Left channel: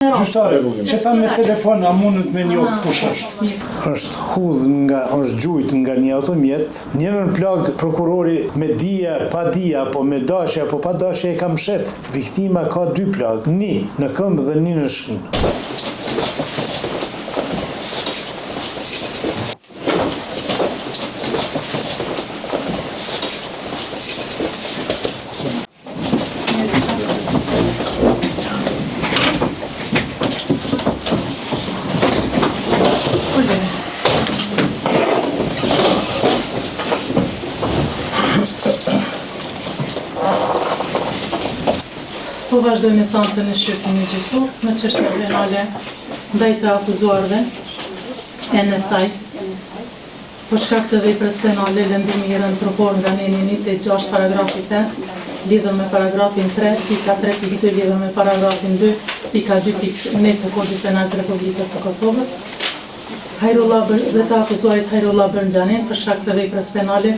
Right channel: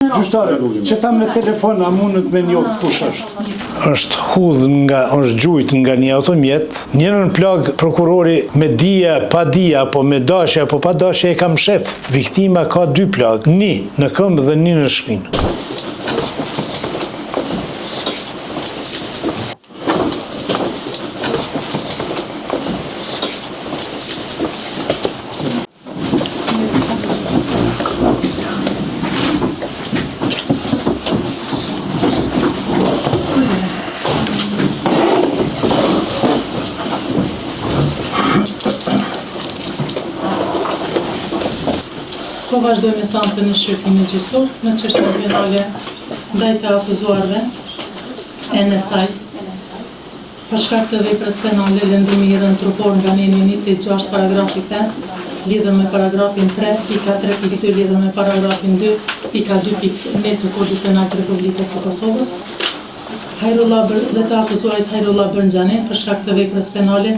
Gjyqtare, që ta me telefon a mundet me njoftë kush është? Është gjujt nga një automjet, njërën plag prokurori me dija, pa dija, apo me dashje, apo pa dashje e kam shef. Viktima ka 2 plag, një në këmbë dhe një në shpinë. Po vazhdojmë seancën e shqyrtimit gjyqësor në çështje penale ndaj të akuzuarve NSA për shkak të veprës penale lëndimi i dhënë trupor nga neni 1.6 paragrafi 5 lidhur me paragrafin 3.3.2 lidhur me paragrafin 2.2.1 të Kodit Penal të Republikës së Kosovës. Dhe të akuzuarit Hajrullah Bërnxhanin për shkak të veprës penale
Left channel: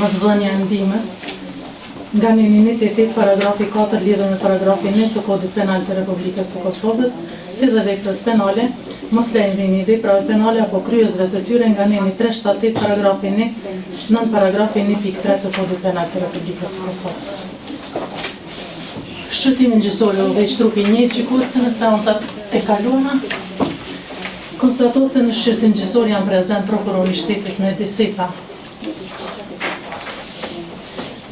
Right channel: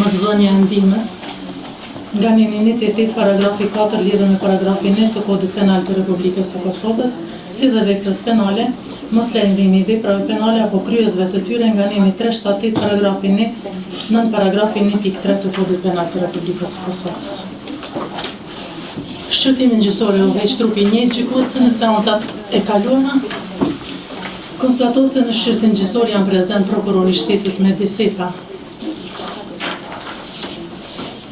mosdhënia e ndihmës nga neni 1.8 paragrafi 4 lidhur me paragrafin 1 të Kodit Penal të Republikës së Kosovës, si dhe veprës penale, mos lejmërimi i veprave penale apo kryesve të tyre nga neni 3.7 paragrafi 1 nën paragrafi 1.3 të Kodit Penal të Republikës së Kosovës. Shqyrtimin gjyqësor u veç trupi 1 gjykuese në seancat e kaluara konstatohet se në shqyrtim gjyqësor janë prezent prokurori i shtetit me disipa.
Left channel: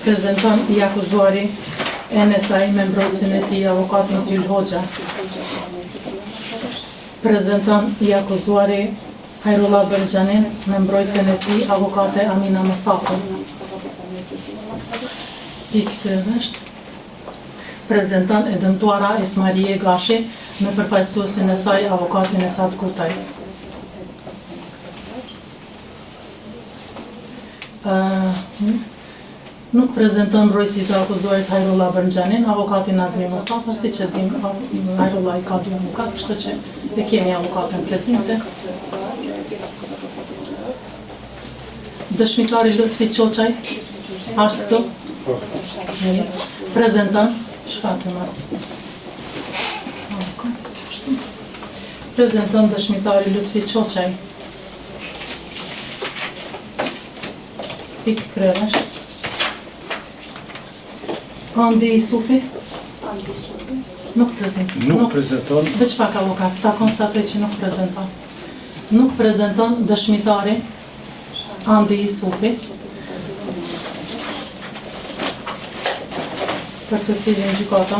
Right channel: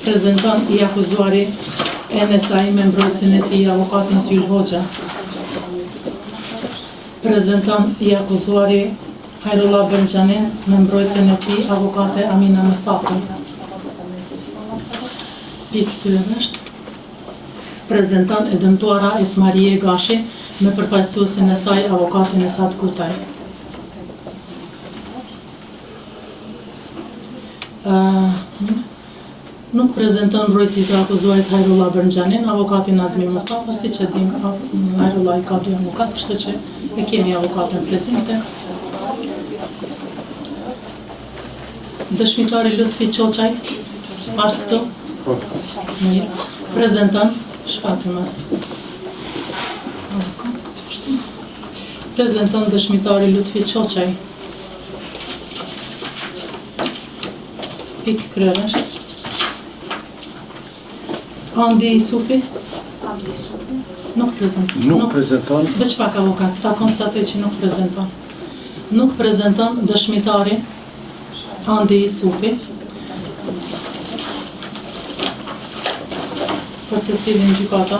Prezentant i akuzuari NSA me mbrojtësin e tij avokatin Syl Hoxha. Prezentant i akuzuari Hajrullah Bërnxhanin me mbrojtësin e tij avokate Amina Mustafa. Pikë është. Prezentant e dëmtuara Esmarie Gashi me përfaqësuesin e saj avokatin Esad Kurtaj. Nuk prezenton mbrojtësi të akuzuarit Hajrullah Bërnxhanin, avokati Nazmi Mustafa, siç e dim, Hajrullah i ka 2 avokat, kështu që e kemi avokatën prezente. Dëshmitari Lutfi Çoçaj, është këtu? Prezenton, shkatën as. Prezenton dëshmitari Lutfi Çoçaj. Pikë kryesh. Andi Sufi? Nuk prezenton. Nuk prezenton. Veç pak avokat, ta konstatoj që nuk prezenton. Nuk prezenton dëshmitari Andi Sufi. Për të cilin gjykata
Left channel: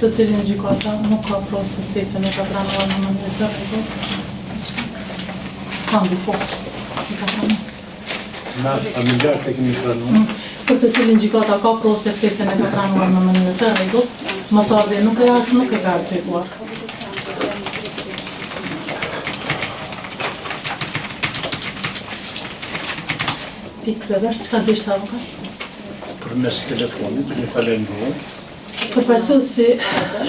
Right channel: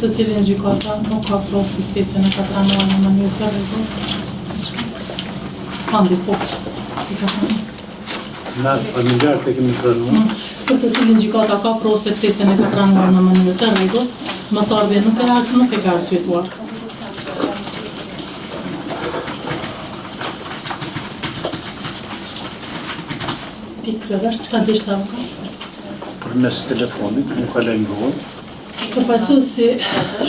të cilin gjykata nuk ka provë pjesën e ka pranuar në mënyrë të rregullt. Andi po. Na familjar të kemi pranuar. Për të cilin gjykata ka provë se pjesën e ka pranuar në mënyrë të rregullt, mësardhja nuk e ka arsyetuar. Pikë vesh çka dishte avokat? Përmes telefonit, nuk ka lajmëruar. Përfaqësuesi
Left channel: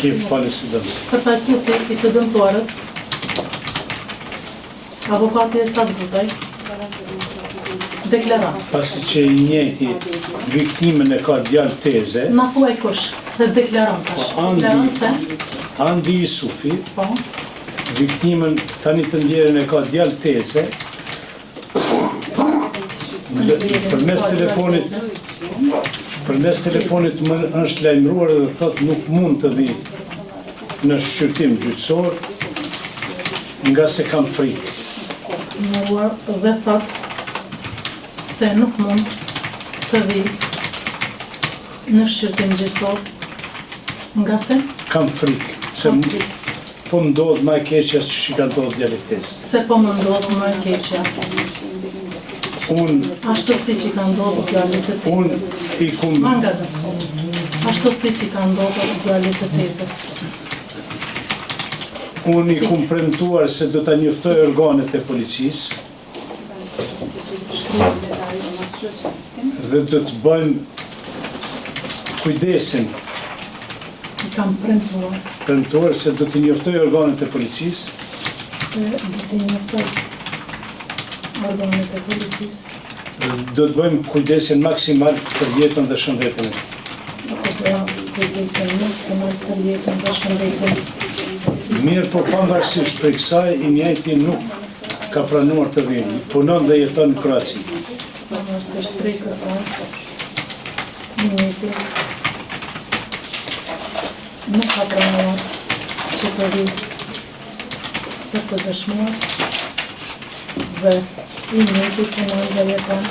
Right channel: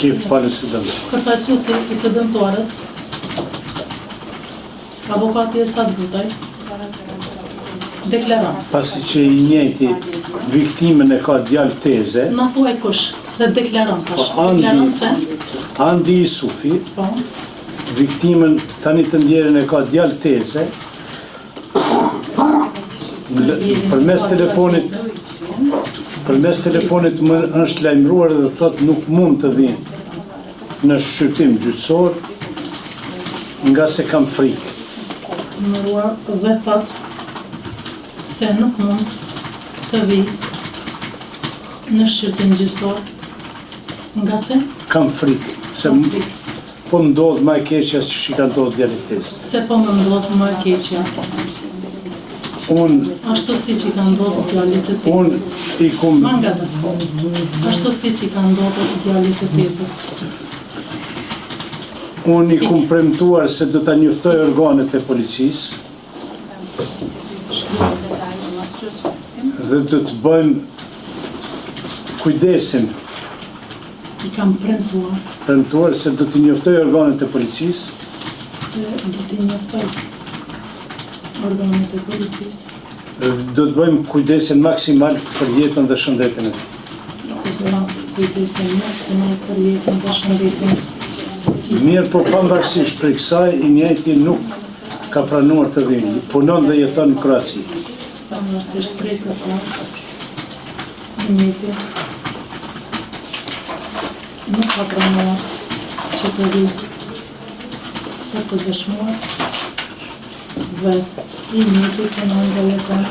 i të dëmtuarës, avokati Esad Kurtaj, deklaron. Pasi që i njëjti viktimën e ka djalë teze, Na thuaj kush, se deklaron tash. Andi Sufi, Po. Viktimën tani të ndjerën e ka djalë teze, përmes telefonit më është lajmëruar dhe thot nuk mund të vi në shqyrtim gjyqësor nga se kam frikë. Dhe thot se nuk mund të vi në shqyrtim gjyqësor nga se kam frikë, se po më ndodhë ma e keqja që shi ka ndodhë djalë teze. Se po më ndodhë ma e keqja. Ashtu si që ka ndodhë djallit të tezës. Ashtu si që ka ndodhë djallit të tezës. Unë i kum premtuar se do ta njoftoj organet e policisë dhe do të bëjmë kujdesin I kam premtuar se do të njoftoj organet e policisë do të bëjmë kujdesin maksimal për jetën dhe shëndetin e. Mirë, po pavarësisht prej kësaj, i mjajti nuk ka pranuar të vinë, punon dhe jeton në Kroaci. Pavarësisht prej kësaj, i mjajti nuk ka pranuar që të vinë për të dëshmuar dhe i mjajti punon dhe jeton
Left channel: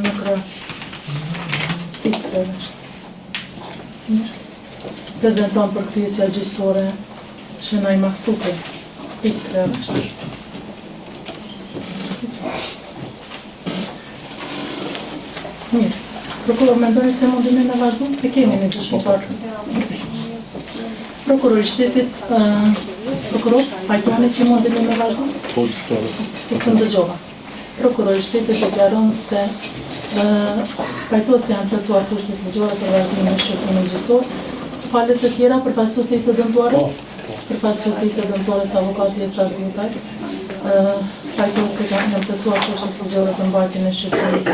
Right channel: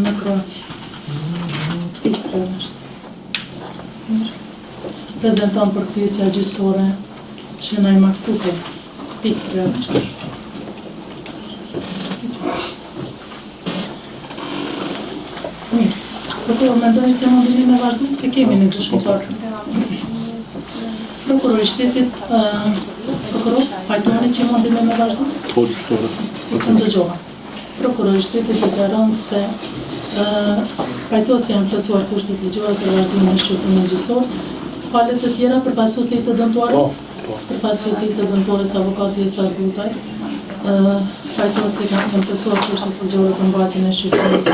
në Kroaci. Prezenton për kthjesja gjyqësore Shënaj Maksuku. Pikë është. Mirë. Prokuror, mendoni se mundime me vazhdu? E kemi një dëshmitar. Prokuror I shtetit, prokuror, pajtoni që mundime me vazhdu? Si se ndëgjova. Prokuror I shtetit deklaron se pajtohet se janë plotësuar kushtet ligjore për vazhdimin e shqyrtimit gjyqësor. Falet të tjera për pasuesit të dëmtuarës? Për pasuesit të dëmtuarës avokati Esa Gutaj. Pajtohet se janë plotësuar kushtet ligjore për mbajtjen e shqyrtimit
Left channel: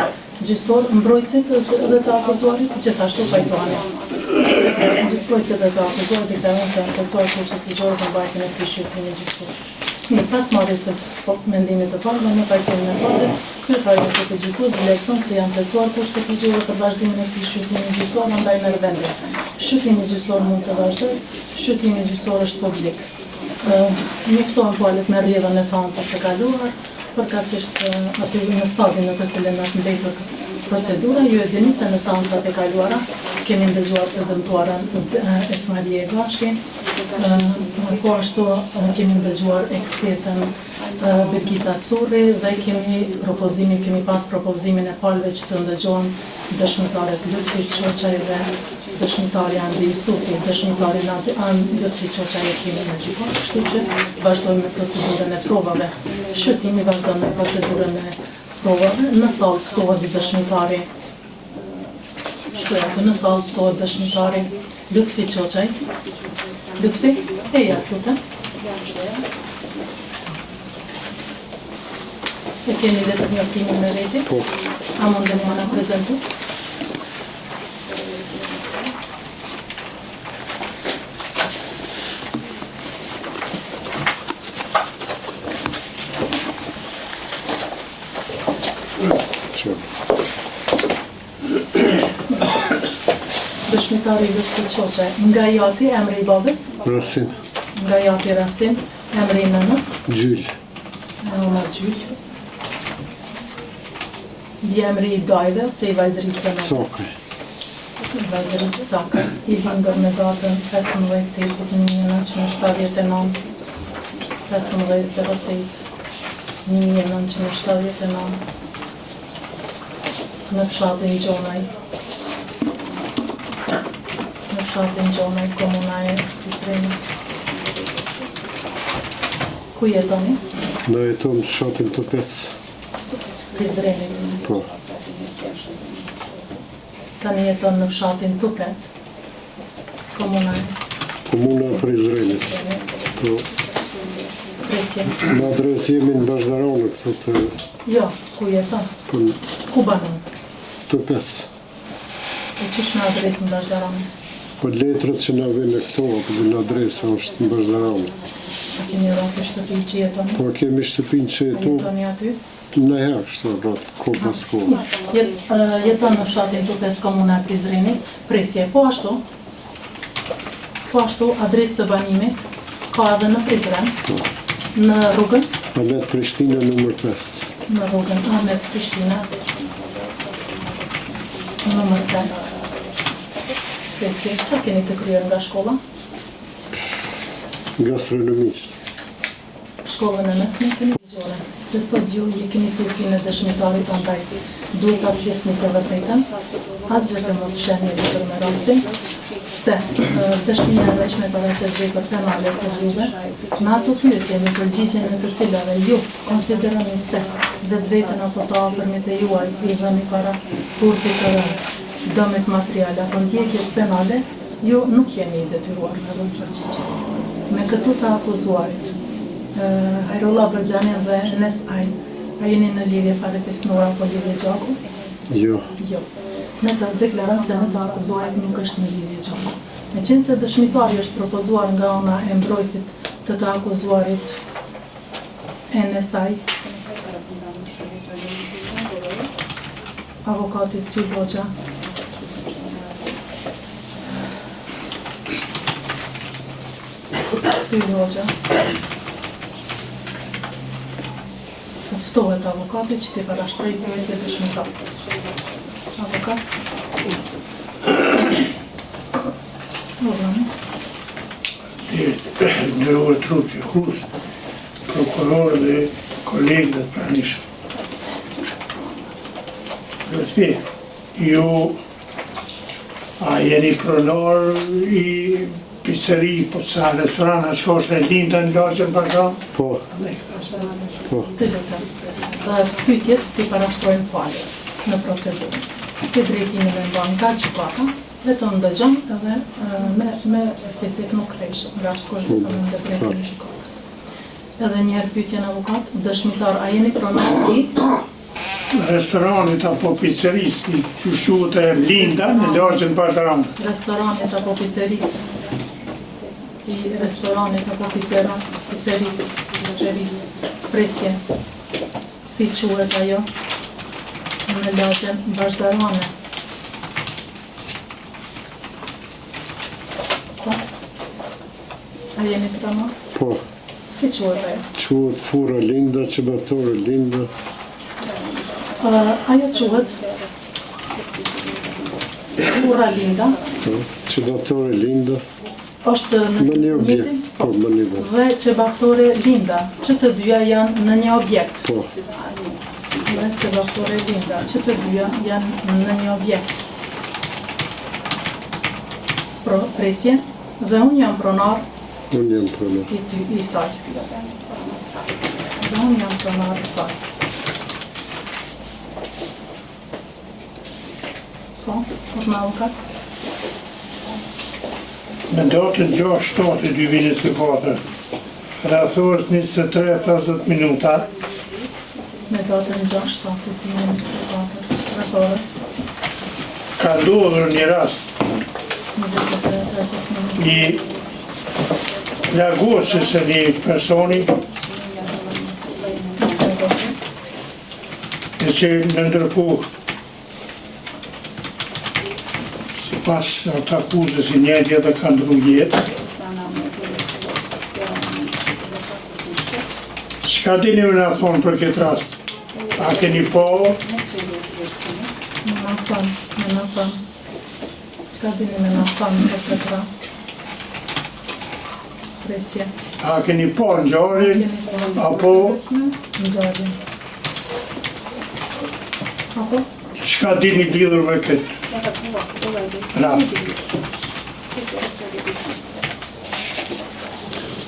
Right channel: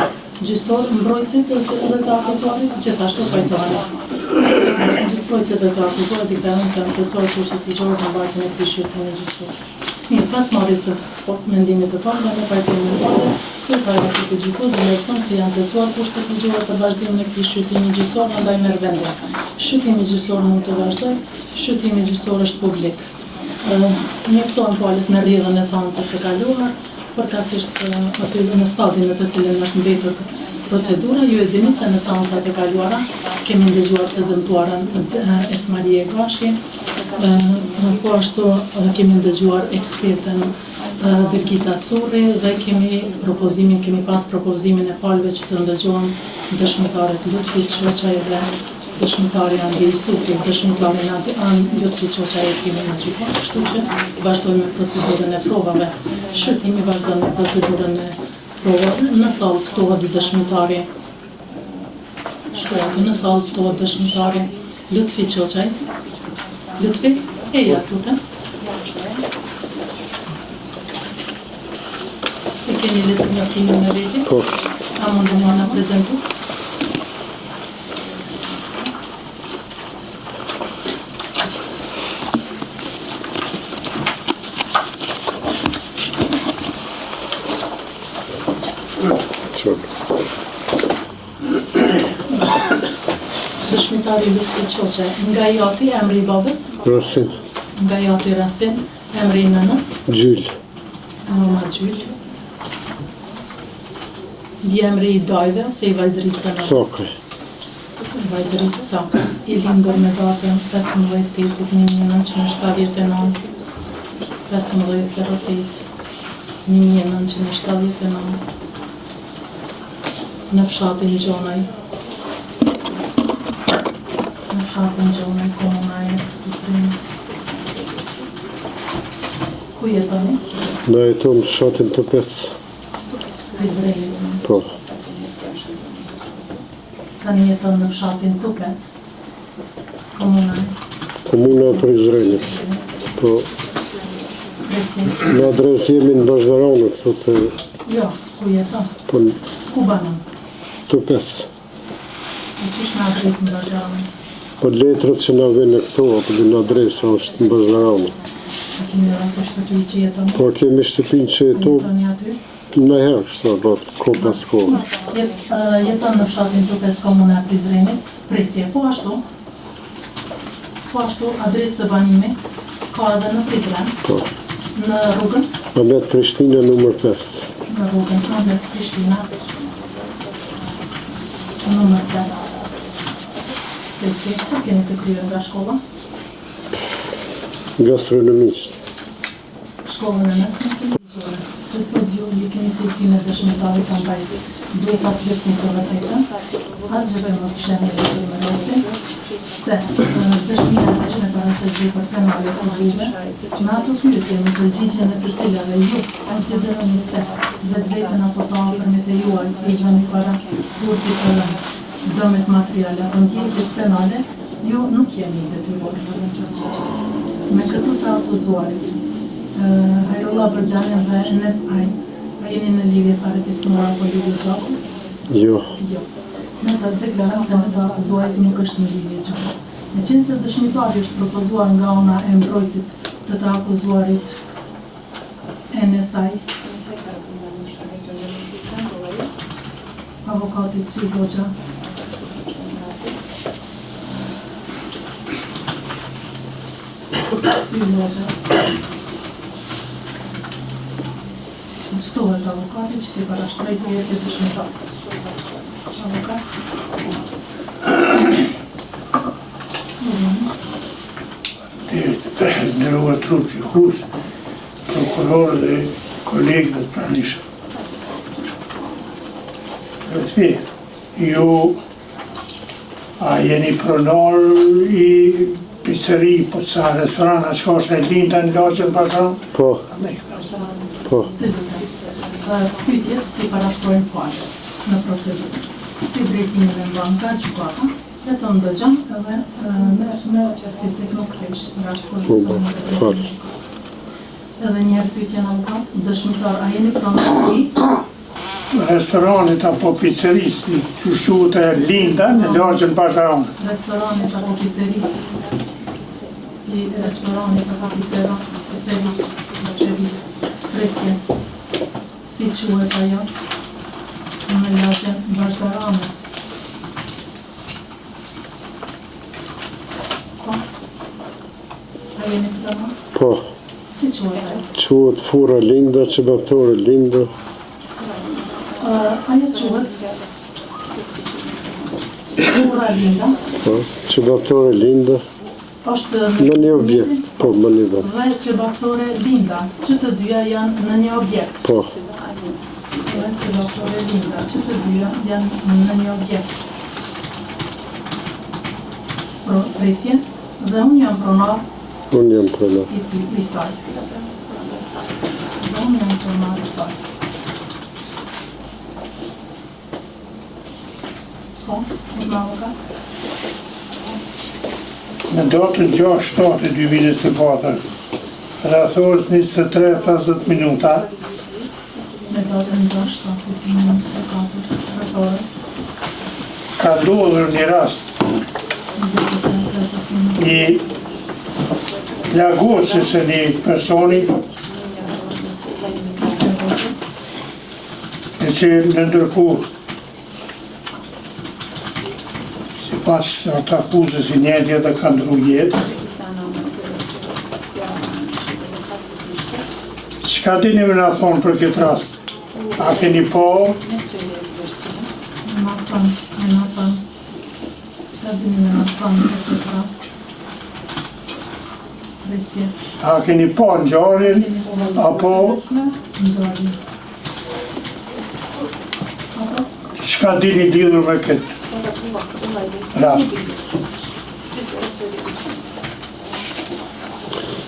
gjyqësor. Mbrojtësit dhe të akuzuarit gjithashtu pajtohet. Mbrojtësit dhe të akuzuarit deklaron se janë plotësuar kushtet ligjore për mbajtjen e këtij shqyrtimi gjyqësor. Mirë, pas marrjes së mendimit të parë, ne pajtojmë kërkojmë të gjykues leksion se janë plotësuar kushtet ligjore për vazhdimin e këtij shqyrtimi gjyqësor, andaj merr vende. Shqyrtimi gjyqësor mund të vazhdojë, shqyrtimi gjyqësor është publik. Njoftohen palët me rrjedhën e seancës së kaluar, përkatësisht në stadin në të cilin është mbetur procedura, ju e dini se në seancat e kaluara kemi ndëgjuar të dëmtuarën Esmarie Gashi, po ashtu kemi ndëgjuar ekspertën Birgita Curri dhe kemi pas propozimin e palëve që të ndëgjohen dëshmitaret Lutfi Çoçaj dhe dëshmitari Andrej Sufi, dëshmitari Lutfi Çoçaj kemi në gjykat, kështu që vazhdojmë me procedurën e provave. Shqyrtimi vazhdon me procedurën e provave, në sallë ftohet dëshmitari dëshmitari Lutfi Çoçaj. Lutfi, eja, lutem. E keni legitimacimin me veti? Po. A mundeni më në prezentu? Dëshmitari Lutfi Çoçaj, nga jati emri I babës? Rasin. Nga jati Rasin, emri I nënës? Gjyl. Nëma Gjyl. Emri I dajve ose I vajzërisë në? Cakaj. I vajzërisë Cakaj. I lindur me datën 15/8/1979. 15/08/1979. Në fshatin Gjonaj. Komunaj, Prizreni. Ku jetoni? Na jeton fshatin Topec. Prizreni. Po. Tani jeton në fshatin Topec. Komunaj. Komuna e Prizrenit. Po. Presje. Në adres jemi në Bashdarane, këto të... Jo, ku jeton? Po Ku banon? Topec. E qysh me adres në Bashdarane? Po letrët që na vjen këto, apo në adresa është në Bashdarane. A kemi rast në shtëpi që jeton? Po kemi shtëpinë që jeton Jetoni aty? në herë, shta bat, ko pas ko. Jeton në fshatin Topec, komuna e Prizrenit, presje. Po ashtu, adres të banimit ka edhe në Prizren, Po. në rrugën, Adet Prishtina nëmër 5. në rrugën Adet Prishtina, nëmër 5. Presje, që keni të kryer nga shkolla? Gastronomisht. Shkollën e mesme keni ligjore. Se sot ju keni cilësinë e dëshmitarit andaj duhet ta pjesni të vërtetën, asgjë të mos fshehni për me rastin, se dëshmia e që ne parancet për penale të juve, në ato pyetje me përgjigjen e të cilave ju konsideroni se vetveten apo të afërmit e juaj i vëni para turpit të dëmet materiale apo ndjekjes penale, ju nuk jeni i detyruar. Me këtu të akuzuarit, Hajrullah Bërgjani dhe Enes Ajn, a jeni në lidhje parekisnuar apo lidhje gjaku? Jo. Jo. Me të deklarat se në të akuzuarit nuk është në lidhje gjaku. Me qenë se dëshmitari është propozuar nga ona e mbrojtësit të akuzuarit Enes Ajn, avokatit Syl Hoxha, Syl Hoxha, ftohet avokatit që t'i parashtroj përjet e dëshmitar. Avokat? Nderuar trup gjykus, prokuror dhe kolegët të pranishëm. Vetëfi, ju a jeni pronar i pizzeri, po ca restoran, a shko është e linda në Laçën Bashram? Po. Po. Të lutem, pyetjet si parashtrojnë falë në procedurë. Këtë drejtimin e mban nga gjykata, vetëm dëgjon edhe me fizik nuk kthesh nga shkolla e gjykatës. Edhe një herë pyetje në avokat, dëshmitar, a jeni pronar i restoranit apo pizzerisë që quhet e Linda në Laçën Bashram? Restoranit apo pizzerisë? I restoranit apo pizzerisë, presje, si quhet ajo në Laçën Bashram? Po? A jeni pronar? Po. Si quhet ajo? Quhet fura Linda, qebaptore Linda. Ajo quhet fura Linda, Po. Qebaptore Linda. është Në një objekt. Po, më një vend. dhe qebaptore Linda, që të dyja janë në një objekt. Po. Dhe qebaptore Linda, që të dyja janë në një objekt. Presje, dhe unë jam pronar Unë jam pronar. i saj. Dhe unë jam pronar i saj. Po, në avokat? Në datën 6/7/2024, rreth orës 23:50 minuta, Me datën 6/7/2024, rreth orës ka ndodhur një rast 23:50 një plagosjes e një personi e që në ndërkohë pas ata akuzës i njëtje dhe ka ndru jetë. Çka dini me na thonë për këtë rast? A keni po? Me na thonë. Çka dini me na thonë për këtë rast? Presje. A keni po ngjarjen apo Ngjarjen. Apo? çka dini lidhur me këtë rast?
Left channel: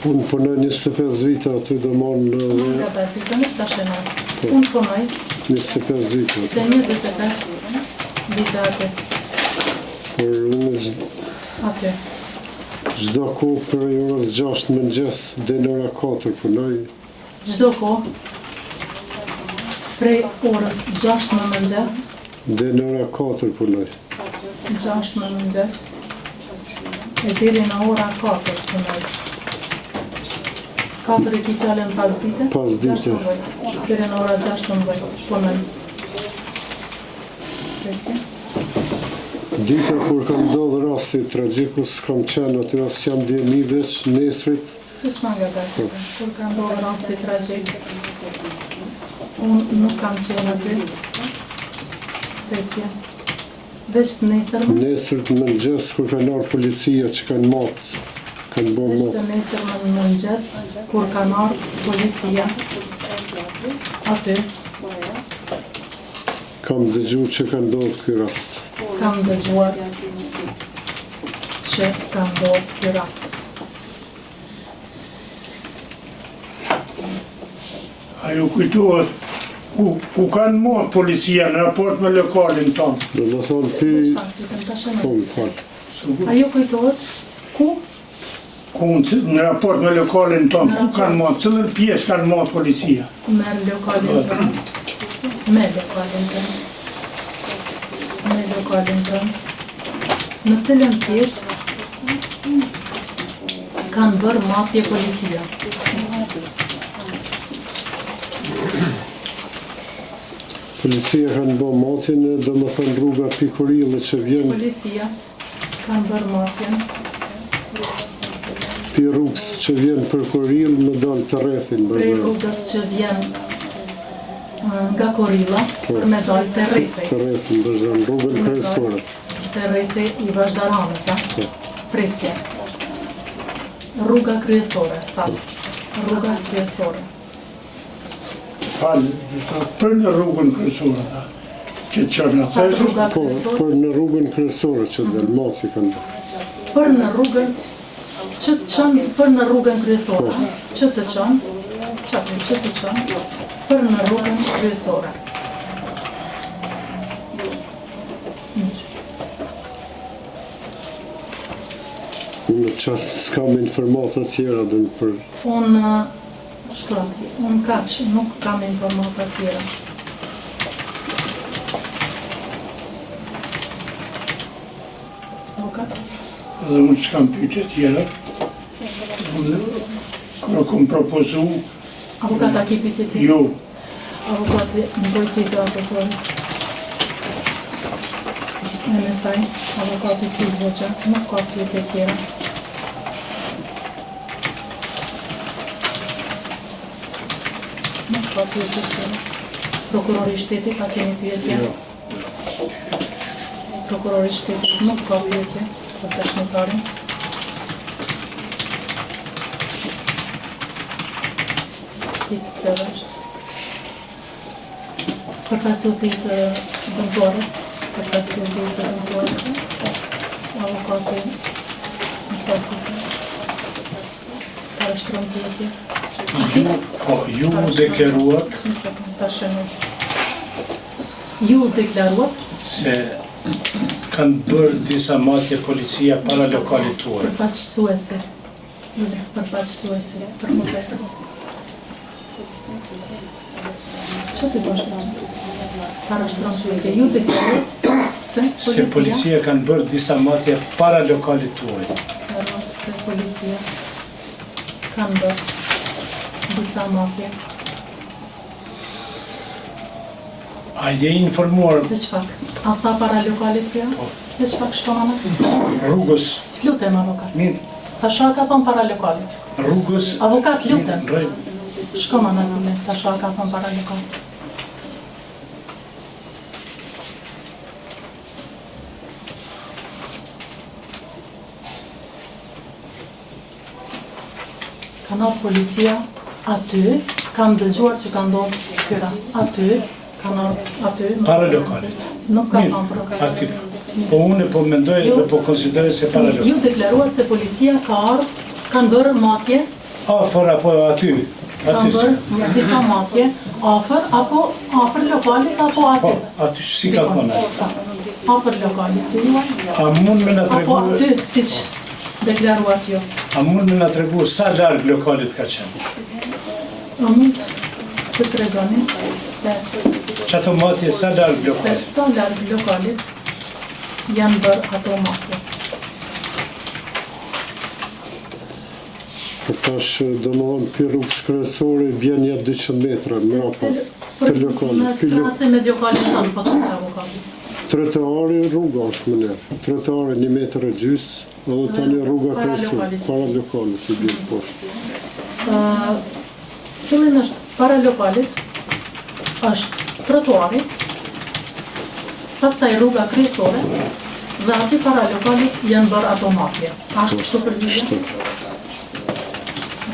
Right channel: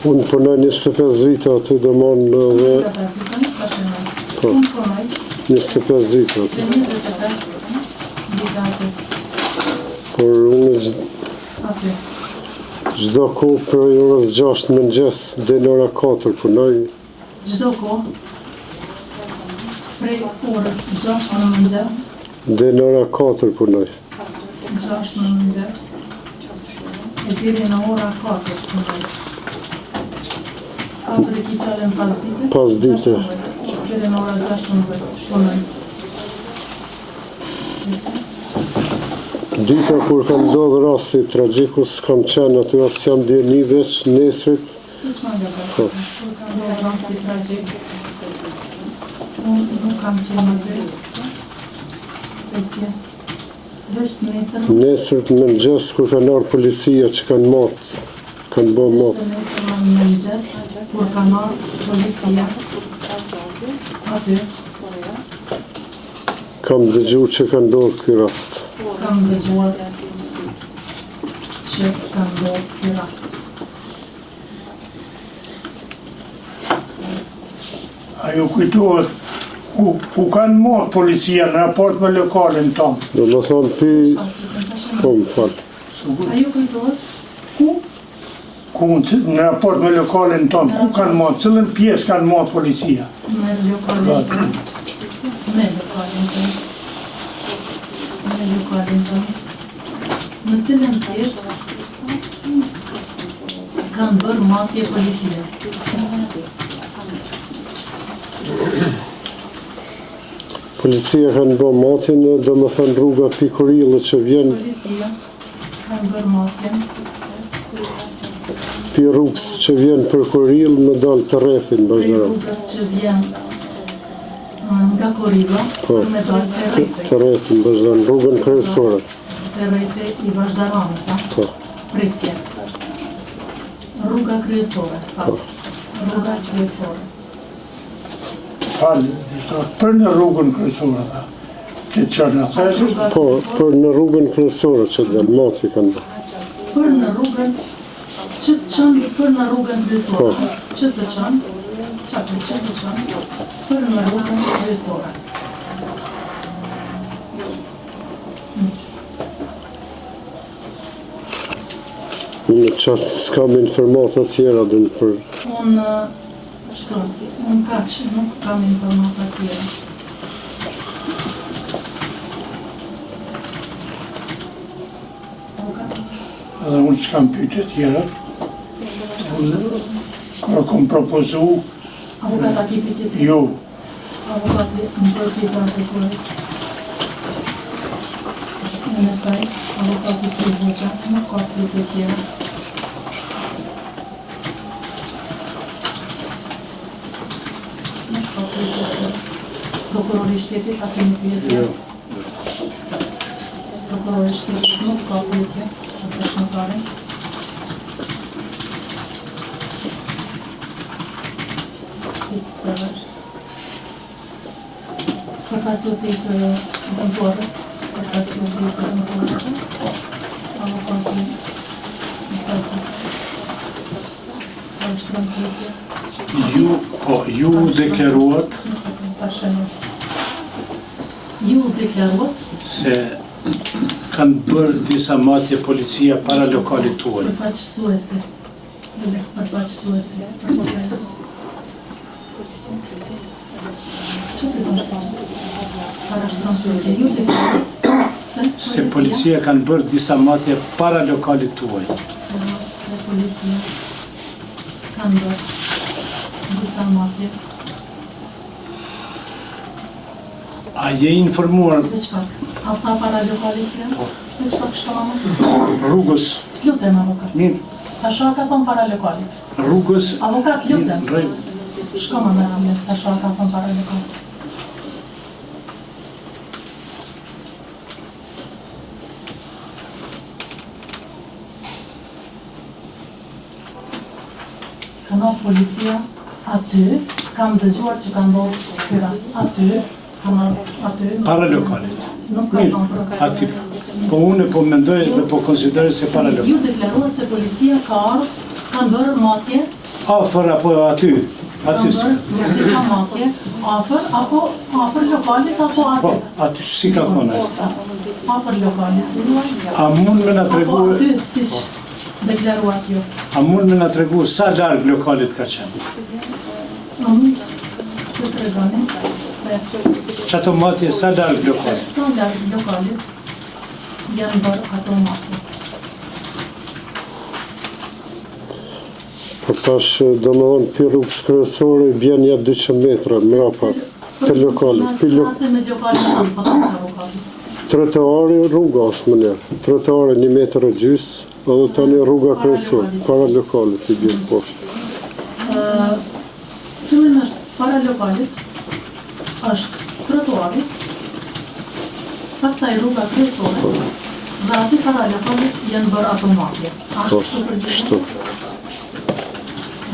Unë punoj 25 vite aty dhe mon dhe Unë punoj 25 vite aty. se 25 vite aty. Por unë Aty. gjdo ku për orës 6 në mëngjes dhe në ora 4 punoj. Çdo kohë prej orës 6 në mëngjes, Dhe në ora 4 punoj. 6 në mëngjes, e deri në ora 4 punoj. 4 e ki fjallën pas dite? Pas dite. Deri në ora 6 punoj. Dita kur kam ndodhë rasti tragjiku, s'kam qenë aty, as jam djeni veç nesrit. Kisma nga bërë, kur kam ndodhë rasti tragjik, unë nuk kam qenë aty. Presje. Veç të nesër, Nesrit në mëngjes kur kanë ardhur policia që kanë matë, kanë bo matë. nesër në mëngjes, kur kam ardhur policia, aty, Kam dëgju që ka ndodhë ky rast. kam dëgjuar që kam ndodhur ky rast. A ju kujtohet Ku kanë marrë policia në raport me lokalin tonë? Dhe më thonë pi, po më falë. Ajo kujtohet ku Në raport me lokalin tonë, ku kanë marrë? Cëllën pjesë kanë marrë policia? me lokalin tonë. Me lokalin tonë. Me lokalin tonë. Në cilën pjesë kanë bërë matje policia. Policia kanë bë matin, dhe më thënë rruga Pikurilë që vjen Policia kanë bërë matjen. pi rrugës që vjen për Kurilë me dalë të rrethin, Prej bëjnë. rrugës që vjen nga Korilla, me dalë të rejte. Të rrethin, bëjnë, rrugën kryesore. Të rejte I vazhdaramës, Po. presje. Rruga kryesore, rruga kryesore. Falë, për në rrugën kryesore, që qërë në theshë, Po, për në rrugën kryesore që dhe mati kanë bërë. Për në rrugën, që të qanë për në rrugën kryesore, që të qanë, për në rrugën kryesore. Në qasë s'kam informata tjera dhe në për... Unë kaq, nuk kam informata tjera. edhe unë që kam pyetje tjera, kërë kom propozu, Avukata ki pyetje tjera? jo, Avukati në përsi të atesorit. Në nësaj, avukati si voqa, nuk ka pyetje tjera. Nuk ka pyetje tjera. Prokurori I shtetit, a keni pyetje? Prokurori I shtetit nuk ka pyetje, për dëshmitarin. Përkasuesi të dëmtuarës, avukati Isaki. Ka shtron pyetje. Ju deklaruat Ju deklaruat se kanë bërë disa matje policia para lokalit tuaj. përfaqësuesi, për proces. Që të bashkë? Para shtron pyetje. Ju deklaruat Se policia kanë bërë disa matje para lokalit tuaj. Se policia kanë bërë disa matje. A je informuar Veç pak, ata para lokalit të janë? Veç pak shkona me? rrugës, Lutem, avokat. mirë, Tasha ka thonë para lokalit. rrugës, Avokat, lutem. në rregull. Shkona me rame, tasha ka thonë para lokalit. Ka ndodhë policia aty, kam dëgjuar që ka ndodhë ky rast aty, ka ndodhë aty. Para lokalit. Nuk ka Mirë, thonë për aty. Po unë po mendoj dhe po konsideroj se para lokalit. Ju deklaruat se policia ka ardhur, kanë bërë matje, Afër apo aty? kanë Aty. bërë disa matje, afër lokalit apo Po, aty? aty si ka thonë. Afër lokalit. A mund me na Apo tregu, aty, siç deklaruat ju. a mund me na tregu sa larg lokalit ka qenë? A mund të tregoni se Çato matje sa larg lokalit? sa larg lokalit janë bërë ato matje. Po tash, do më thonë, për rrugës kryesore bjen ja 200 metra mrapa të lokalit. Krahase me lokalin tonë, po thonë avokati. Trotuari rruga është më njerë. Trotuari 1 metër e gjysë, edhe tani rruga kryesore, para lokalit I bjen poshtë. Qëllimi është para lokalit, është trotuari, pastaj rruga kryesore, dhe aty para lokalit janë bërë ato matje. Ashtë kështu përgjithësi? Shtu.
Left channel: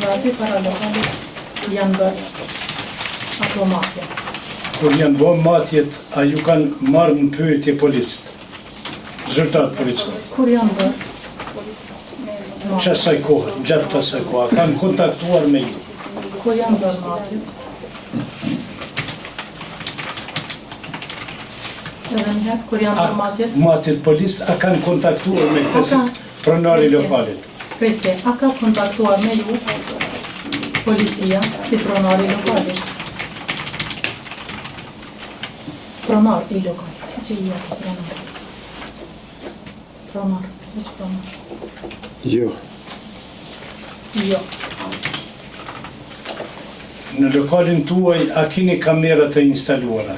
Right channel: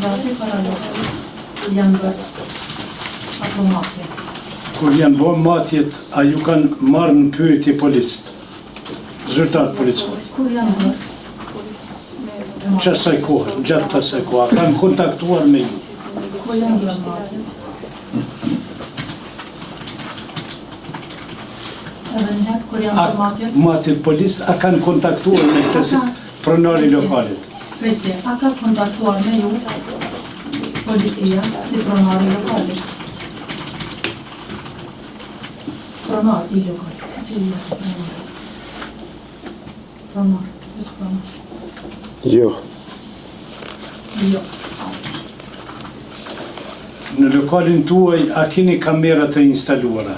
Dhe aty para lokalit janë bërë ato matje. Kur janë bo matjet, a ju kanë marrë në pyetje policët? Zyrtar policët. Kur janë bërë? Që asaj kohë, gjatë të asaj kohë, a kanë kontaktuar me ju? Kur janë bërë matje? Edhe njëherë, kur janë A formatjet, matjet polis, a kanë kontaktuar me këtë si pronari lokalit? Presje, a ka kontaktuar me ju policia si pronari lokalit? Pronar i lokal. Që i jetë pronar? Pronar, është pronar. Jo, Jo. Në lokalin tuaj, a keni kamerat të instaluara?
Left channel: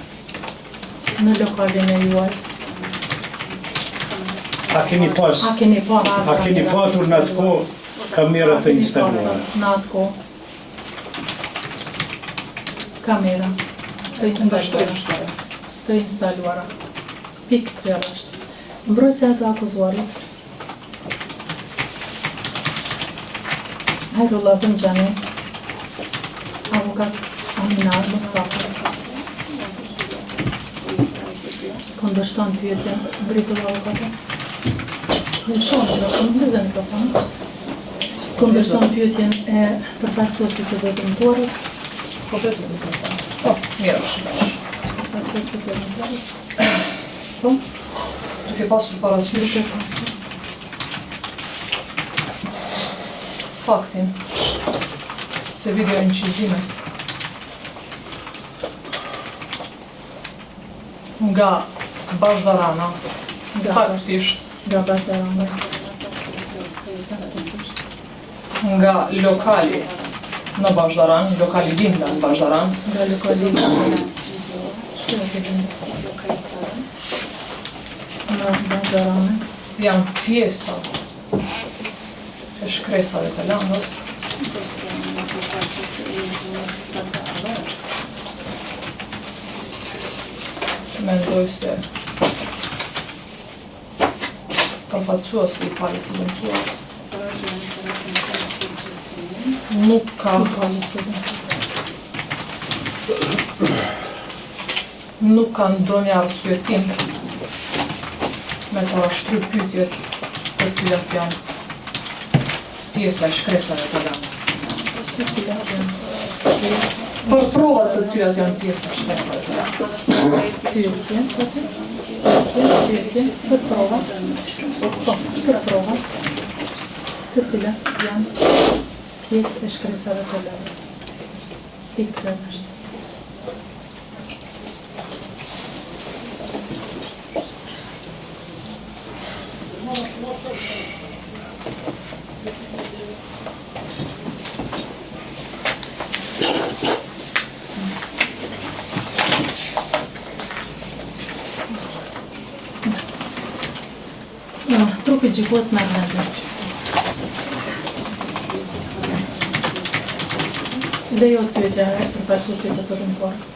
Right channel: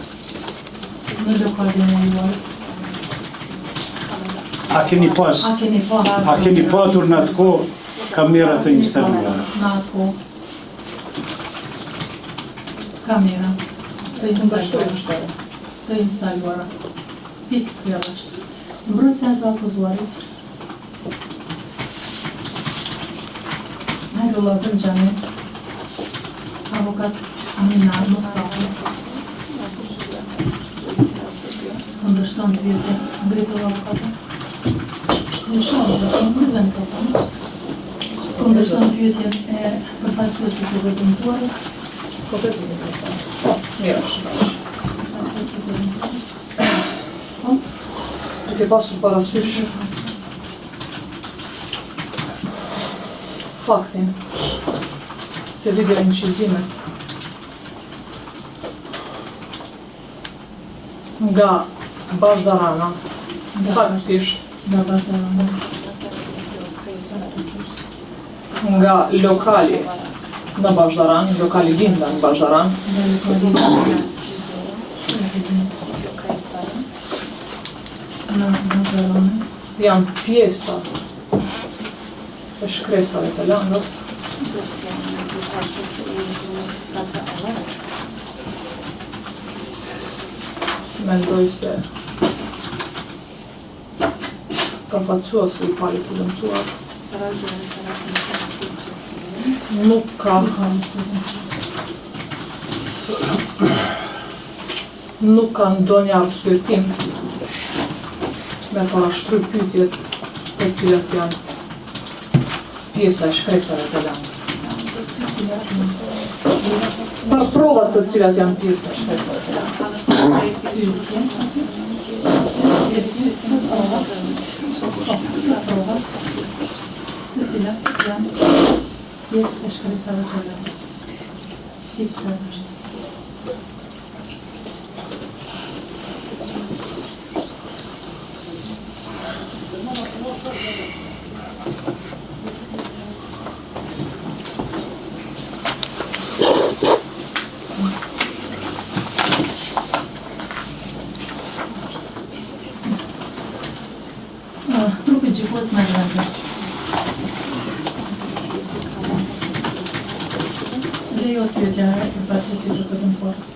Në lokalin e juaj. A keni pas? A keni patur në atë kohë kamerat të instaluara? Në atë kohë. Kamera të instaluara. Të instaluara. Pikë kjo është. Mbrojtësia të akuzuarit. Hajdullah Dëngjani, avokat Aminar Mustafa, kundërshton pyetjen mbritur avokatë. Në shumë dhe në këzë mikrofon, kundërshton pyetjen e përfaqësuesit të veprimtarës. S'po të zë mikrofon. Po, mirë është bash. Përfaqësuesit të veprimtarës. Po, Duke pasur parasysh faktin se video incizimet nga Bashdarana, saktësisht nga Bashdarana, nga lokali në Bashdaran, lokali Linda në Bashdaran, nga lokali nga Bashdarana, janë pjesa e shkresave të landës, mendoj se përfaqësuesi i palës së dëmtuar nuk ka ndonjë arsyetim me parashtry pyetjet të cilat janë pjesa e shkresave të landës. Për provat të cilat janë pjesa e shkresave të landës. Të cilat janë pjesë e shkresave të landës. Pikë kjo është. Trupi gjykos me vende. Lejot pyetja e përfaqësuesit të dëmtuarës.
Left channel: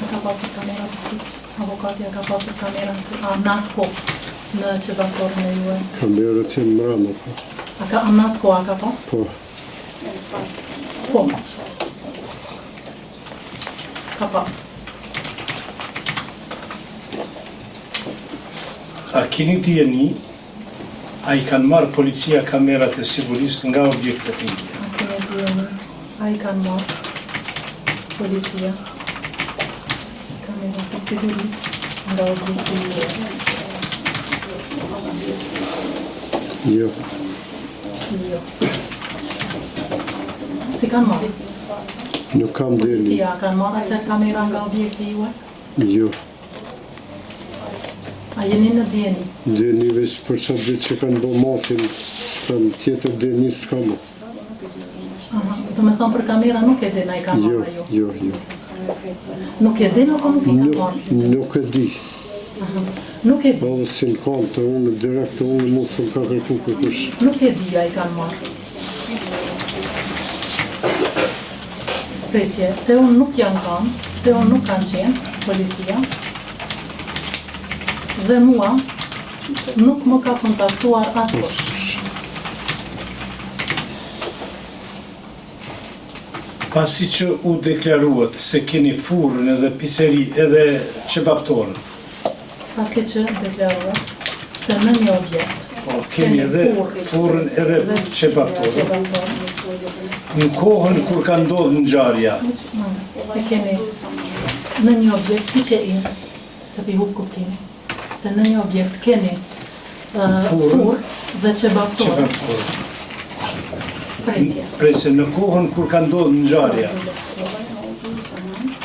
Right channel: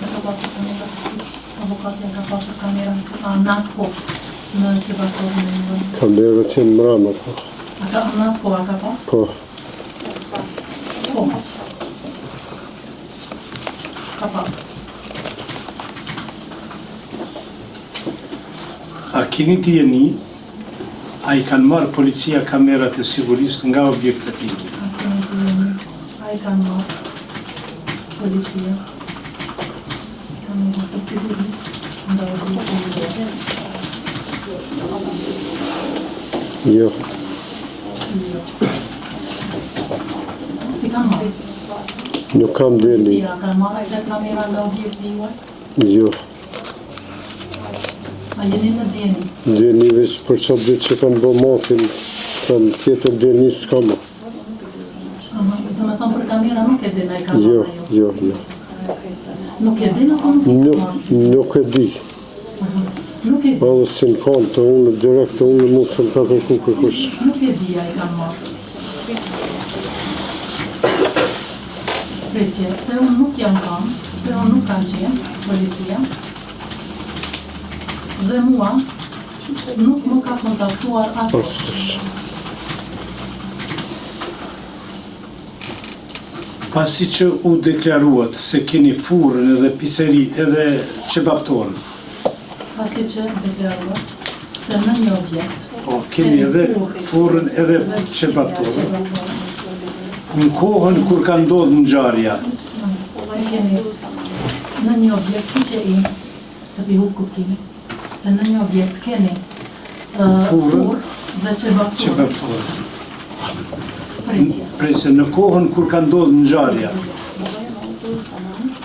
Ka pasur kamera, avokatja ka pasur kamera, a në atë kohë në qëtatorën e juaj. kamerët janë mbrana, po. A ka në atë kohë a ka pas? Po, Po. Ka pas. A keni dijeni, a i kanë marrë policia kamerat e sigurisë nga objektet e një? A i kanë marrë policia kamerat e sigurisë nga objektet e një. jo, Jo. Si kanë marrë? nuk kam deli, Policia kanë marrë atë kamera nga objekti juaj? jo. A jeni në djeni? Deni veç për qatë ditë që kanë bë matin, s'kam tjetër deni s'kam. Do me thonë për kamera nuk e din a i kanë Jo, marrë ju? jo. Nuk e din apo nuk e kanë marrë? Nuk e di. Nuk e di. Edhe si në kanë të unë, direkt të unë mund se më ka kërku kërkush. Nuk e di a i kanë marrë. Presje, te unë nuk janë kanë, te unë nuk kanë qenë, policia, dhe mua nuk më ka kontaktuar askush. Pasi që u deklaruat se keni furrën edhe pizzeri edhe qebaptorën, Pasi që deklaruar se në një objekt po kemi edhe furrën edhe qebaptorën, Në kohën kur ka ndodhur ngjarja, E keni në një objekt që i, se pi hu kuptimi, se në një objekt keni furë dhe që qebaptor, përpore. presje. Në kohën kur ka ndodhur ngjarja,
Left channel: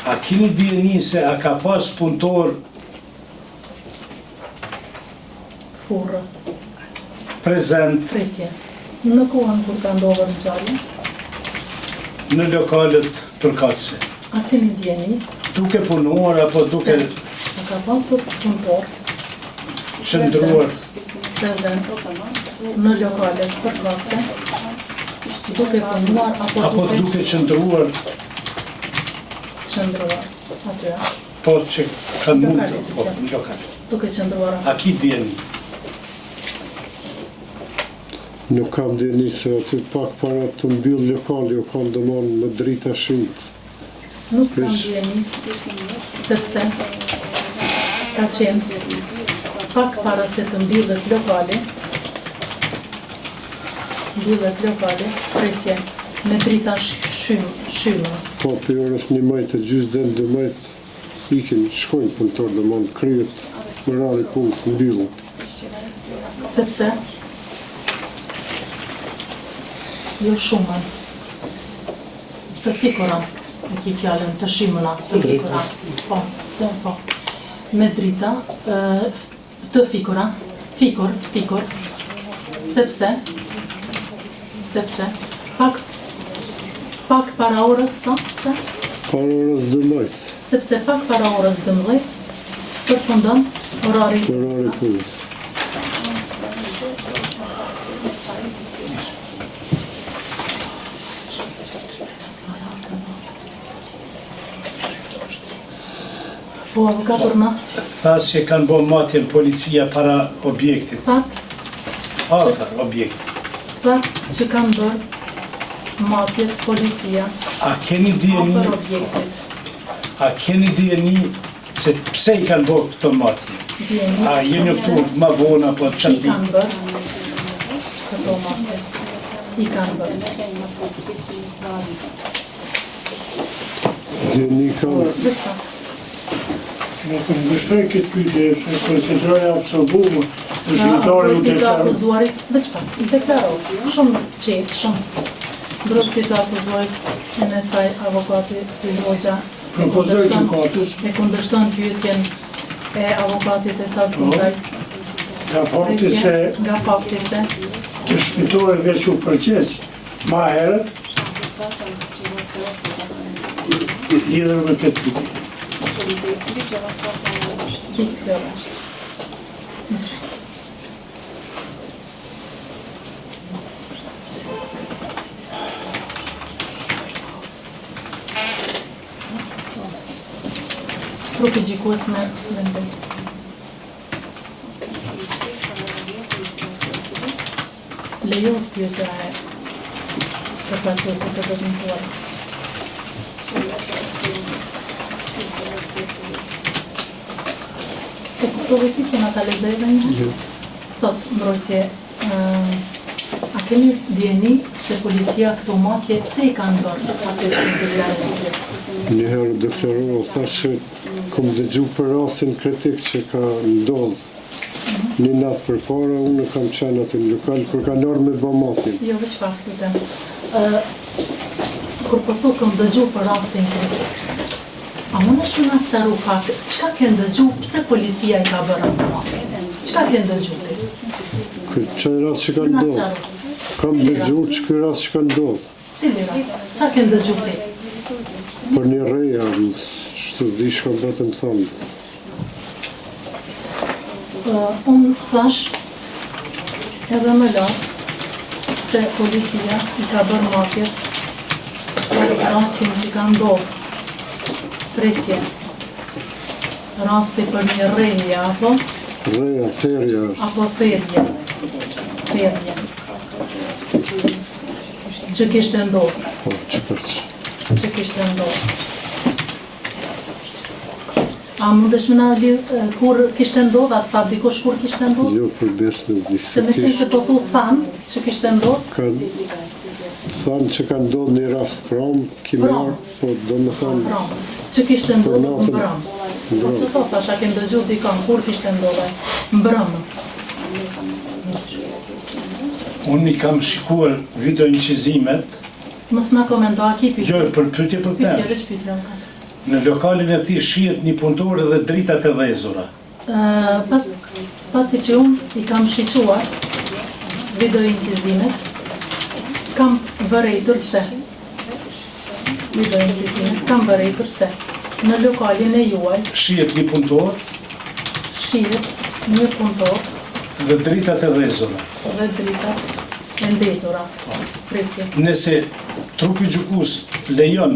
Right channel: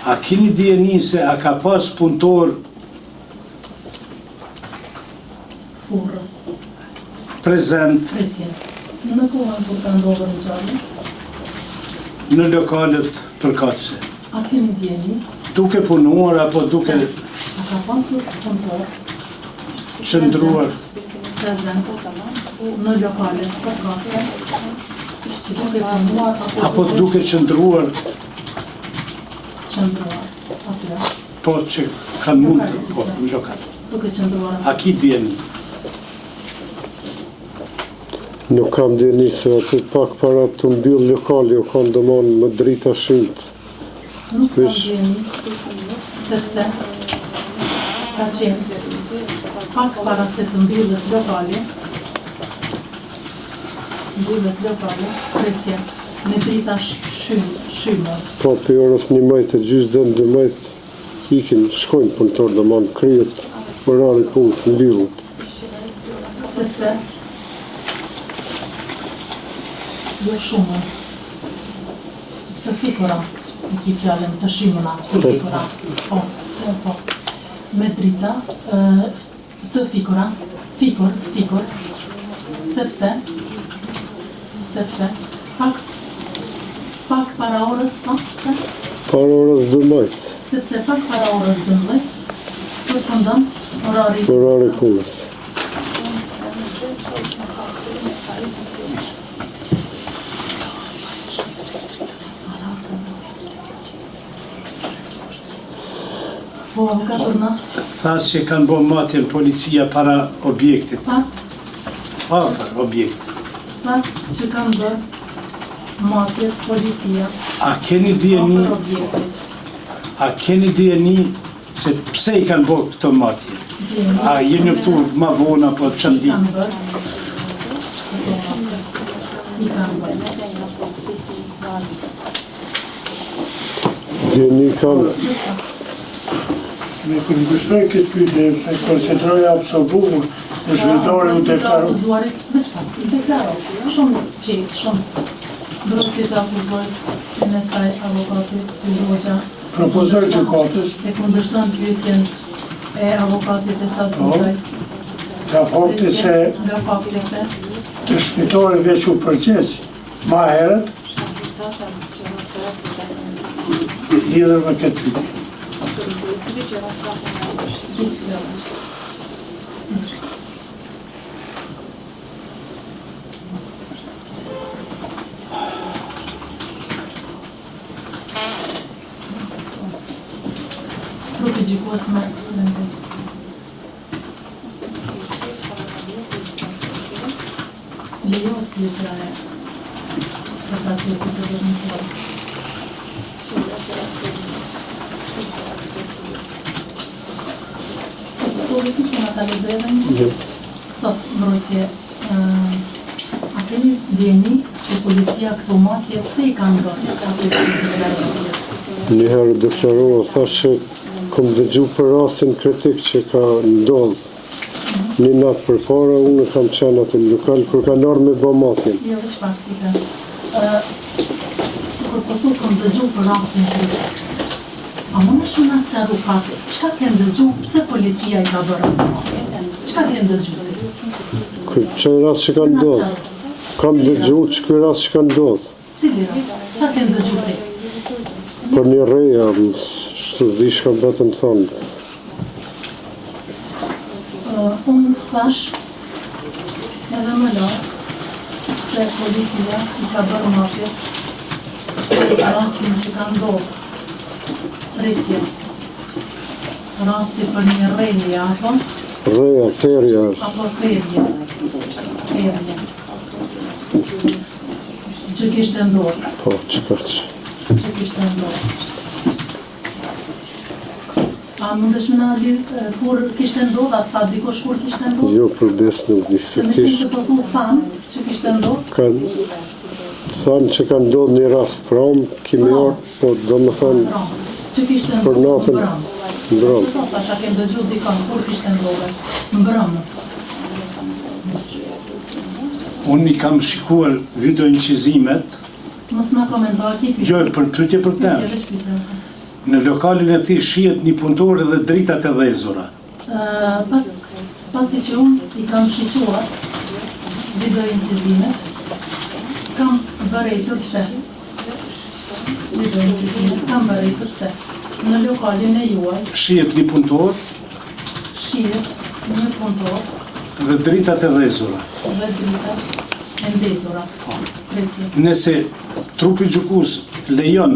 a keni dijeni se a ka pas punëtor Furë, prezent presje. Në kohën kur ka ndodhur ngjarja, në lokalet përkatëse? a keni djeni, Duke punuar apo duke a ka pasur punëtor qëndruar? prezent në lokalet përkatëse, duke punuar Apo duke qëndruar, qëndruar atyra, po që kanë mund të, po, në lokal. duke qëndruar A ki dijeni? Nuk kam djeni se aty pak para të mbyll lokali u kanë domon me drita shyt. Nuk kam djeni, sepse ka qenë pak para se të mbyllet lokali, presje, me drita shyme. Po për orës 11 e gjysë dhe 12 ikin, shkojnë punëtor domon kryet orari punës mbyllët. Sepse jo shumë të fikora, në ki fjallën të shimëna, të fikora, po, me drita të fikora, fikor, sepse pak para orës sa, Para orës 12, sepse pak para orës 12, përfundon orari punës. po avokatorna, Thas që kanë bo matjen policia para objektit, afër objektit. që kanë bërë matje policia, A keni dijeni, afër objektit, se pse i kanë bërë këto matje? djeni, A jeni ftur ma vonë apo i çandi? kanë bërë, këto matje, i kanë bërë. Djeni kanë Nuk në gështoj këtë pyetje, se koncentroja absolumu, në shqiptare u deklaru. Veç pak, i deklaru, shumë qetë, shumë. Brosi të akuzuarit në saj avokatit Sui Hoxha. Propozoj gjykatës, E kundërshton pyetjen e avokatit e sa Dukaj. nga fakti se Nga fakti se të shqiptare veç u përgjegjë ma herët, lidhur me këtë pyetje. Trupi gjikues me vendim. Lejohet pyetja e përfaqësuesit të dëshmituarit. Po vëti që nga ta lezeve thot mbrojtje, a keni djeni se policia këtu matje pse i kanë bërë? njëherë deklarua, thash që kom dëgju për rastin kritik që ka ndodhë. Një natë për para, unë kam qenë atë në lokal, kur ka nërë me bë matjen. Jo, veç faktike. Kur përtu këm dëgju për rastin kritik, a mund është në sëru fakte, qka kënë dëgju, pse policia i ka bërë atë matje? Qka kënë dëgju? Kur që rast që ka ndodhë, kam dëgju që kërë rast që ka ndodhë. Cili rast? Qka kënë dëgju ti? Për një reja, shtu zdi shka betë më thonë. Unë thash edhe më lartë se policia i ka bërë matje për rastin që ka ndodhë presje, rasti për një rejje apo Reja, ferja, apo ferje që kishte ndodhë, po, që kërqë. që kishte ndodhë. A mundesh me na lidh kur kishte ndodhë, a tha dikush kur kishte ndodhë? Jo për besë nuk di, Se se me qenë kish, se po thu thamë që kishte ndodhë, ka Thanë që ka ndodhur një rast pramë, kimjar, po do më thonë Që kishte për ndodhur natën mbrëmë. Po të thasha kem dëgju dikon, kur kishte ndodhur? Mbrëmë. Unë i kam shikuar video incizimet, Mos na komento Akipi. jo për pyetje për Pyetje, këtë. veç pyetje. Në lokalin e tij shihet një punëtor dhe dritat e dhezura. Pasi që unë i kam shiquar video incizimet, kam vërejtur se kam vërejtur se në lokalin e juaj Shihet një punëtor shihet një punëtor dhe dritat e dhezura. dhe drita e ndezura. Presje. Nëse trupi gjykus lejon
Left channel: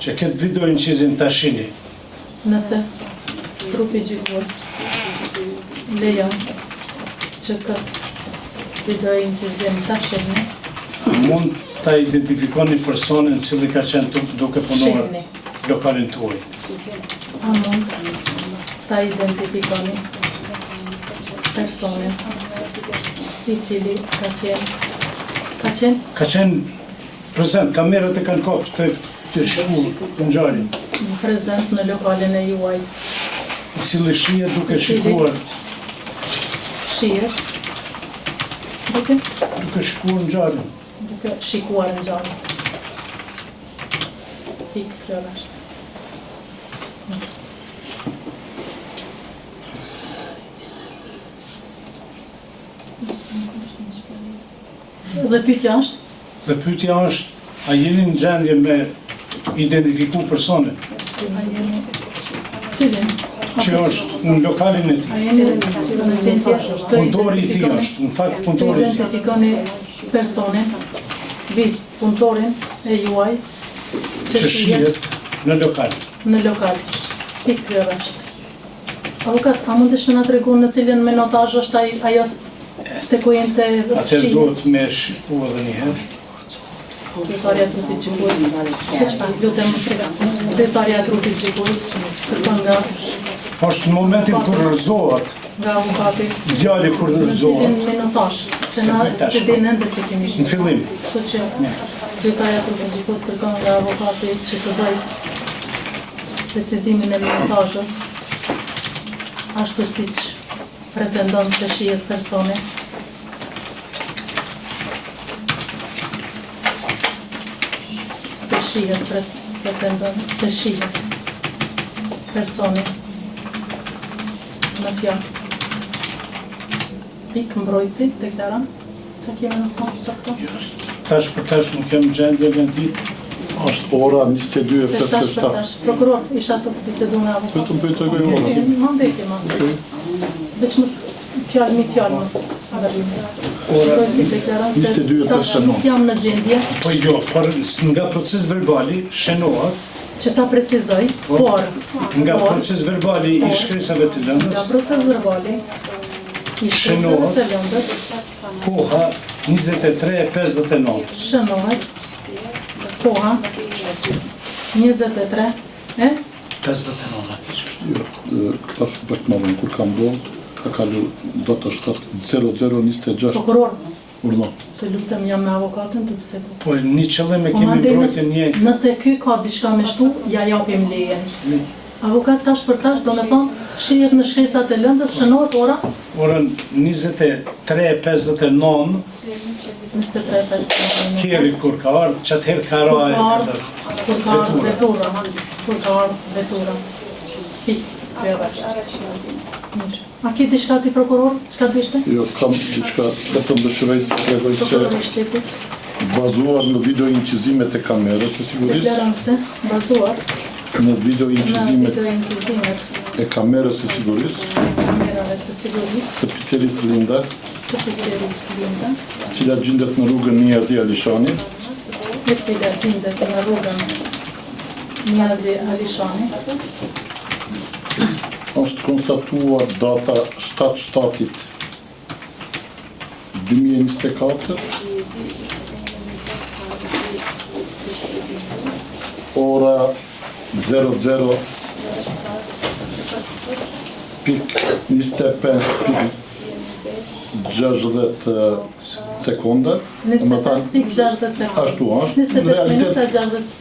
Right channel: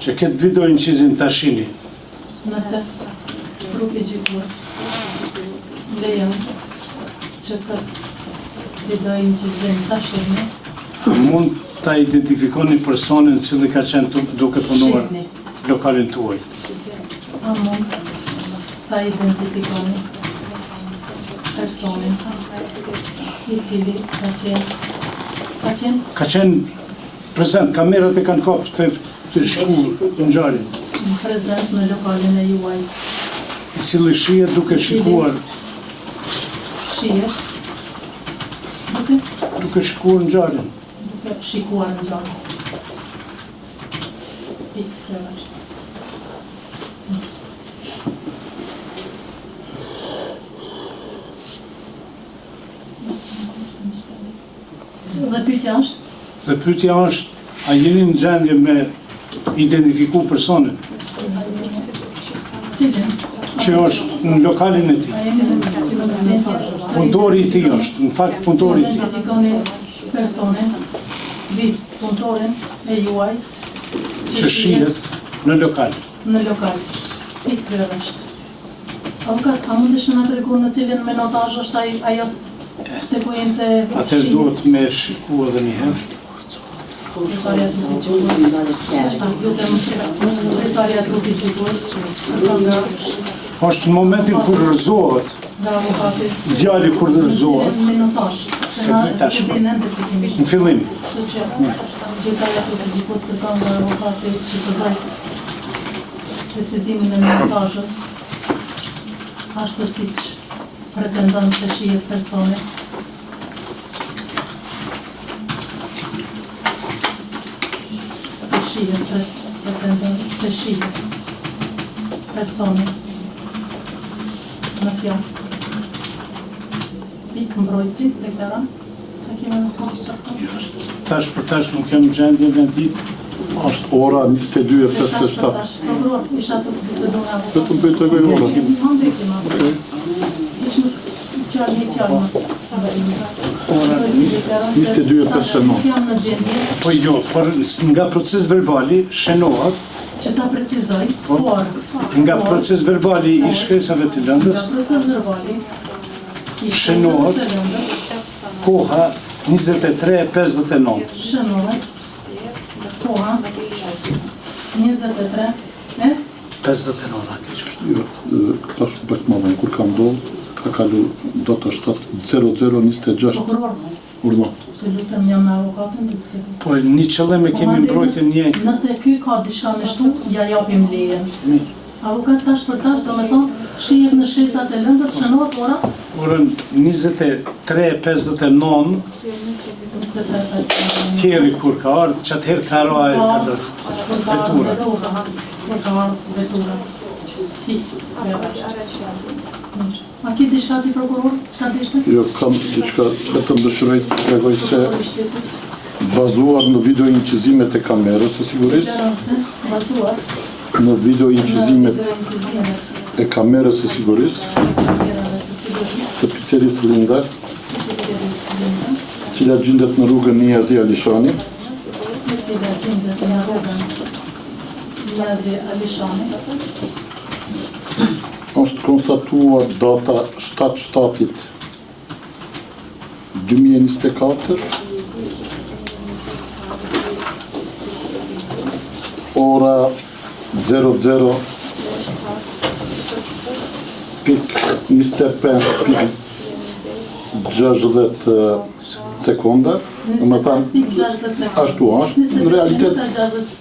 që këtë video incizim ta shihni, Nëse trupi gjykues lejon që këtë video incizim ta shihni, mund ta identifikoni personin i cili ka qenë duke punuar shihni. lokalin tuaj. A mund ta identifikoni personin i cili Ka qenë prezent, kamerat e kanë kapë të shkuar të ngjarjen, prezent në lokalin e juaj, i cili shihet duke shikuar, shihet duke shikuar ngjarjen. duke shikuar në gjallë. Pikë kërësht. Dhe pyetja është, Dhe pyetja është, a jeni në gjendje me identifiku personin cilin? që është në lokalin e tij? A jeni në gjendje të Punëtori i tij është, në fakt punëtori i tij. identifikoni personin, punëtorin e juaj Që shihet në lokal. në lokal. Pikë kërësht. Avukat, a mund të shme nga të regun në cilin menotazh është ajo sekuencë e Atëherë duhet me shiku edhe një herë. Drejtoria e trupit gjykues. Lutem, drejtoria e trupit gjykues. Nga Është në momentin kur rrëzohet, avukati. djali kur rrëzohet, Menotazh. Se na tash. të dinë ndër se kemi. në fillim, Kështu që drejtoria e trupit gjykues kërkon nga avukati që të bëj precizimin e menotazhës. Ashtu siç pretendon se shihet personi. Se shihet pretendon se shihet personi në fjalë. Pikë mbrojtësi të këtëra, që kemi në tonë të të tash për tash nuk jam në gjendje në ditë. Është ora 22:57. Prokuror, isha të bisedu nga avokat. Vetëm bëjtoj ora. Ma mbeti, ma mbeti. Veç mës fjallë një fjallë mës. Ora 22:59. Nuk jam në gjendje Po jo, por nga proces verbali shënohet, që ta precizoj, por nga proces verbali i shkresave të lëndës, nga proces verbali i Shënohet. të lëndës, koha 23:59. shënohet koha 23 e 59 keq është. Tash Bekmanon kur ka ndodhur, ka kalu data 7:00:26 prokuror, urna. të lutem jam me avokatën të bisedu. Po një qëllim e kemi mbrojtjen një. Nëse ky ka diçka me shtu, ja japim lejen. Avokat tash për tash, do me thonë, shihet në shkresat e lëndës, shënohet ora Orën 23:59 23:59. kjeri kur ka ardhë, që atëherë ka rajë këtë vetura. Kur ka ardhë vetura. A ki diçka ti prokuror? Çka bishte? Jo, kam diçka, vetëm dëshiroj të tregoj se Prokuror i shtetit. bazuar në video incizimet e kamerës së sigurisë, Deklarance, bazuar në video në incizimet video incizimet e kamerës së sigurisë kamerave të sigurisë të picerisë Linda, të qytetisë Lindën, cila gjendet në rrugën Niazi Alishani, e cila gjendet në rrugën Niazi Alishani, është konstatuar data 7/7/2024, ora 00:25:60 sekonda, 25.60 sekunda. Ashtu është, në 25 realitet minuta 60.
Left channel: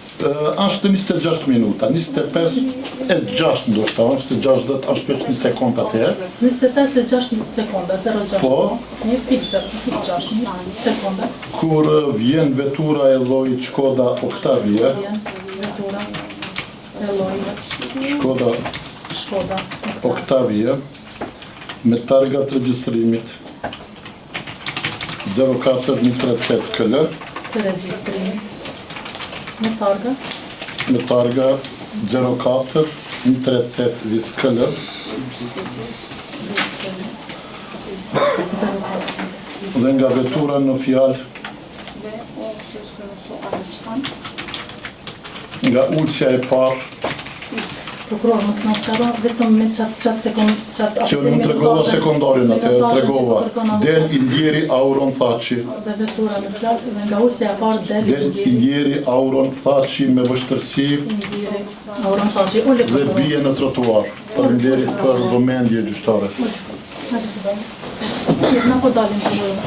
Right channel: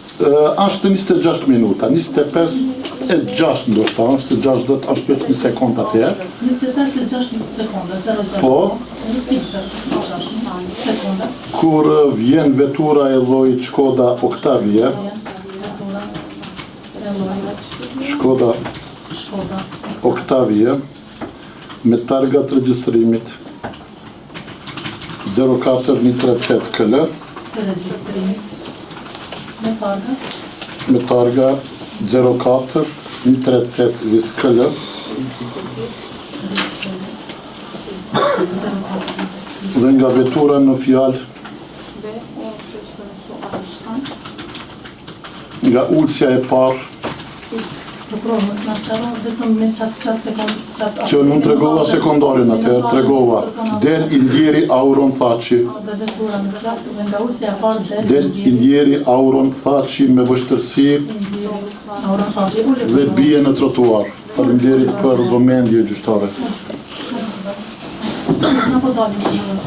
është 26 minuta, 25.6 ndoshta, është 60, është 5 sekonda të jetë. 25.6 sekunda, 0.6. Po. 1.6 sekunda. Kur vjen vetura e llojit Shkoda Octavia, Shkoda Octavia, me targa të regjistrimit 04138 KL, Të regjistrimit. Me me targa targa 04138 vis KL, dhe nga vetura në fjalë nga ulësja e parë, prokuror, mos na sqaron vetëm me çat sekond që nuk tregova sekondarin atëherë, tregova del i ndjeri Auron Thaçi, dhe vetura në fjalë dhe nga ulësja e parë del i ndjeri Auron Thaçi me vështirësi Auron Thaçi ule dhe bie në trotuar. Faleminderit për vëmendje gjyqtare. Na po dalim në zonë.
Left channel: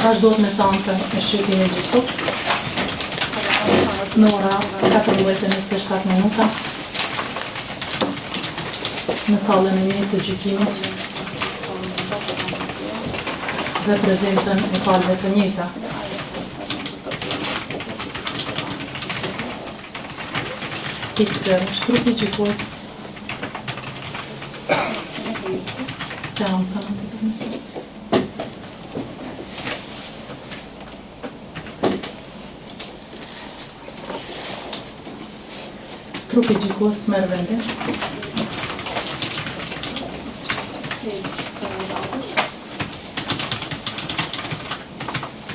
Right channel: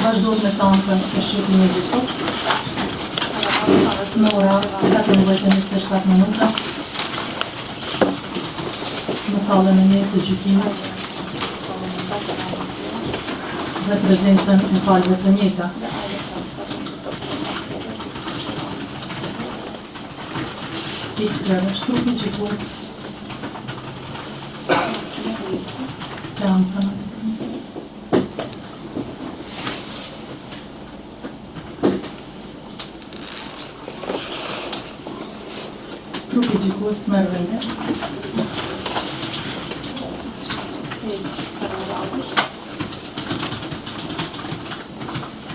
Vazhdojmë me seancën e shqyrtimit gjyqësor në ora 14:27 minuta në sallën e mirë të gjykimit dhe prezencën e palëve të njëjta. Shkruti gjykues seancën. Trupi gjykues merr vende.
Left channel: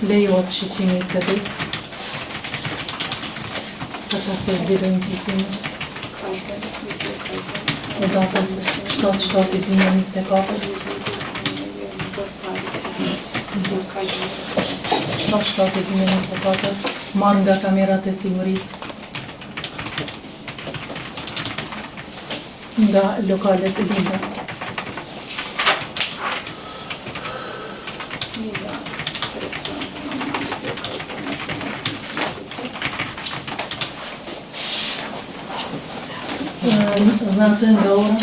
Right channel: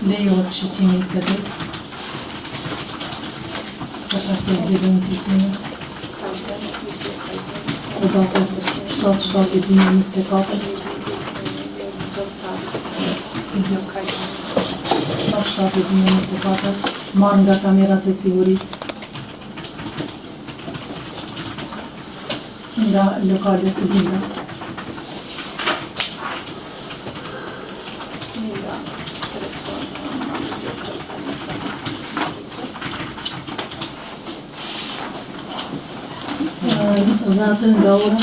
Lejohet shiqimi i CD-s. Për ta thënë vetëm gjykimit. E datës 7/7/2024. 7/7/2024. Marrë nga kamerat e sigurisë. Nga lokalet e dinda. Dhe atë nga ora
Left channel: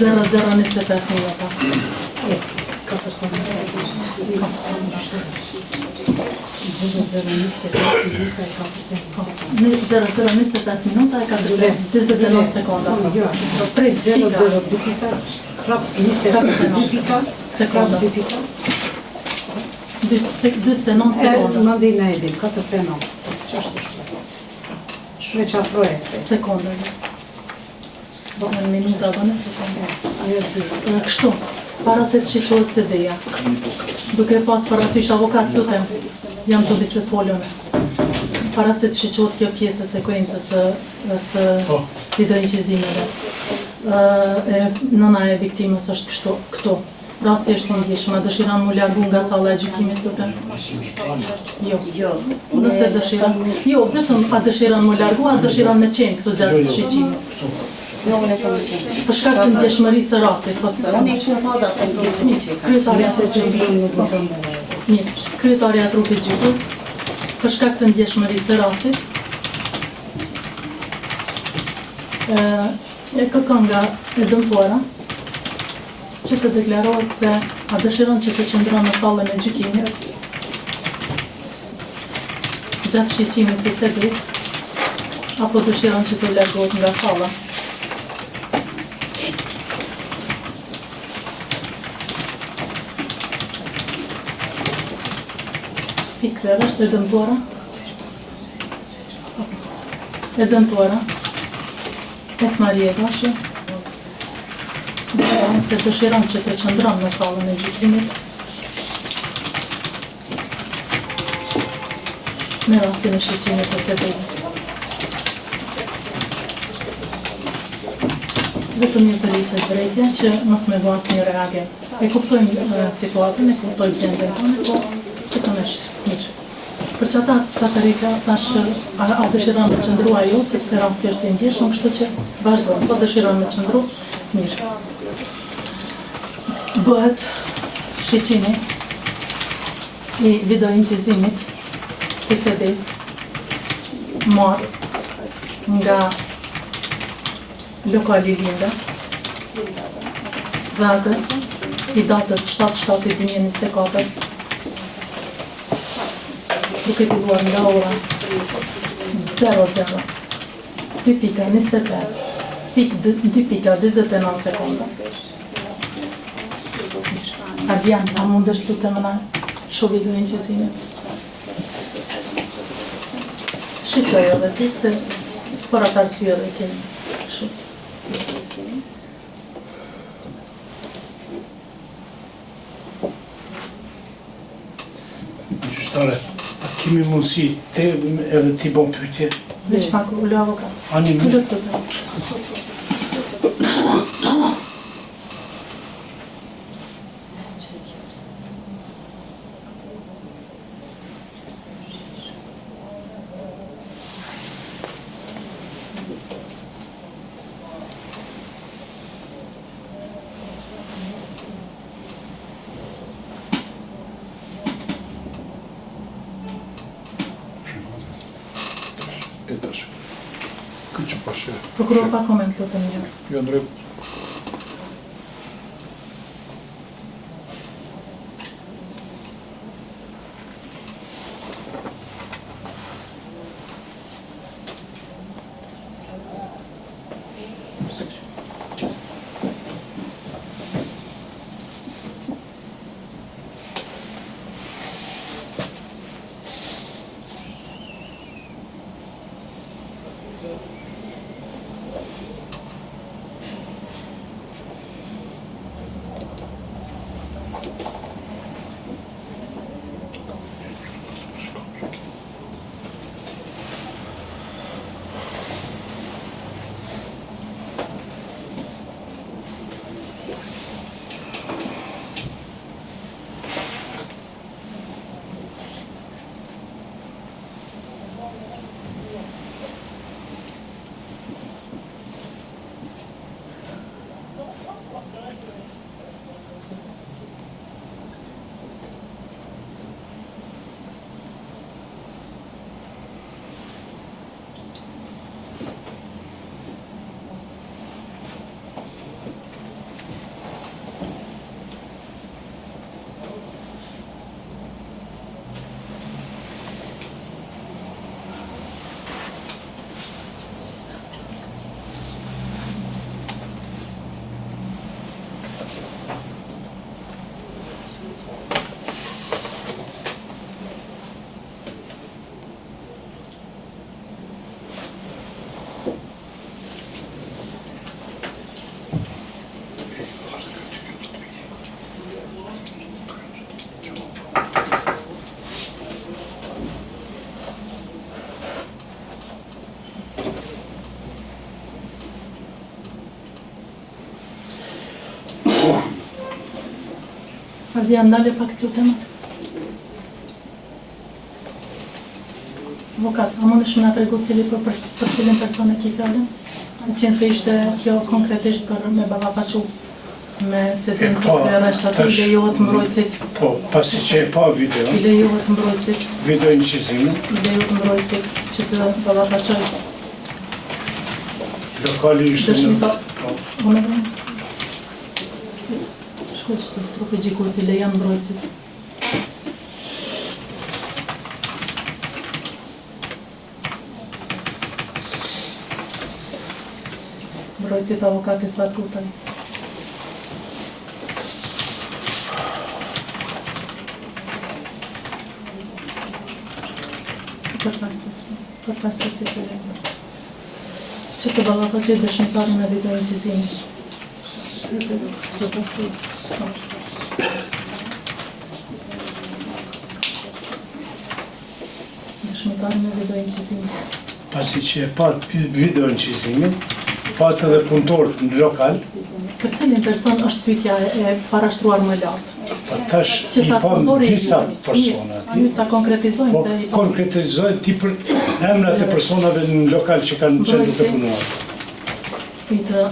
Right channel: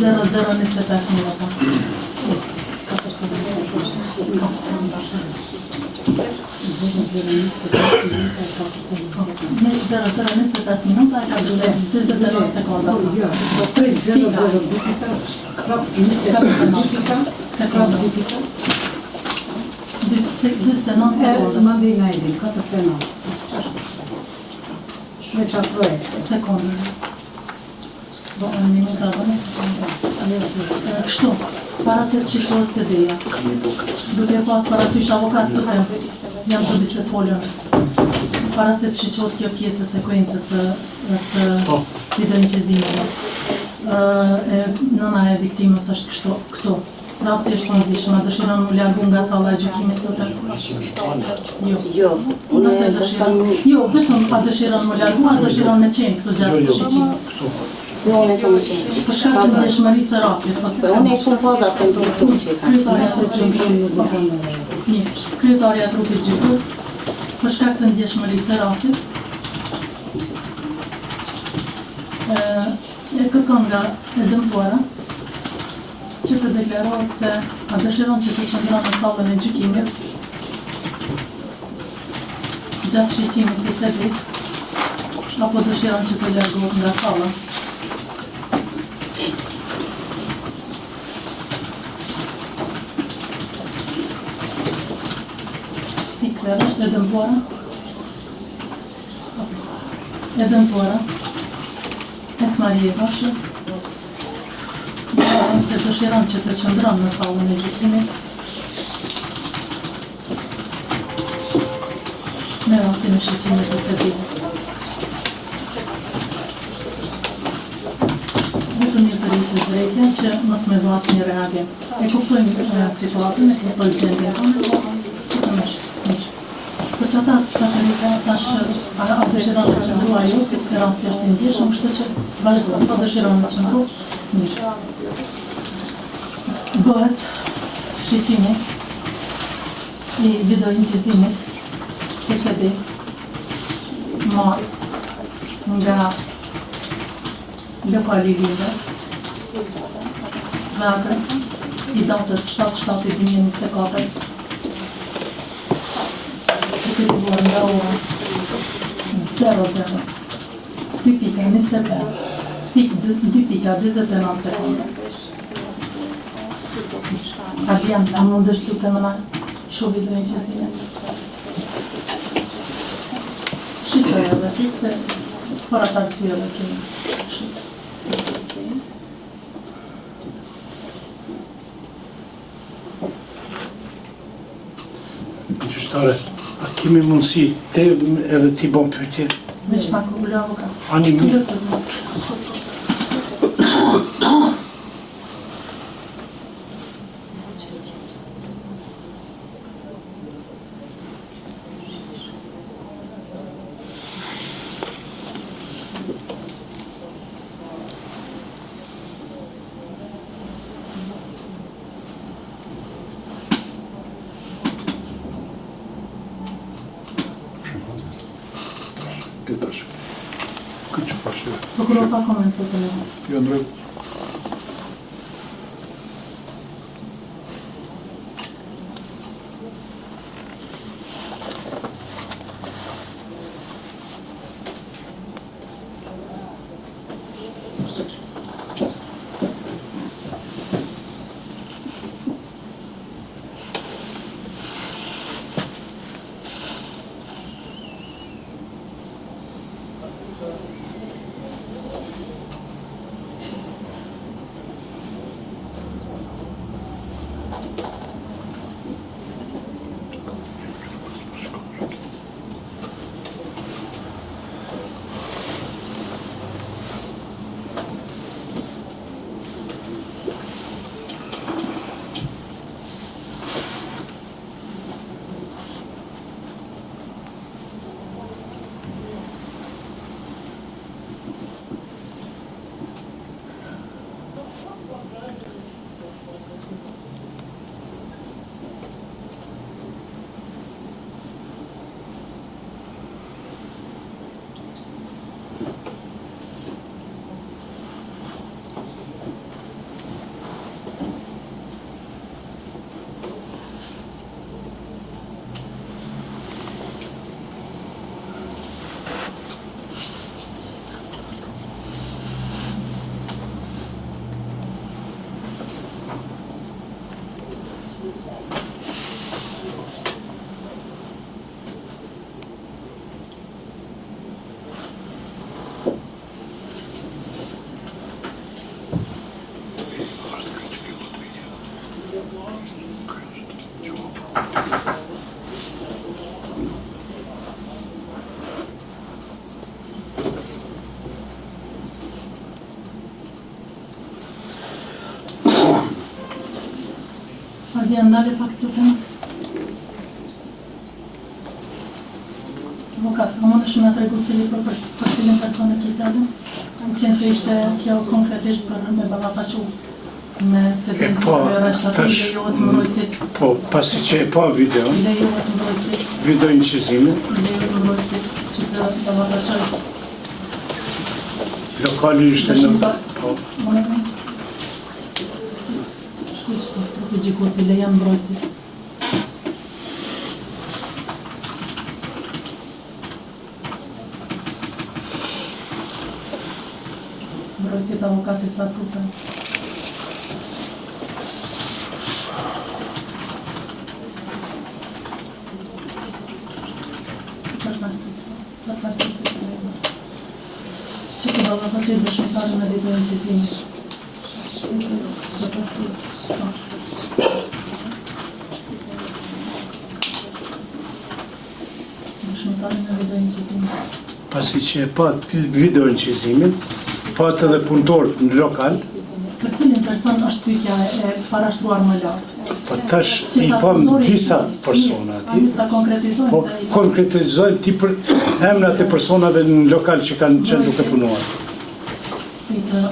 00:25 minuta. 0,25 minuta e ka 29 sekonda. 3,002 pika, prap 29 pika, Sekonda. 29 sekonda. Mandina e di, 4,9. Shveçafroje. Sekonda. Në minuta dhe në sekonda. Kështu, para se të shikohet CD-ja, duke pas parasysh avokat tutem, jam të biset polion. Para se të shikohet kjo pjesë e sekuencës së videoinqizimeve. Nëna e viktimës është këtu. Rasti është të ndjeshëm, a dëshiron mu largu nga salla e gjykimit tutem? Jo. Nëse dëshiron, jo, vetëm a dëshiron mu largu, a dëshiron me qenë këtu gjatë të shiqimit? Për shkak të ndjeshmërisë së rastit, po të kryetaria e trupit gjykatës, për shkak të ndjeshmërisë së rastit, e kërkon nga e dëmtuara që të deklarohet se a dëshiron që të qëndron në sallën e gjykimit gjatë shiqimit të CP-s, apo dëshiron që të largohet nga salla. Pikler është e dëmtuara. E dëmtuara. Esmaljeva është. Nëse dëshiron që të qëndron në sallën e gjykimit, në rastin e shiqimit të CP-s. Vetëm një të lisë drejtja që mos me vas një reagim. E kuptojmë situatën, e kuptojmë gjendje tonë, po si të nështë. Për që ata Katarika thash a dëshiron me qëndrua ju, sepse rasti është i ndjeshëm, kështu që vazhdojnë, po dëshiron me qëndru, mirë. Bëhet shiqimi i videoinqizimit të CD-s marrë nga lokali Linda, vete i datës 7/7/2024, duke dikuar nga ora 00:25:2.29 sekonda. Adrian, a mundesh të të mëna shobi dhe një qësine? Shqyqoj edhe të se për atë arsye dhe kemi shqyqoj. Gjyqtare, a kemi mundësi te edhe ti bon pyetje? Veç pak u lë avokat. Ani mirë. Prokuror pa koment të një. Jo drejt. Ardia ndale pak të lutem. Avokat, a mund është me nga tregu cili për cilin person e ki fjallën? Në qenë se ishte kjo konkretisht për me ballafaqu me cetin të reshtat i lejohet mbrojtësit. Po, pasi që e pa video, I lejohet mbrojtësit. video incizimin, I lejohet mbrojtësit që të ballafaqoj. lokali ishte në... Po, Unë shkull që trupi gjikosi lejan mbrojtësit. Mbrojtësit avokate sa prutën. Plotësuesi të legë. Që të ballafaqoj dëshmitarin në video incizimit. Dëshmitarin në video incizimit. pasi që e pa video incizimin, pa të dhe punëtorët në lokal, Për cilin person është pyetja e parashtruar më lartë? po tash i pam disa persona aty, Ta konkretizojmë po se konkretizojnë ti për emrat e personave në lokal që kanë qenë duke punuar. i të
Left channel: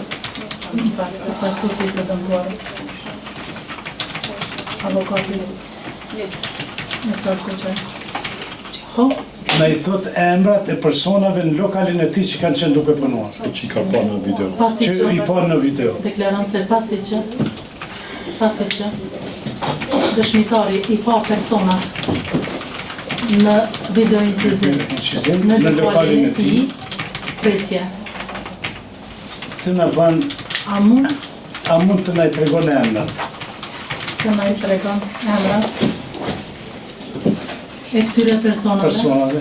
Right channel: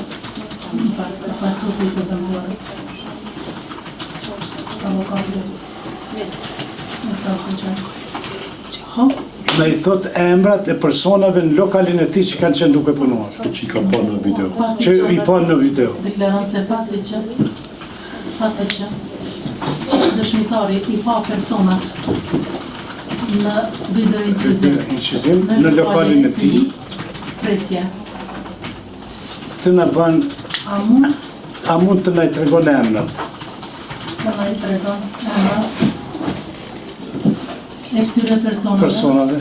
pasuesit të dëmtuarës. Avokati e sa kuqe. Ho, Na i thot emrat e personave në lokalin e tij që kanë qenë duke punuar. Që i ka parë në video. Që i pa në video. deklaron se pasi që dëshmitari i pa personat në video incizim Incizim në lokalin e tij, presje. të na bën, a mund të na i tregon emrat? Të na i tregon emra e këtyre personave.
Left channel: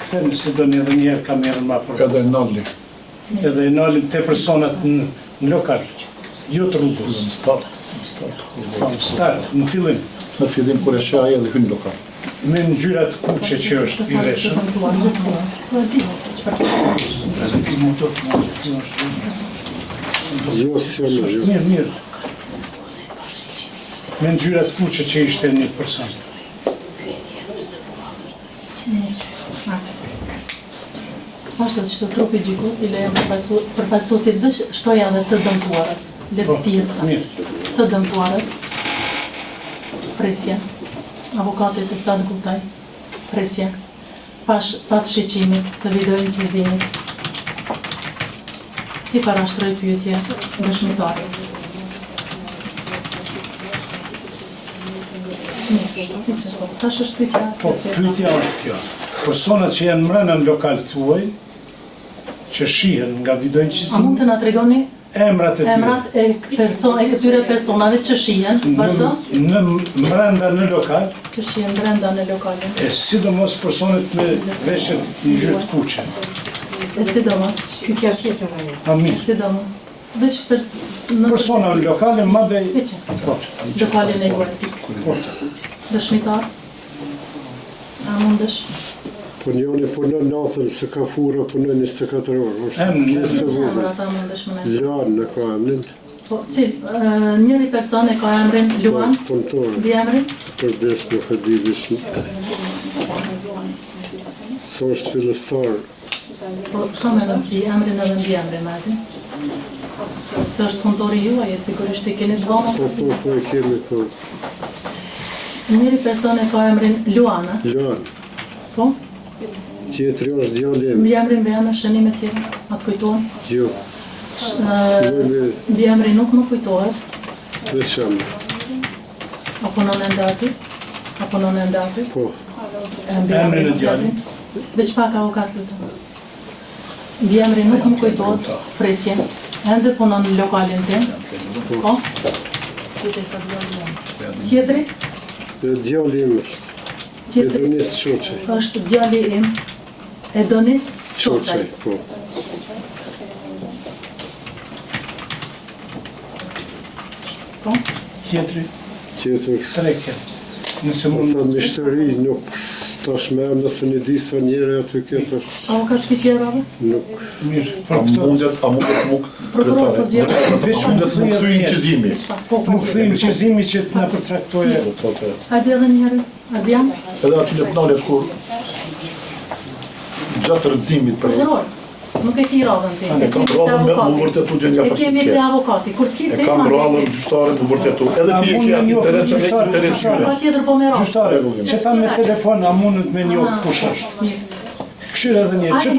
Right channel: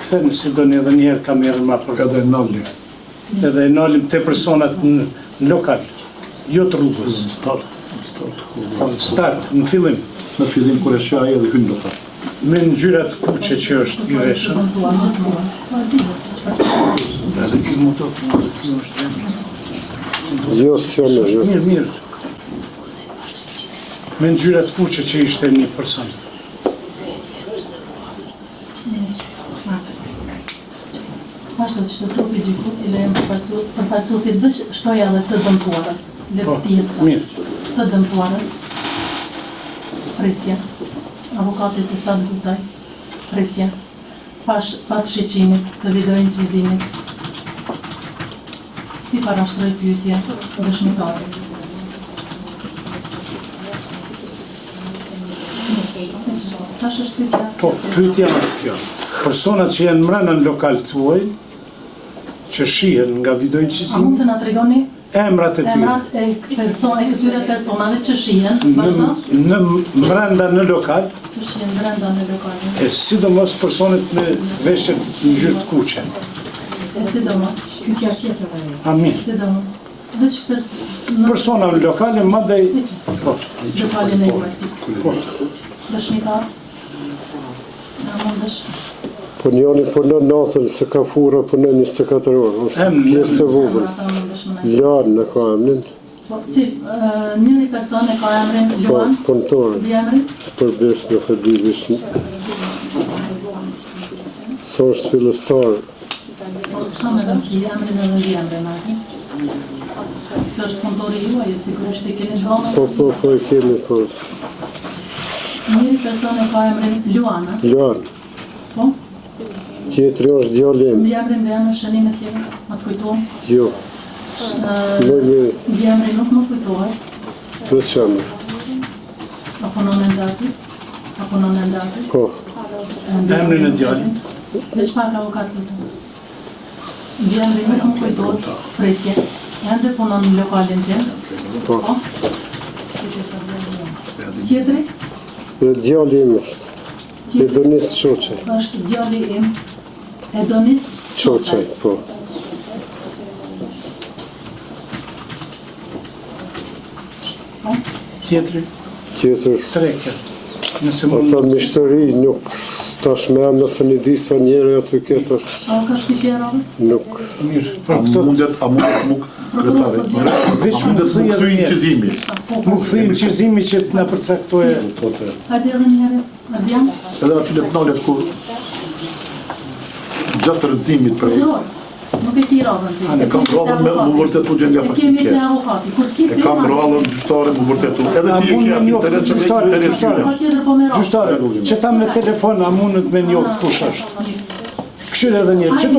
Ktheni se do një edhe njerë kam erën ma për Edhe nalli. edhe e nalim të personat në lokal, jo të rrugës. Start. Po, në start, në fillim, Në fillim kur e shaj edhe hyn lokal. me ngjyrat kuqe që është i veshur. Edhe kjo mund të kjo është Jo, s'jam në gjë. mirë, mirë. Me ngjyrat kuqe që ishte një person. Ashtu që të trupi gjikosi lejon përfaqësuesit dhe shtoja dhe të dëmtuarës, letëtirës, Mirë. të dëmtuarës, presje, avokatit e Sad Gutaj, presje, pas shiqimit të video incizimit, ti parashtroj pyetje dëshmitarit. Tash është pyetja. Po, pyetja është kjo. Personat që janë mbrana në lokal tuaj, që shihen nga video A incizimi, mund të na tregoni emrat e tyre. emrat e këtyre personave që shihen, vazhdo? Në mbranda në lokal, Që shihen brenda në lokalin. e sidomos personet në veshjet në ngjyrë të kuqe. E sidomos. Kjo tjetër ajo. A E mirë. sidomos. Veç Persona në lokale, madej... lokalin e juaj. Po, Dëshmitar. A mundesh? Po njoni punon natën se ka fura punon 24 orë. Është Em, pjesë e vogël. Ta mundesh më ne. Luan në ka emnin. Po, njëri person e ka emrin Po, Luan, punëtor. vjemri, Për bes në fëdibish. Sa është fillestar. po s'ka me rëndësi, emrin edhe vjemrin aty. Se është punëtori juaj, e sigurisht i keni dhënë. Po, e kemi po. Njëri person e ka emrin Luana, Luan. po? Tjetëri është djalim. Vjemrin dhe emrin shënime tjera, atë kujtohem. Jo. Ë, Vjemri nuk më kujtohet, Në qamë. apo në ende aty, apo në ende aty. Po. Emrin e djalit. Veç pak avokat lutem. Vjemri nuk më kujtohet, presje. Ende punon në lokalin tim. Po. Tjetri Dhe djalim është. Edonis Qoqaj. është djali im, Edonis Qoqaj, po. Tjetri, Tjetër. treke. Nëse Ata mund... mishtëri nuk Tash me em nëse një di sa njeri aty ketë është A u ka shpiti e radhës? nuk. Mirë, A për këto mundet muk kretare? veç A më mundet thëj më edhe kthyi një. qizimi? Nuk thëjmë qizimi që të na përcaktoje. A di edhe njëre? A di jam? Edhe aty në planet kur gjatë rëndësimit për Prokuror, nuk e ki radhën ti. e kam radhën me më vërtetu gjendja E kemi faktike. te avokati. Kur ti E kam radhën gjyqtare më vërtetu. Edhe ti e ke aty televizion. Pa tjetër po me radhë. Gjyqtare, që ta me telefon a mundet me njoft kush është. Këshirë edhe njerë, që du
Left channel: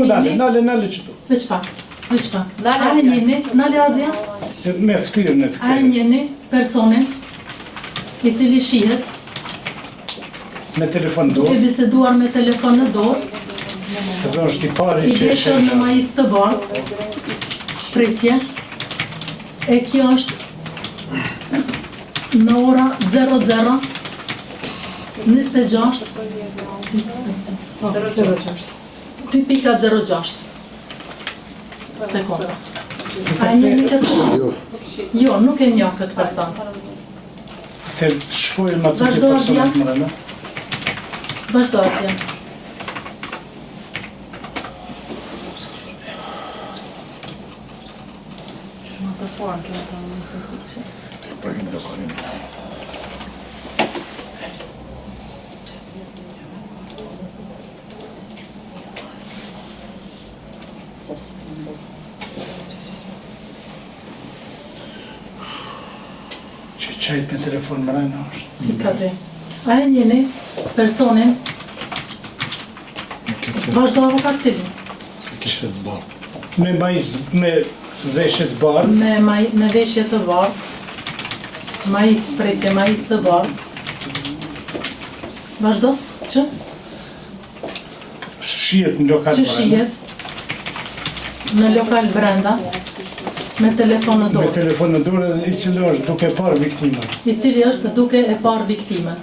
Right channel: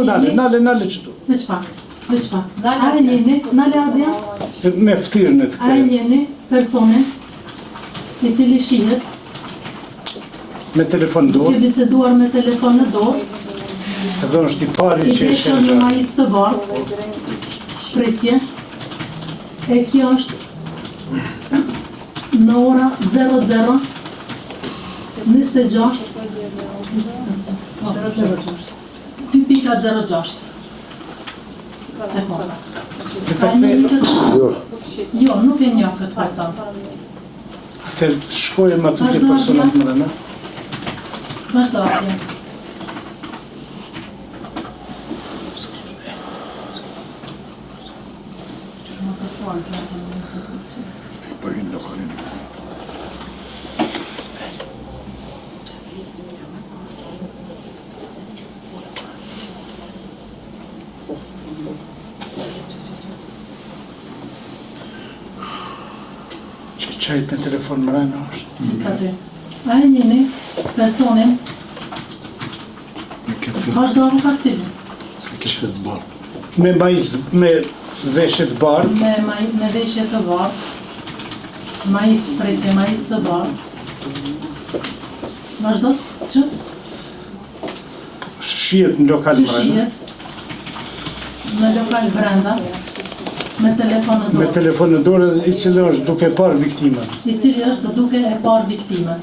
nale që du. Veç pak. A e njeni, nale ardhja, Me ftyrën e të a e kërë. njeni personin i cili shihet, Me telefon do, duke biseduar me telefon në dorë, edhe është i pari i që e deshën në shenë. majic të bardhë, presje, e kjo është në ora 00, 26, 2.06 sekonda. A e njëri këtë? Jo, nuk e njoh këtë person. Atër shkojmë aty të Vazhdo, personat më rëna. Vazhdo atje. Që qajt me telefon më rëna është. Katri. A e njeni personin? Vazhdo avokat cili? Me majz, me veshët bardhë, Me veshje të bardhë, majic presje, majic të bardhë. Vazhdo? Që? shihet në lokal Që më rëna. shihet në lokal brenda, me telefon në Me dorë, telefon në dorë i cili është duke parë viktimën. i cili është duke e parë viktimën.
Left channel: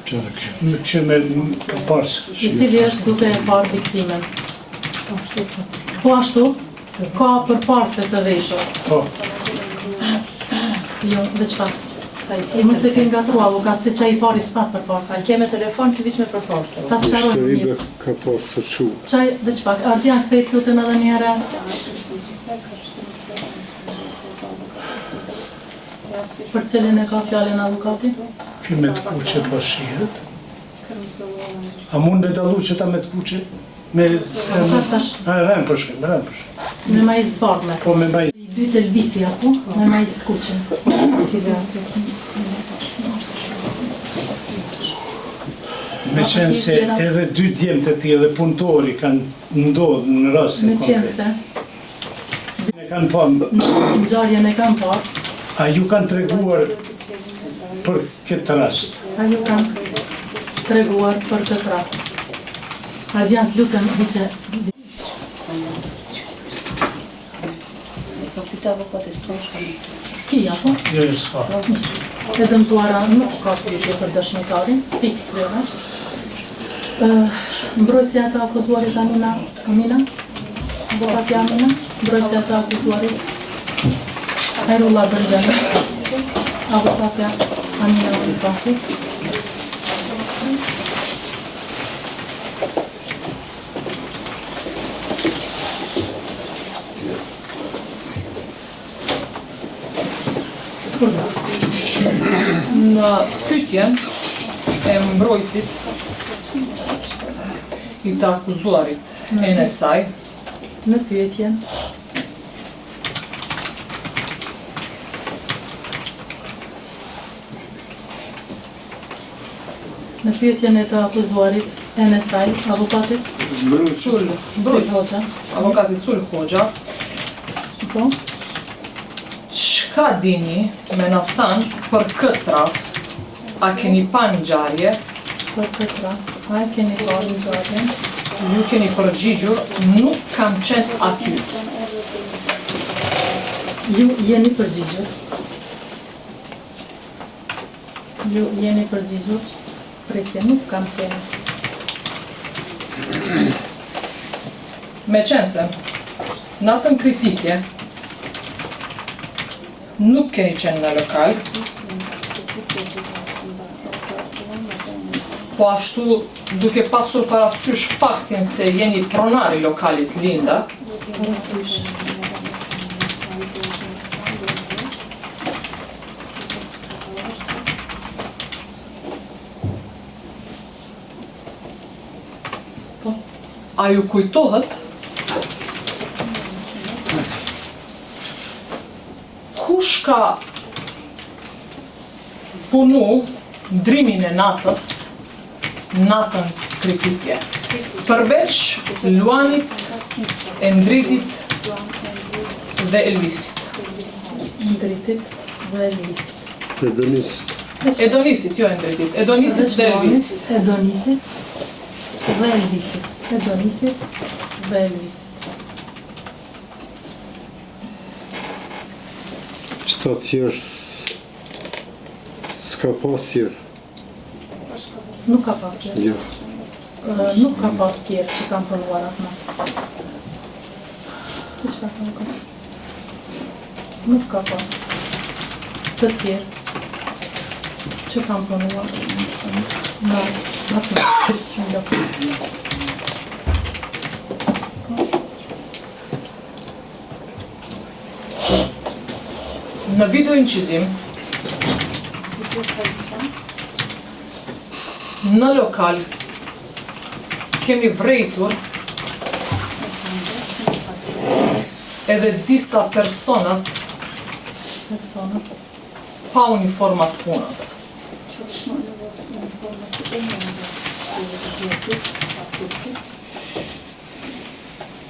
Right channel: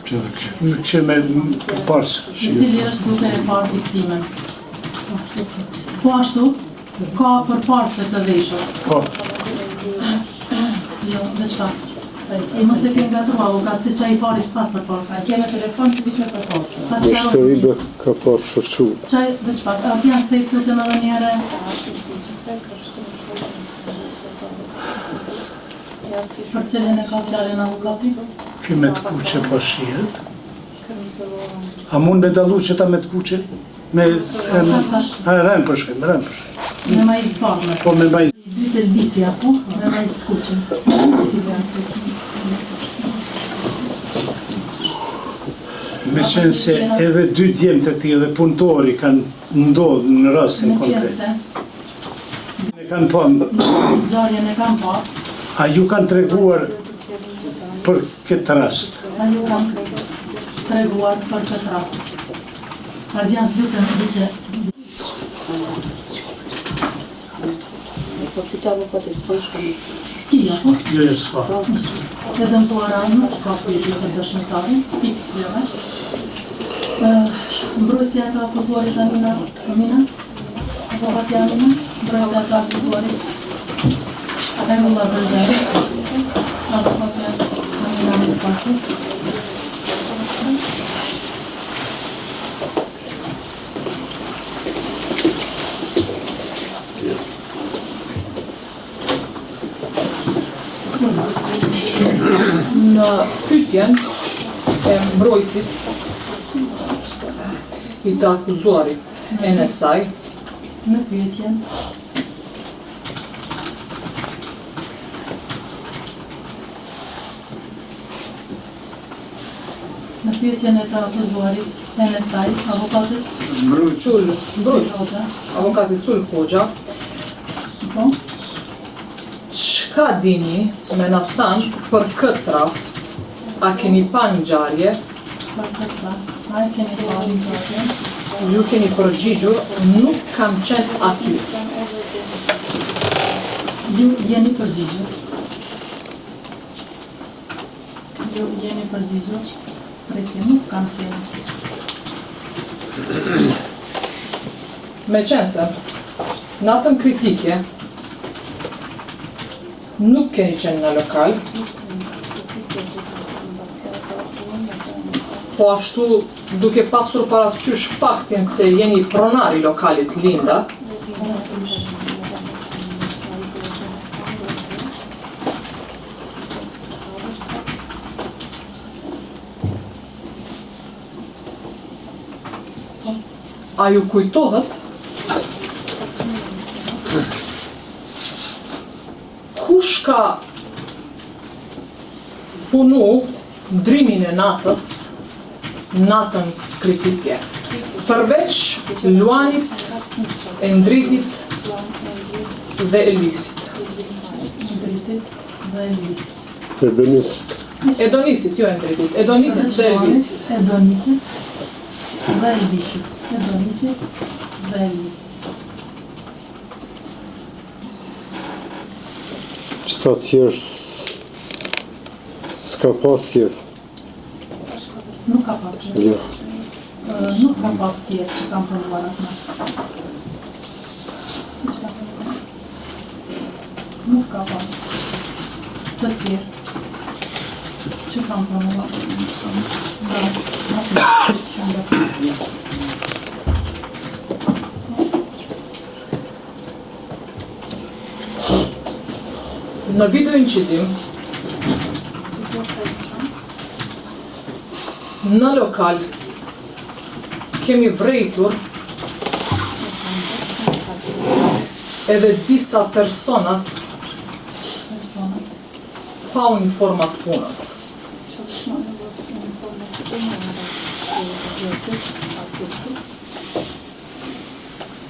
Që me parës. I cili është duke e parë viktimën. Po ashtu, ka përparse të veshur. Po, Jo, veç pak. Mos e ke ngatru avokat, se çaj i pari s'pat përparse. Keme telefon, të vish me përparse. Ta Ishte sqaroj vibe mirë. ka pas të çu. Çaj, veç pak. Ardja kthej lutem edhe një herë. Për cilin e ka fjalën avokati? ky me të kuqe po shihet. A mund me dallu që ta me të kuqe? Me... A rënë për shkëm, rënë për shkëm. Me majiz të bardhë. Po me majz. I dy të lbisi apo, me majiz të kuqe. Me qenë se edhe dy djemët e ti edhe punëtori kanë ndodhë në rastin Me qenë konkret. se, Ne kanë pa, ngjarjen e kam parë, a ju kanë treguar për këtë rast? a ju kam treguar për këtë rast. Radiant, lutem, diqe, s'ki apo? Jo, jo, s'ka. E dëmtuara nuk ka pyetje për dëshmitarin, pikë kryesh. Mbrojtësia të akuzuarit Amina? Avokatja Amina? Mbrojtësia të akuzuarit Erullah Bërgjani? Avokatja Amina Mustafi? Në pyetjen e mbrojtësit i të akuzuarit e në saj, Në pyetjen e të akuzuarit e në saj, avokatit Sul Mbrojtës, Hoxha, avokati Sul Hoxha, po, çka dini me na thanë për këtë rast, a keni pa ngjarje, për këtë rast, a e keni parë në gjë? ju keni përgjigjur, nuk kam qenë aty. Ju jeni përgjigjur. Ju jeni përgjigjur. Presje, nuk kam qenë. Me qenë se, natën kritike, nuk keni qenë në lokal, po ashtu duke pasur parasysh faktin se jeni pronar I lokalit Linda, a ju kujtohet kush ka punu ndrimin e natës, natën kritike, përveç Luanit, Endritit dhe Elvisit. Ndritit dhe Elvisit. Edonisit, jo Endritit, Edonisit dhe Elvisit. Edonisit dhe Elvisit. Edonisit dhe Elvisit. Qëta tjerë s'ka pas tjerë. Nuk ka pas tjerë. Jo. Nuk ka pas tjerë që kam punuar atë. Nuk ka pas të tjerë që kam punuar. Në video incizim, në lokal, kemi vrejtur edhe disa personat pa uniformat punës.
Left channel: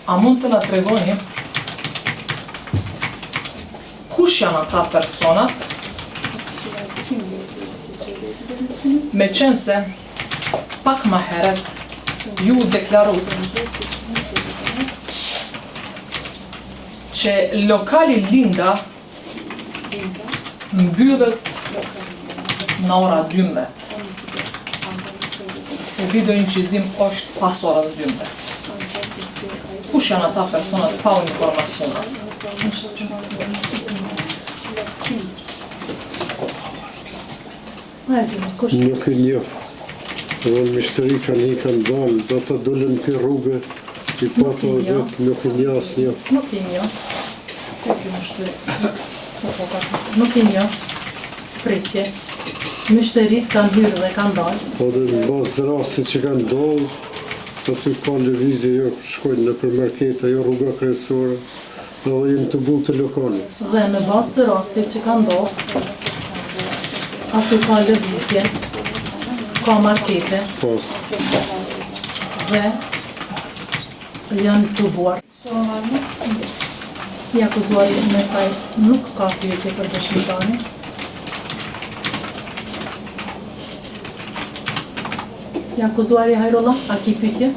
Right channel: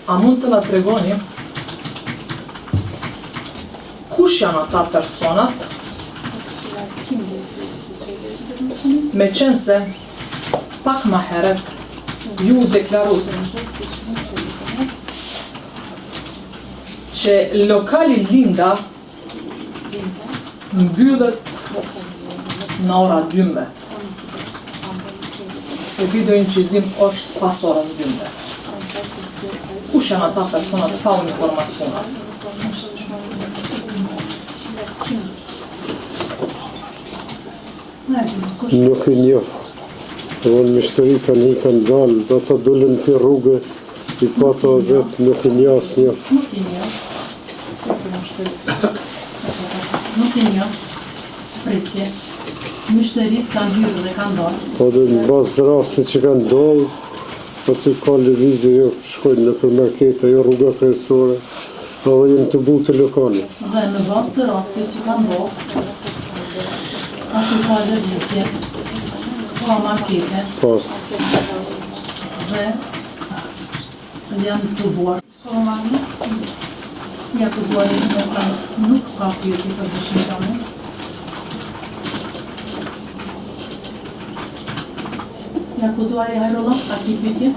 A mund të na tregoni kush janë ata personat, me qenë se pak ma herët ju deklaru që lokali Linda mbyllet në ora 12. U video incizim është pas orës 12. Kush janë ata personat pa uniformat punës? Nuk I njoh. Unë mishtëri kanë dalë, do të dullin për rrugë, I pato vetë nuk I njoh asnjë. Nuk I njoh. Nuk I njoh. Presje. Mishtërit kanë hyrë dhe kanë dalë. Po dhe në bazë rasti që kanë dalë, po të ka lëvizje, jo shkojnë në për marketa, jo rruga kryesore, edhe jenë të butë të lokali. Dhe në bazë të rastit që kanë dalë, aty ka lëvizje, ka markete, Po, dhe janë të buar. Ja akuzuari në saj nuk ka pyetje për dëshmitari. Ja akuzuari Hajrolla, a ki pyetje?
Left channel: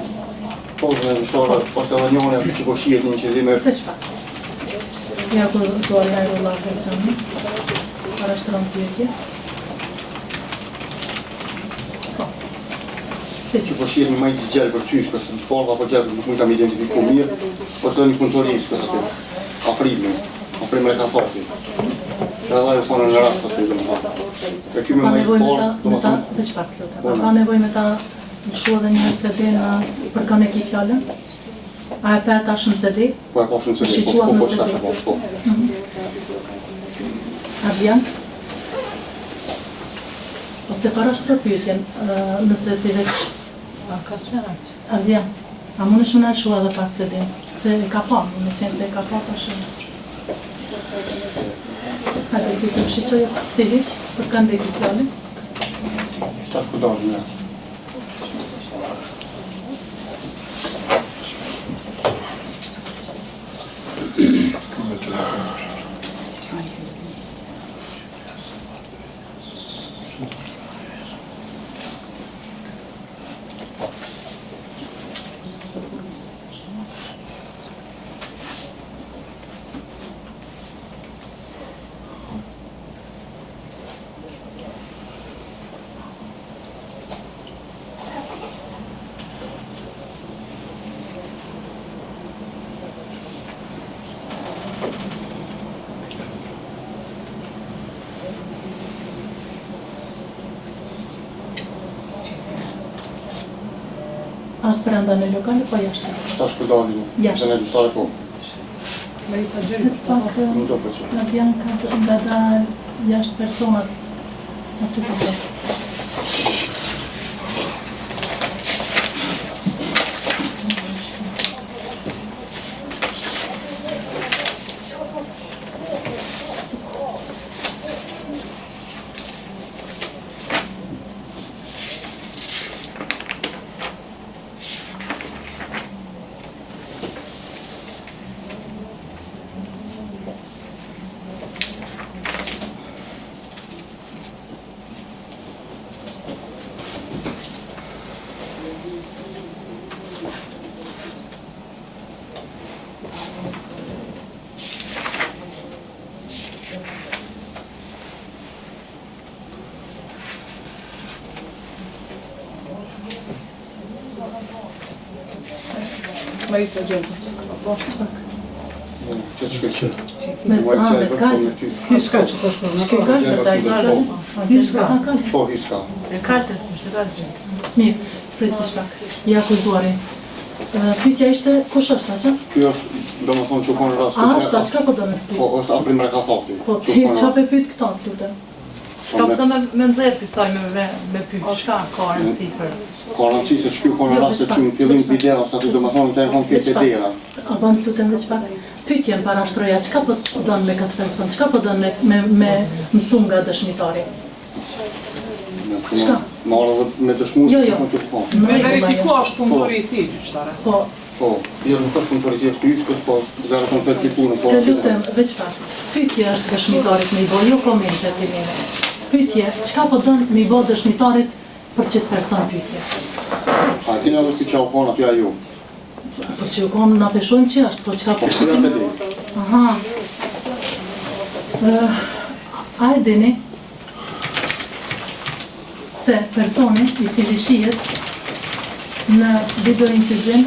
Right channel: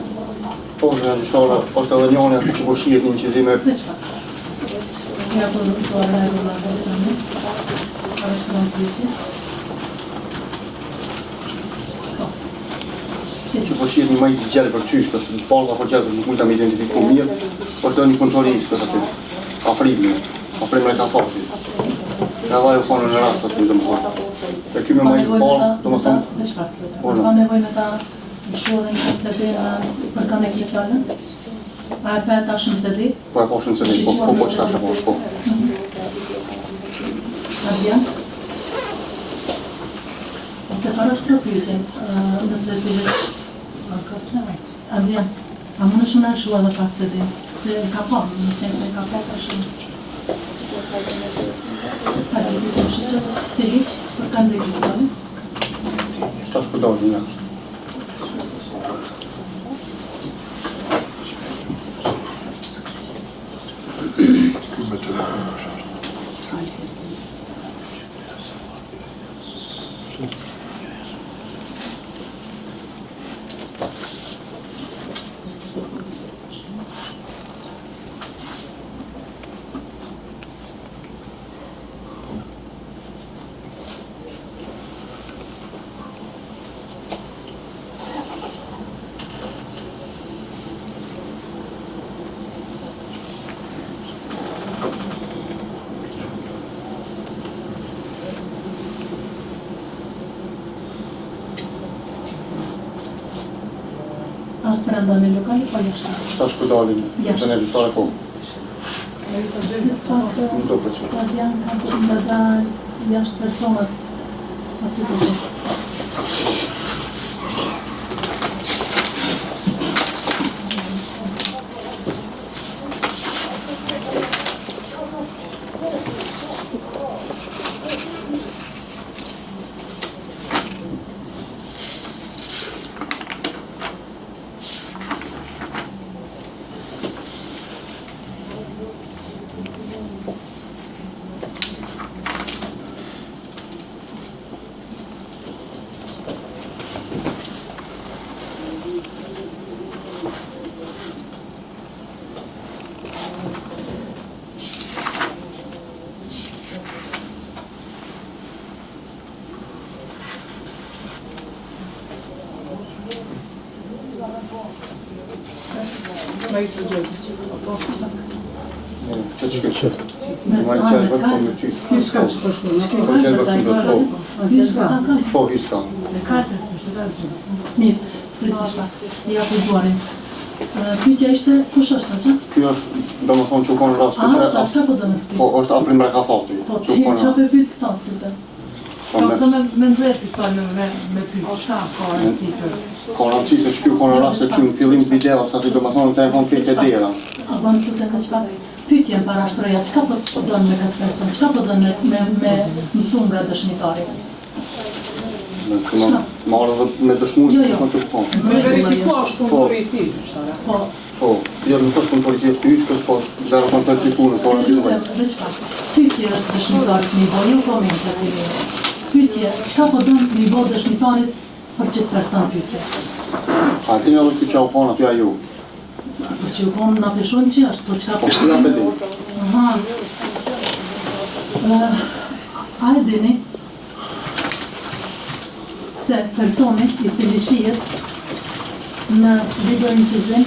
Po, dhe mështara, është edhe njone aty që po shihet një qëllime. Për çfarë? Ja akuzuari Hajrolla Gërçani, arreshtron pyetje. Që po shihet një majtë zgjallë për qysh, kësë në falë apo qëtë nuk mund të me identifiku mirë, është edhe një kontrolisë kësë atë, afrimin e ka fatit. Edhe ajo fanë në rast, asë në dëmë fanë. E kyme majtë parë, do më thëmë... Ka nevoj me ta në shohë dhe një CD për kanë e ki fjallën? A e pe ta shumë CD? Po e po shumë CD, po që ta që po. A vjen? Ose para është përpytjen, nëse ti veç... A vjen? A më në shumë në shohë edhe pak CD? Se e ka pa, në qenë se e ka pa ta shumë. A dhe kytëm shqyqë cilit për kanë dhe ki fjallën? Shta shkudav një. brenda në lokal, pa jashtë. Tash për dalin, se ne gjushtare po. Nuk do për që. Janë kanë të dal jashtë personat. Aty të dhe. Majica Gjergj. Që. Majica e bërë për në ty. Hyska. Shke kanë të tajmarë. Hyska. Po, hyska. Mirë, priti shpak. Ja akuzuari. Pyetja ishte, kush është aqa? Kjo është, do më thonë që u konë rastë. A, qka po do në pyet? Po, është aprim reka fakti. Po, ti qa pe pyet këta të të? Ka të me nëzirë pisaj me pyet. Shka ka rëndësi për? Ka rëndësi se që kjo konë rastë që në fillim video, sa ti do më thonë të e konë kjetë e dera. A po në pyetën dhe qpak? Pyetja në parashtroja, qka po do në me këtë person? Qka po do në me mësu nga dëshmitari? Marë dhe me dëshmu Jo, se jo. që të shponë. Me verifikuash punëtori ti, gjushtare. Po, Po, jo nuk është punëtori që është hyskës, po dhe në konë të punë. të lutem, veç pak. Pyetje është dëshmitarit mi bo, jo komente të mire. Pyetje, qka po do mi bo dëshmitarit për qëtë person pyetje? A ti nga vështu që u konë aty a ju. Për që u konë nga peshojnë që është, për qka po... Që nga të di? Aha. A e dini se personi i cili shihet në videojnë që zim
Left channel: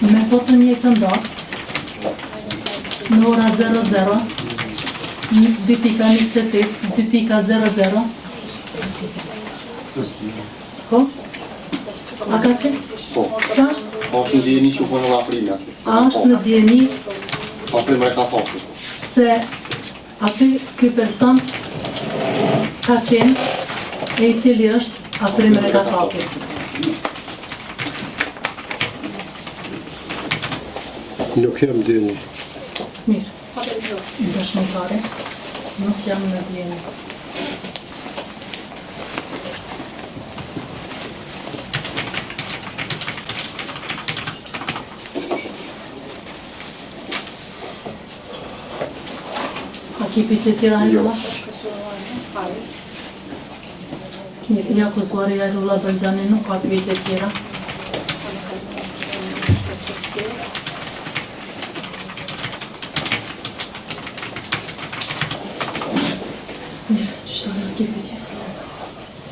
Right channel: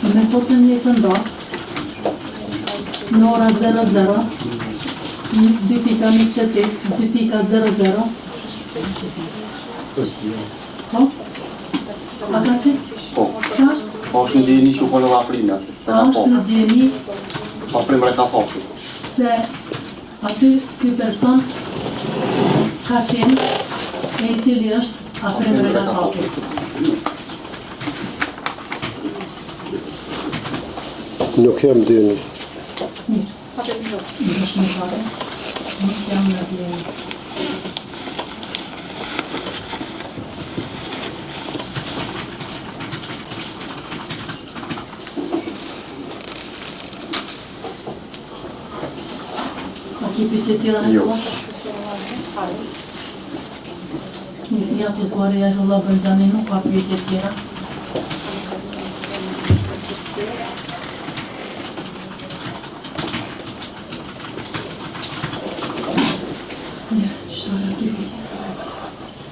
në metodën një këndo në ora 00 2.28 2.00 Po? A ka qenë? Po. Qa është? Po është në djeni që u konë nga afrimi aty. A është në djeni Aprim reka fakti. se aty ky person ka qenë e i cili është aprim redaktori. Nuk jam dini. Mirë. Në dëshmitare. Nuk jam në djeni. Ka kipi që tira në Jo. Mirë, ja akuzuari Ajrulla Bëngjani nuk ka pyetje tjera. Mirë, qështë të ki pyetje?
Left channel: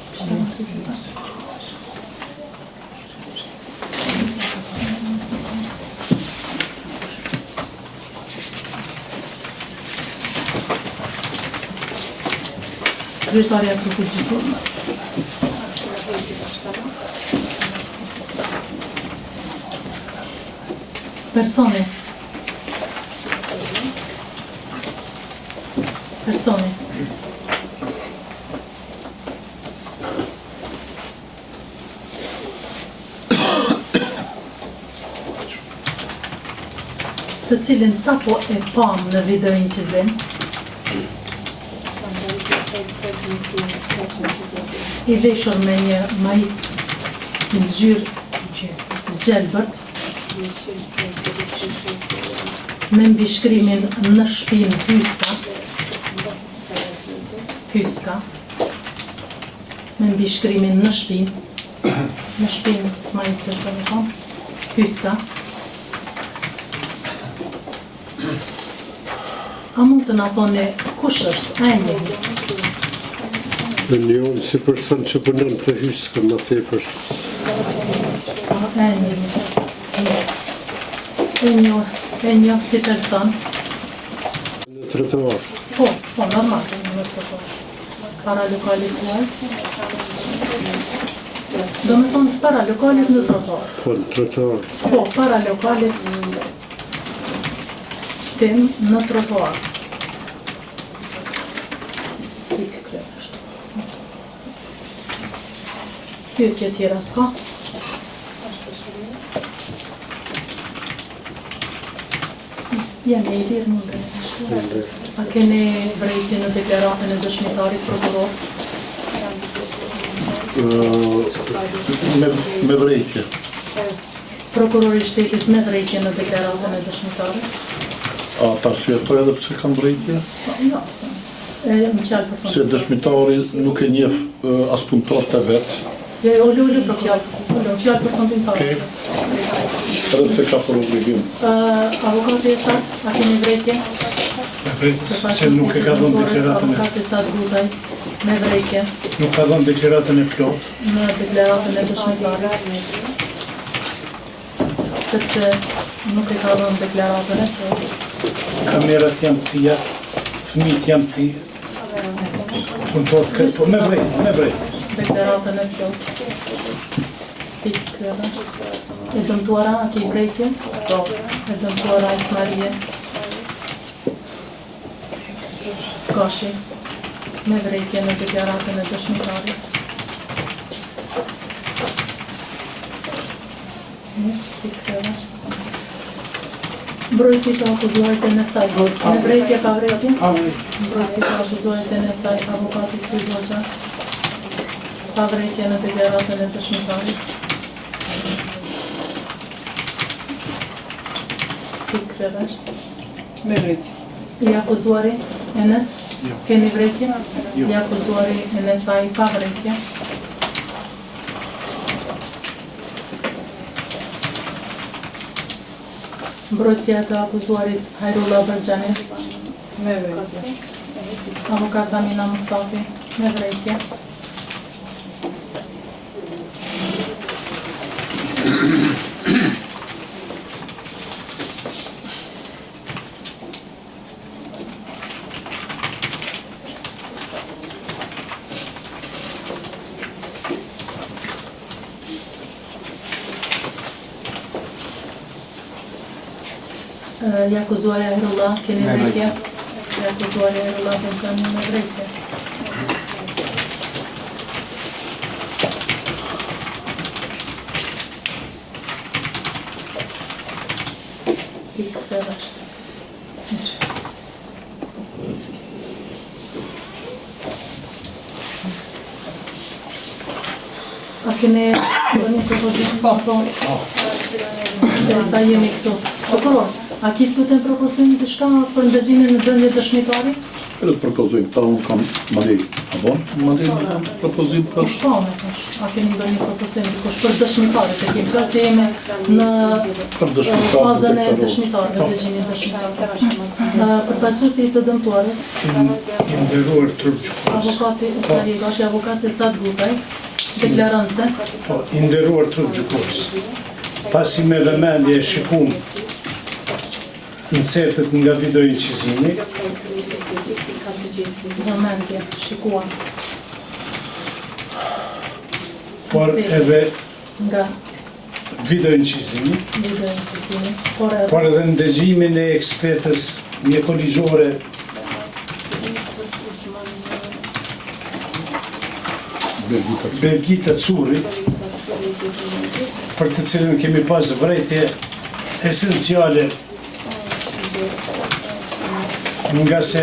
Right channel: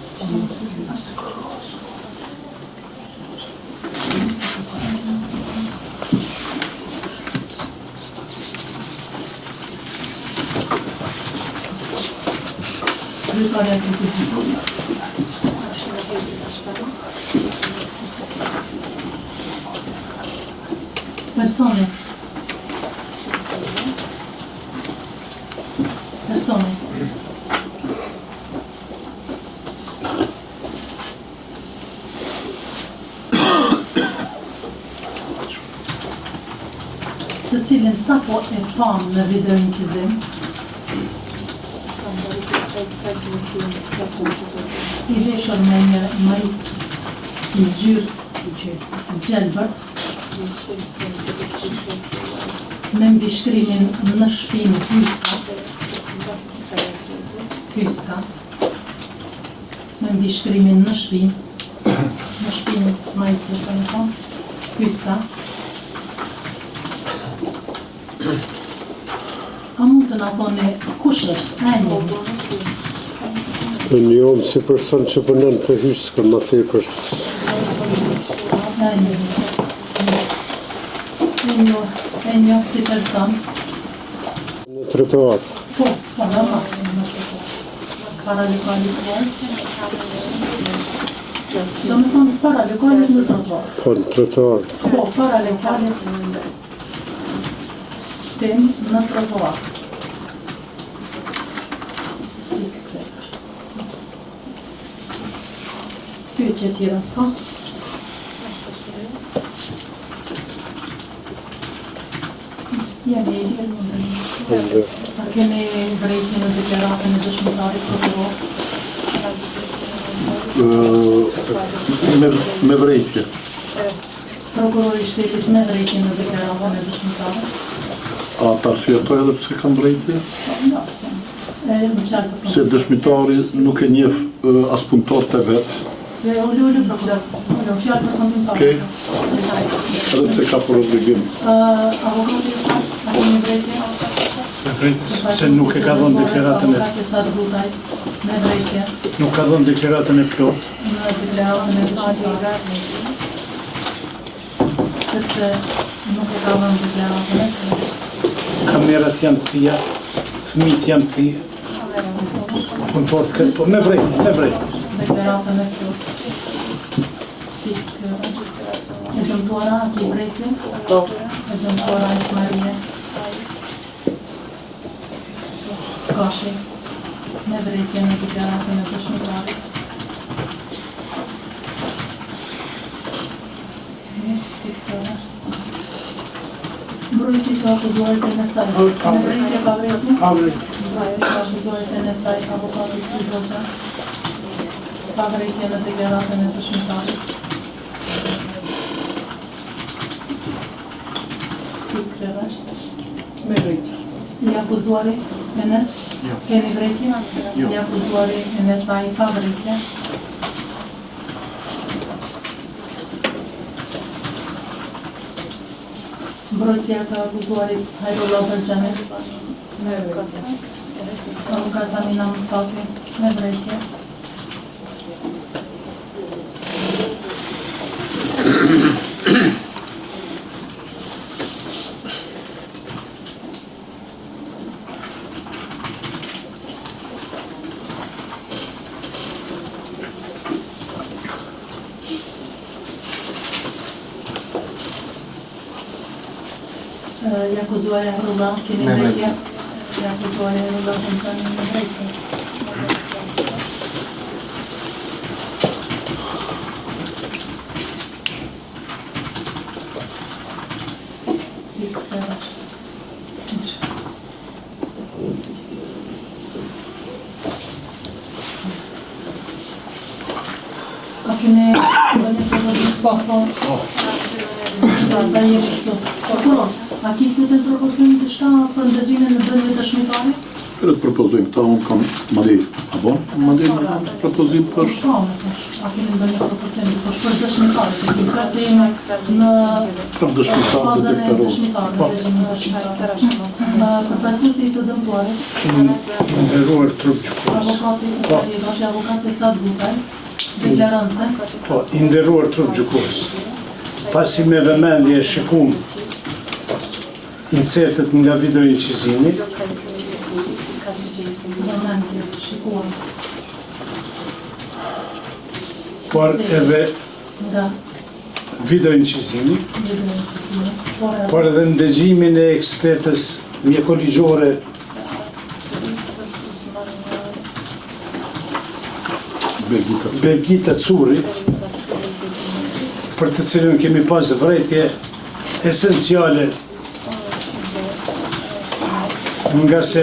Kryetaria të përgjithës. Personi. Personi. Të cilin sapo e pam në videoincizim, i veshur me një majicë në gjyrë gjelbërt, me mbishkrimin në shpinë hyska, me mbishkrimin në shpinë majicën të një thonë, hyska. A mund të na thoni kush është emri? E njohëm si person që përnën të hyskë, ma tepër. E njoh si person. Në trotuar. Po, normal, në trotuar. Para lokalituar. Do me thonë para lokalit në trotuar. Po në trotuar. Po, para lokalit tim në trotuar. Pyetje tjera s'ka. Jam i lirë mundë. A keni vrejtje në deklaratën e dëshmitarit prokuror? Me vrejtje. Prokurori i shtetit me vrejtje në deklaratën e dëshmitarit? A ta shjetoj edhe pse kanë vrejtje? Se dëshmitari nuk e njeh as punëtorët e vet. Jo, lullu për fjallë. Fjallë për fundimtarë. Okej. Edhe pse ka për obligim. Avokati e sa, a keni vrejtje? Me vrejtje, se nuk e ka dhënë deklaratën e... Avokati e sa Butaj, me vrejtje. Nuk ka dhënë deklaratën e plot. Në deklaratën e dëshmitarit. Sepse nuk e ka dhënë deklaratën e plot. Kamerat janë tia, fëmijët janë tia. Punëtorët këtë, po me vrejtje. Deklaratën e plot. E dëmtuara, a ki vrejtje? E dëmtuara Ismarie. Kashi. Me vrejtje në deklaratën e dëshmitarit. Mbrojtësi të akuzuarit e nësaj. Me vrejtje pa vrejtje? Mbrojtësi të akuzuarit e nësaj, avokati si Hoxha. Pa vrejtje në deklaratën e dëshmitarit. Me vrejtje. I akuzuari Enes? Keni vrejtje? I akuzuari Enesaj pa vrejtje. Mbrojtësia të akuzuarit Hajrullah Bergjani. Me vrejtje. Avukat Amina Mustafi. Me vrejtje. I akuzuari Hajrullah, keni vrejtje? I akuzuari Hajrullah Bergjani me vrejtje. A kene do një propozit faktor? Sa jeni këtu. Prokuror, a ki të kuten propozimi të shka për ndëgjimin në dënje dëshmitari? Kërë të propozojmë këta, unë kam mandej, apo? Mandej në propozim për... A keni do një propozim të kush për dëshmitarit, e kim këtë jemi në fazën e dëshmitarit, në dëgjimin dëshmitarit. Për pasusi i të dëmtuarit, Nderuar trup gjykatës. avokati Salibash e avokati Sad Butaj, deklaranse. Po, i nderuar trup gjykatës. Pasi me vëmendje shikum insertet nga video incizimi, Vëmendje, shikuam por edhe nga video incizimi, video incizimi, por edhe ndëgjimin e ekspertës mjekoligjore Bergita Curi, për të cilën kemi pas vrejtje esenciale nga se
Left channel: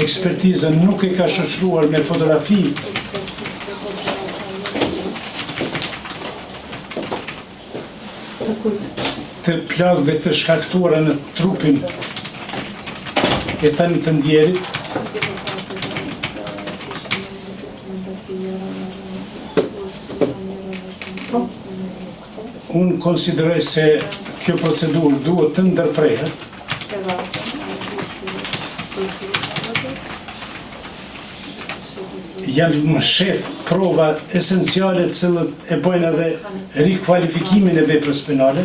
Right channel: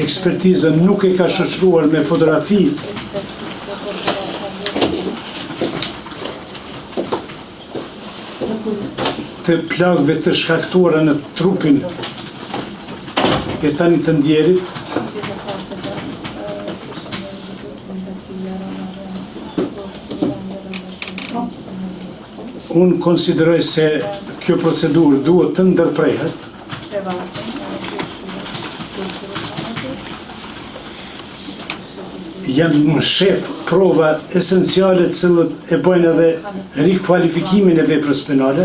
ekspertizën nuk e ka shoqëruar me fotografi të plagëve të shkaktuara në trupin e tani të ndjerit, unë konsideroj se kjo procedurë duhet të ndërprehet janë në shef prova esenciale të cilët e bëjnë edhe rikvalifikimin e veprës penale,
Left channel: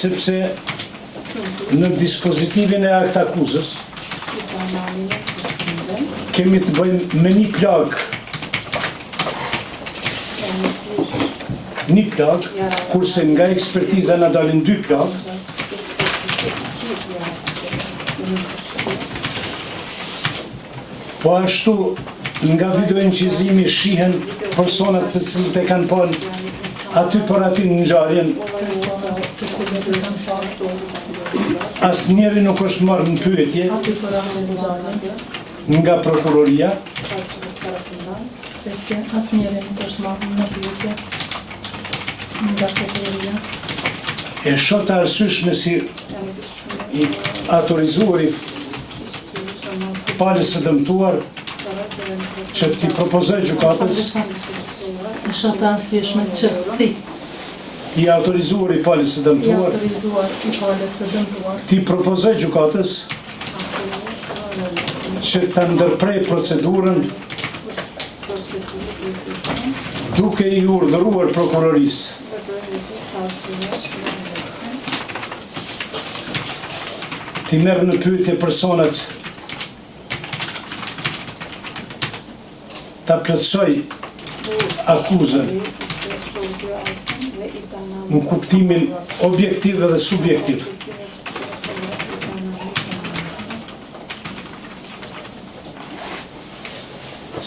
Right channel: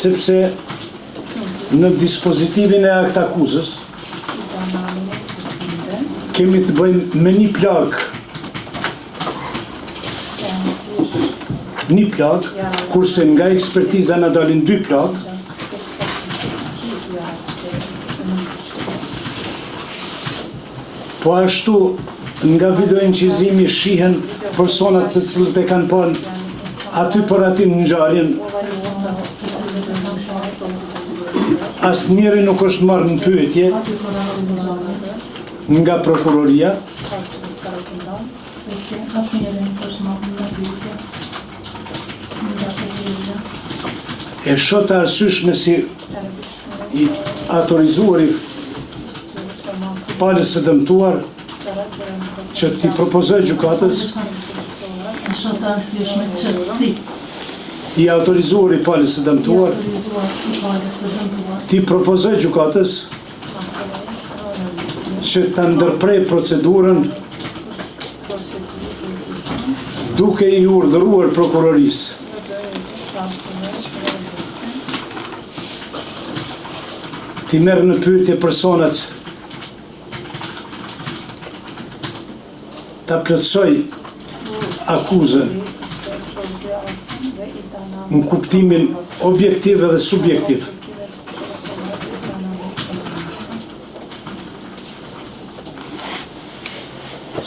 sepse në dispozitivin e akt akuzës kemi të bëjmë me një plagë, kurse nga ekspertiza na dalin 2 plagë. Po ashtu nga videoinqizimi shihen personat të cilët e kanë parë aty për aty në ngjarjen. Asnjëri nuk është marrë në pyetje nga prokuroria. E shoh të arsyeshme si i autorizuari palës së dëmtuar që t'i propozoj gjykatës i autorizuar i palës së dëmtuar t'i propozoj gjykatës që ta ndërprej procedurën duke i urdhëruar prokurorisë t'i merr në pyetje personat ta plotësoj akuzën në kuptimin objektiv dhe subjektiv.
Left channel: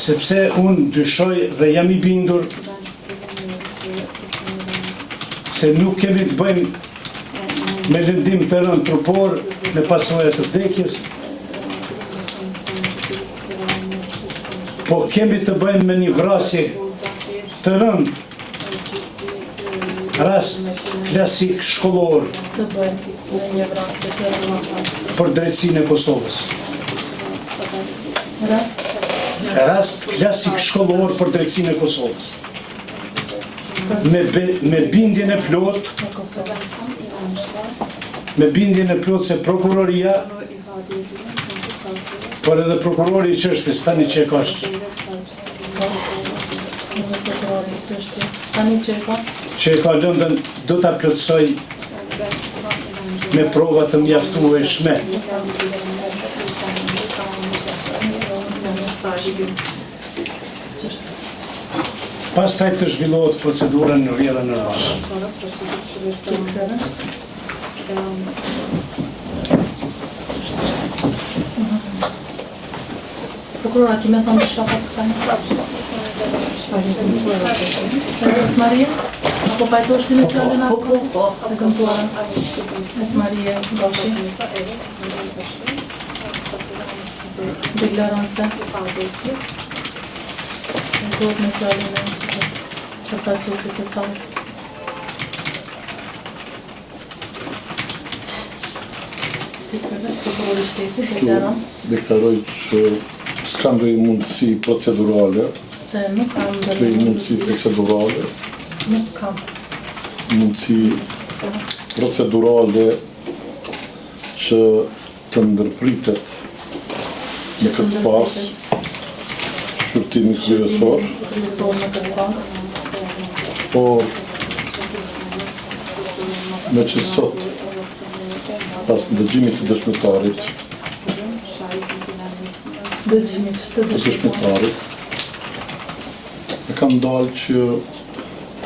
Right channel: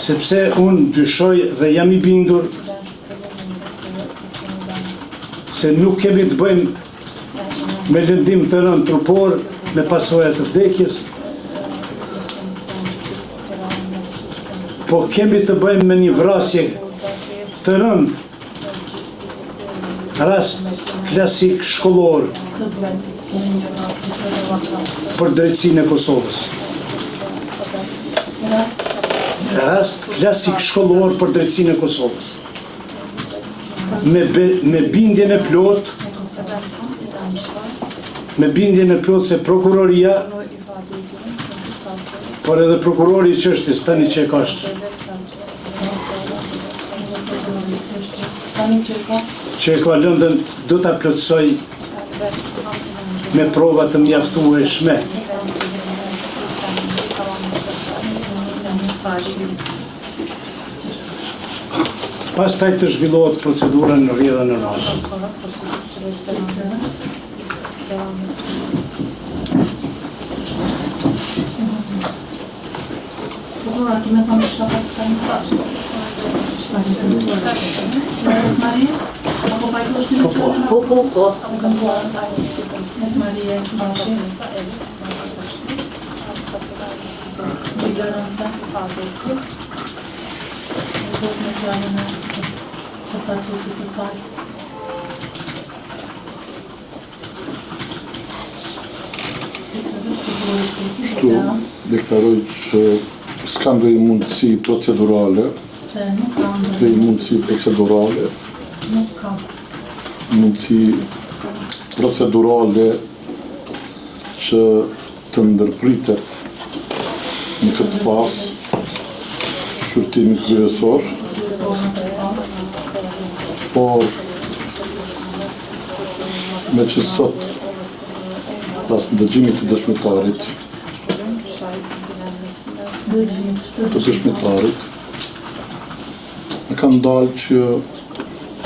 Sepse unë dyshoj dhe jam i bindur se nuk kemi të bëjmë me lëndim të rënd trupor, me pasojat të vdekjes, po kemi të bëjmë me një vrasje të rënd, rast klasik shkollor për drejtsinë e Kosovës. Rast klasik shkollor për drejtsinë e Kosovës. Me bindjen e plot se prokuroria, por edhe prokurori i çështjes tani që e ka që e ka lëndën do ta plotësoj me prova të mjaftueshme. Pastaj të zhvillohet procedura në rrjedhën normale. Prokurora, kime thonë shka pas sa një fraqë? Maria? Apo pa e të është në plërën? Po. Apo këmpuar? Maria, Bashi? Deklarën se? Në plërën e që pasit të sajtë. Deklaroj që s'kam do i mundësi procedurale, mundësi procedurale që të ndërpritet në këtë fazë shqyrtimi kryesor, po me që sot pas dëgjimit të dëshmitarit, e kanë dalë që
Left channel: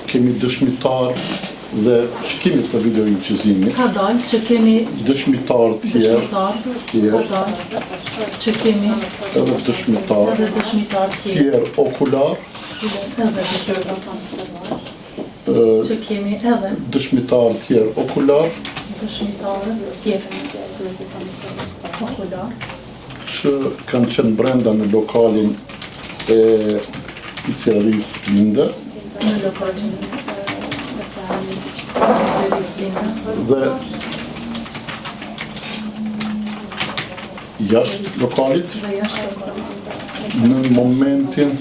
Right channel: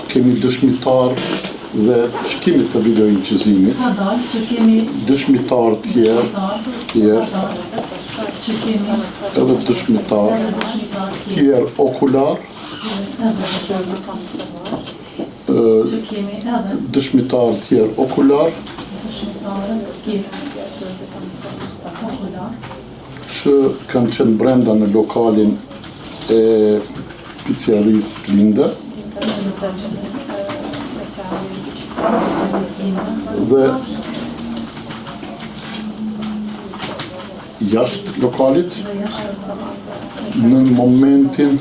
kemi dëshmitar dhe shkimit të videoinqizimit. Ka dalë që kemi dëshmitar tjerë, që kemi edhe dëshmitar tjerë okular, që kemi edhe dëshmitar tjerë okular, që kanë qenë brenda në lokalin e pizzerisë Linde dhe jashtë lokalit në momentin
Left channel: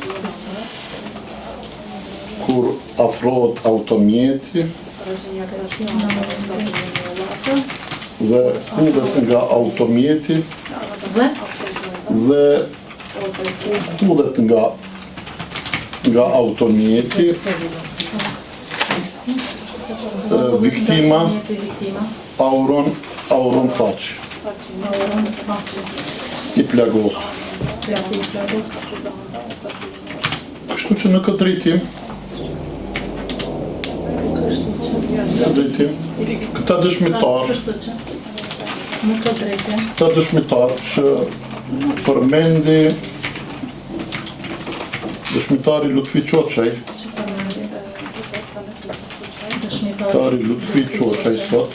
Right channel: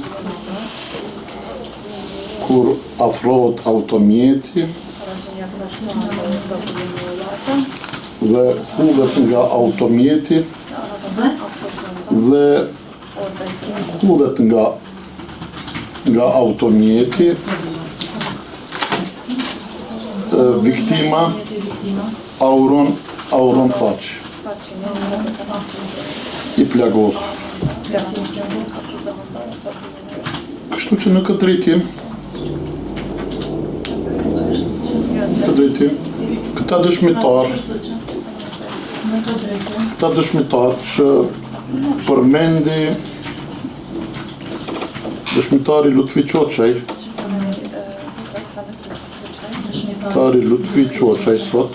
kur afrohet automjeti dhe hudhet nga automjeti dhe hudhet nga automjeti viktima Auron Faqi, i plagosur. Kështu që në këtë drejtim, këta dëshmitar që përmendi dëshmitari Lutfi Qoçaj sot,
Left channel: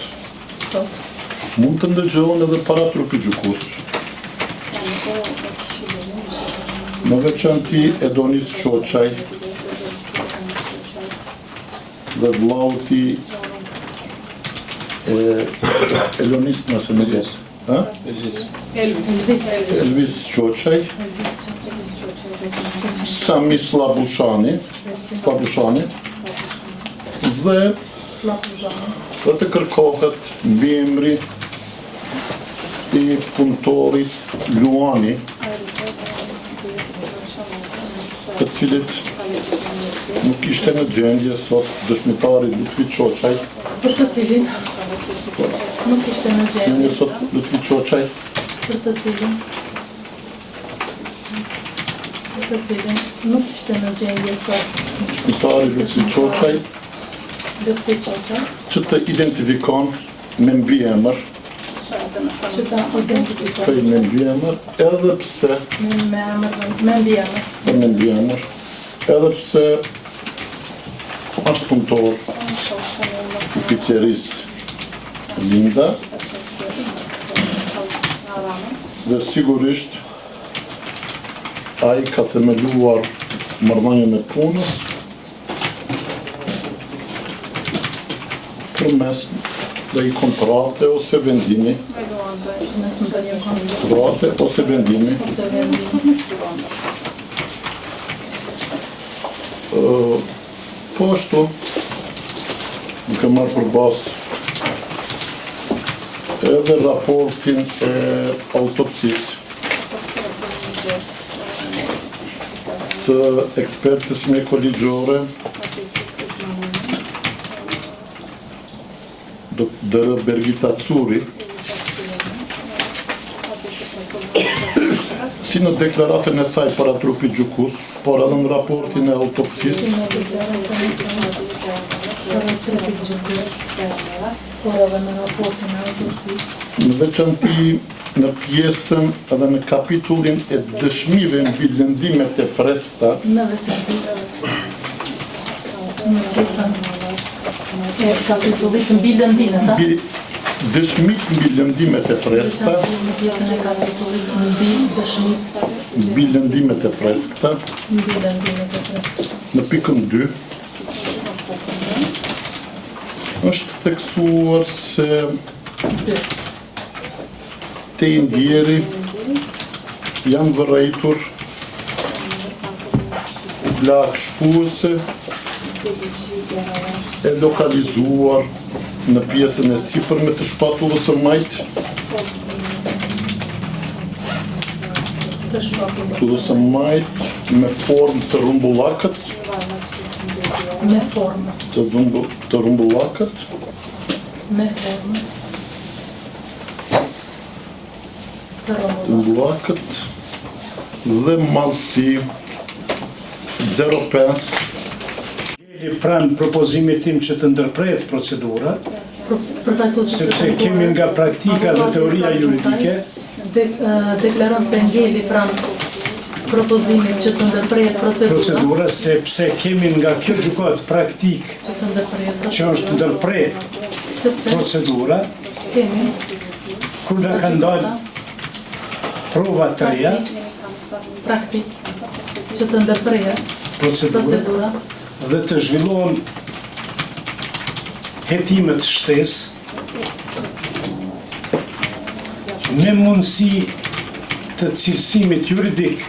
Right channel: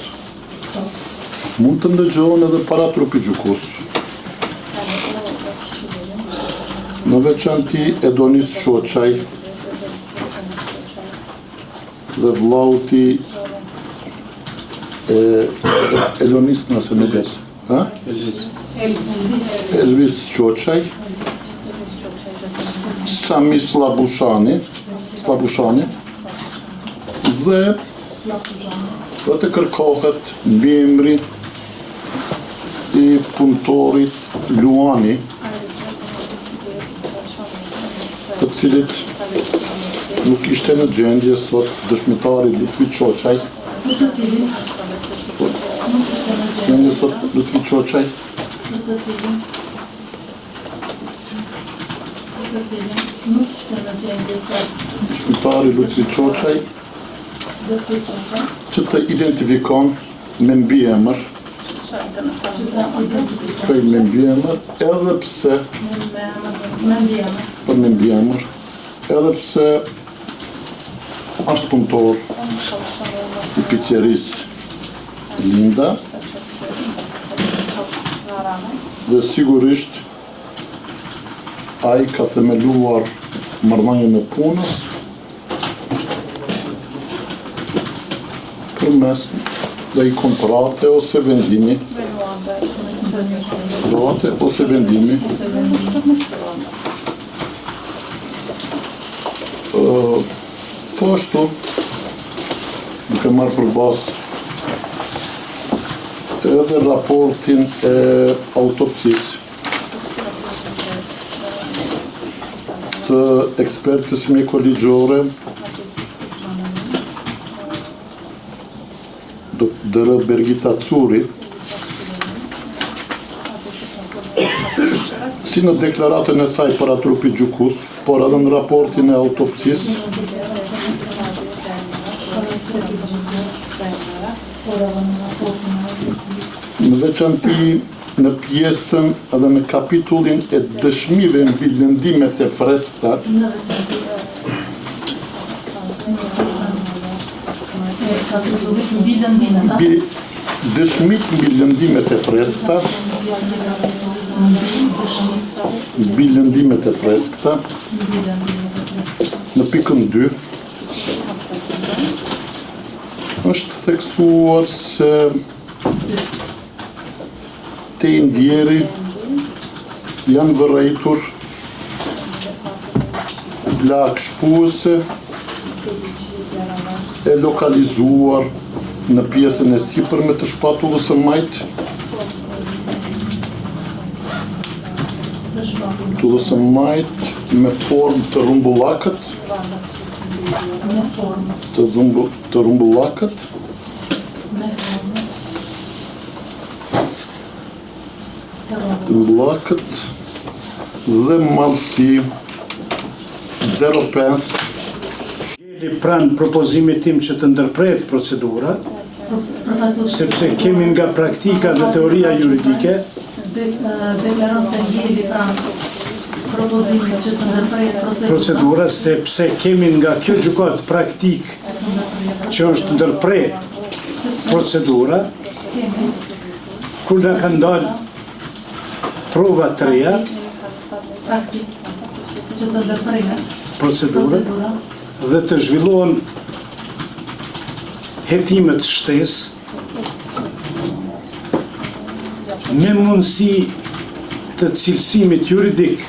mund të ndëgjohen edhe para trupit gjykus. Në veçanti Edonis Qoçaj dhe vllauti Elonis nëse nuk es. Elvis Qoçaj, Sami Slabushani dhe të kërkohet mbiemri i punëtorit Luani, të cilit nuk ishte në gjendje sot dëshmitari Lutfi Qoçaj. Për të cilin? Gjendje sot Lutfi Qoçaj. Për të cilin? Nuk ishte në gjendje sot. Dëshmitari Lutfi Qoçaj që të identifikon me mbiemër, edhe pse është punëtor i fiqerisë Linda dhe sigurisht ai ka themeluar marrëdhënien e punës përmes dhe i kontrate ose vendimi. Po ashtu, duke marrë përbas edhe raportin e autopsisë të ekspertës mjekoligjore Dr. Bergita Curi, si në deklaratën e saj para trupit gjykus, por edhe në raportin e autopsisë, në veçanti në pjesën edhe në kapitullin e dëshmive mbi lëndimet e freskëta, dëshmit mbi lëndimet e freskëta, në pikën 2, është theksuar se te indjeri janë vërejtur lagë shpuese e lokalizuar në pjesën e sipërme të shpatullës së majtë, me formë të rumbullakët, dhe malësi 05. Pranë propozimit tim që të ndërprehet procedura, sepse kemi nga praktika dhe teoria juridike, deklaron se ngeli pranë propozimit që të ndërprehet procedura, sepse kemi nga kjo gjykat praktik që është ndërprehet procedura, kur në ka ndalë prova të reja, praktik që të ndërprehet procedura, dhe të zhvillohen hetimet shtesë me mundësi të cilësimit juridik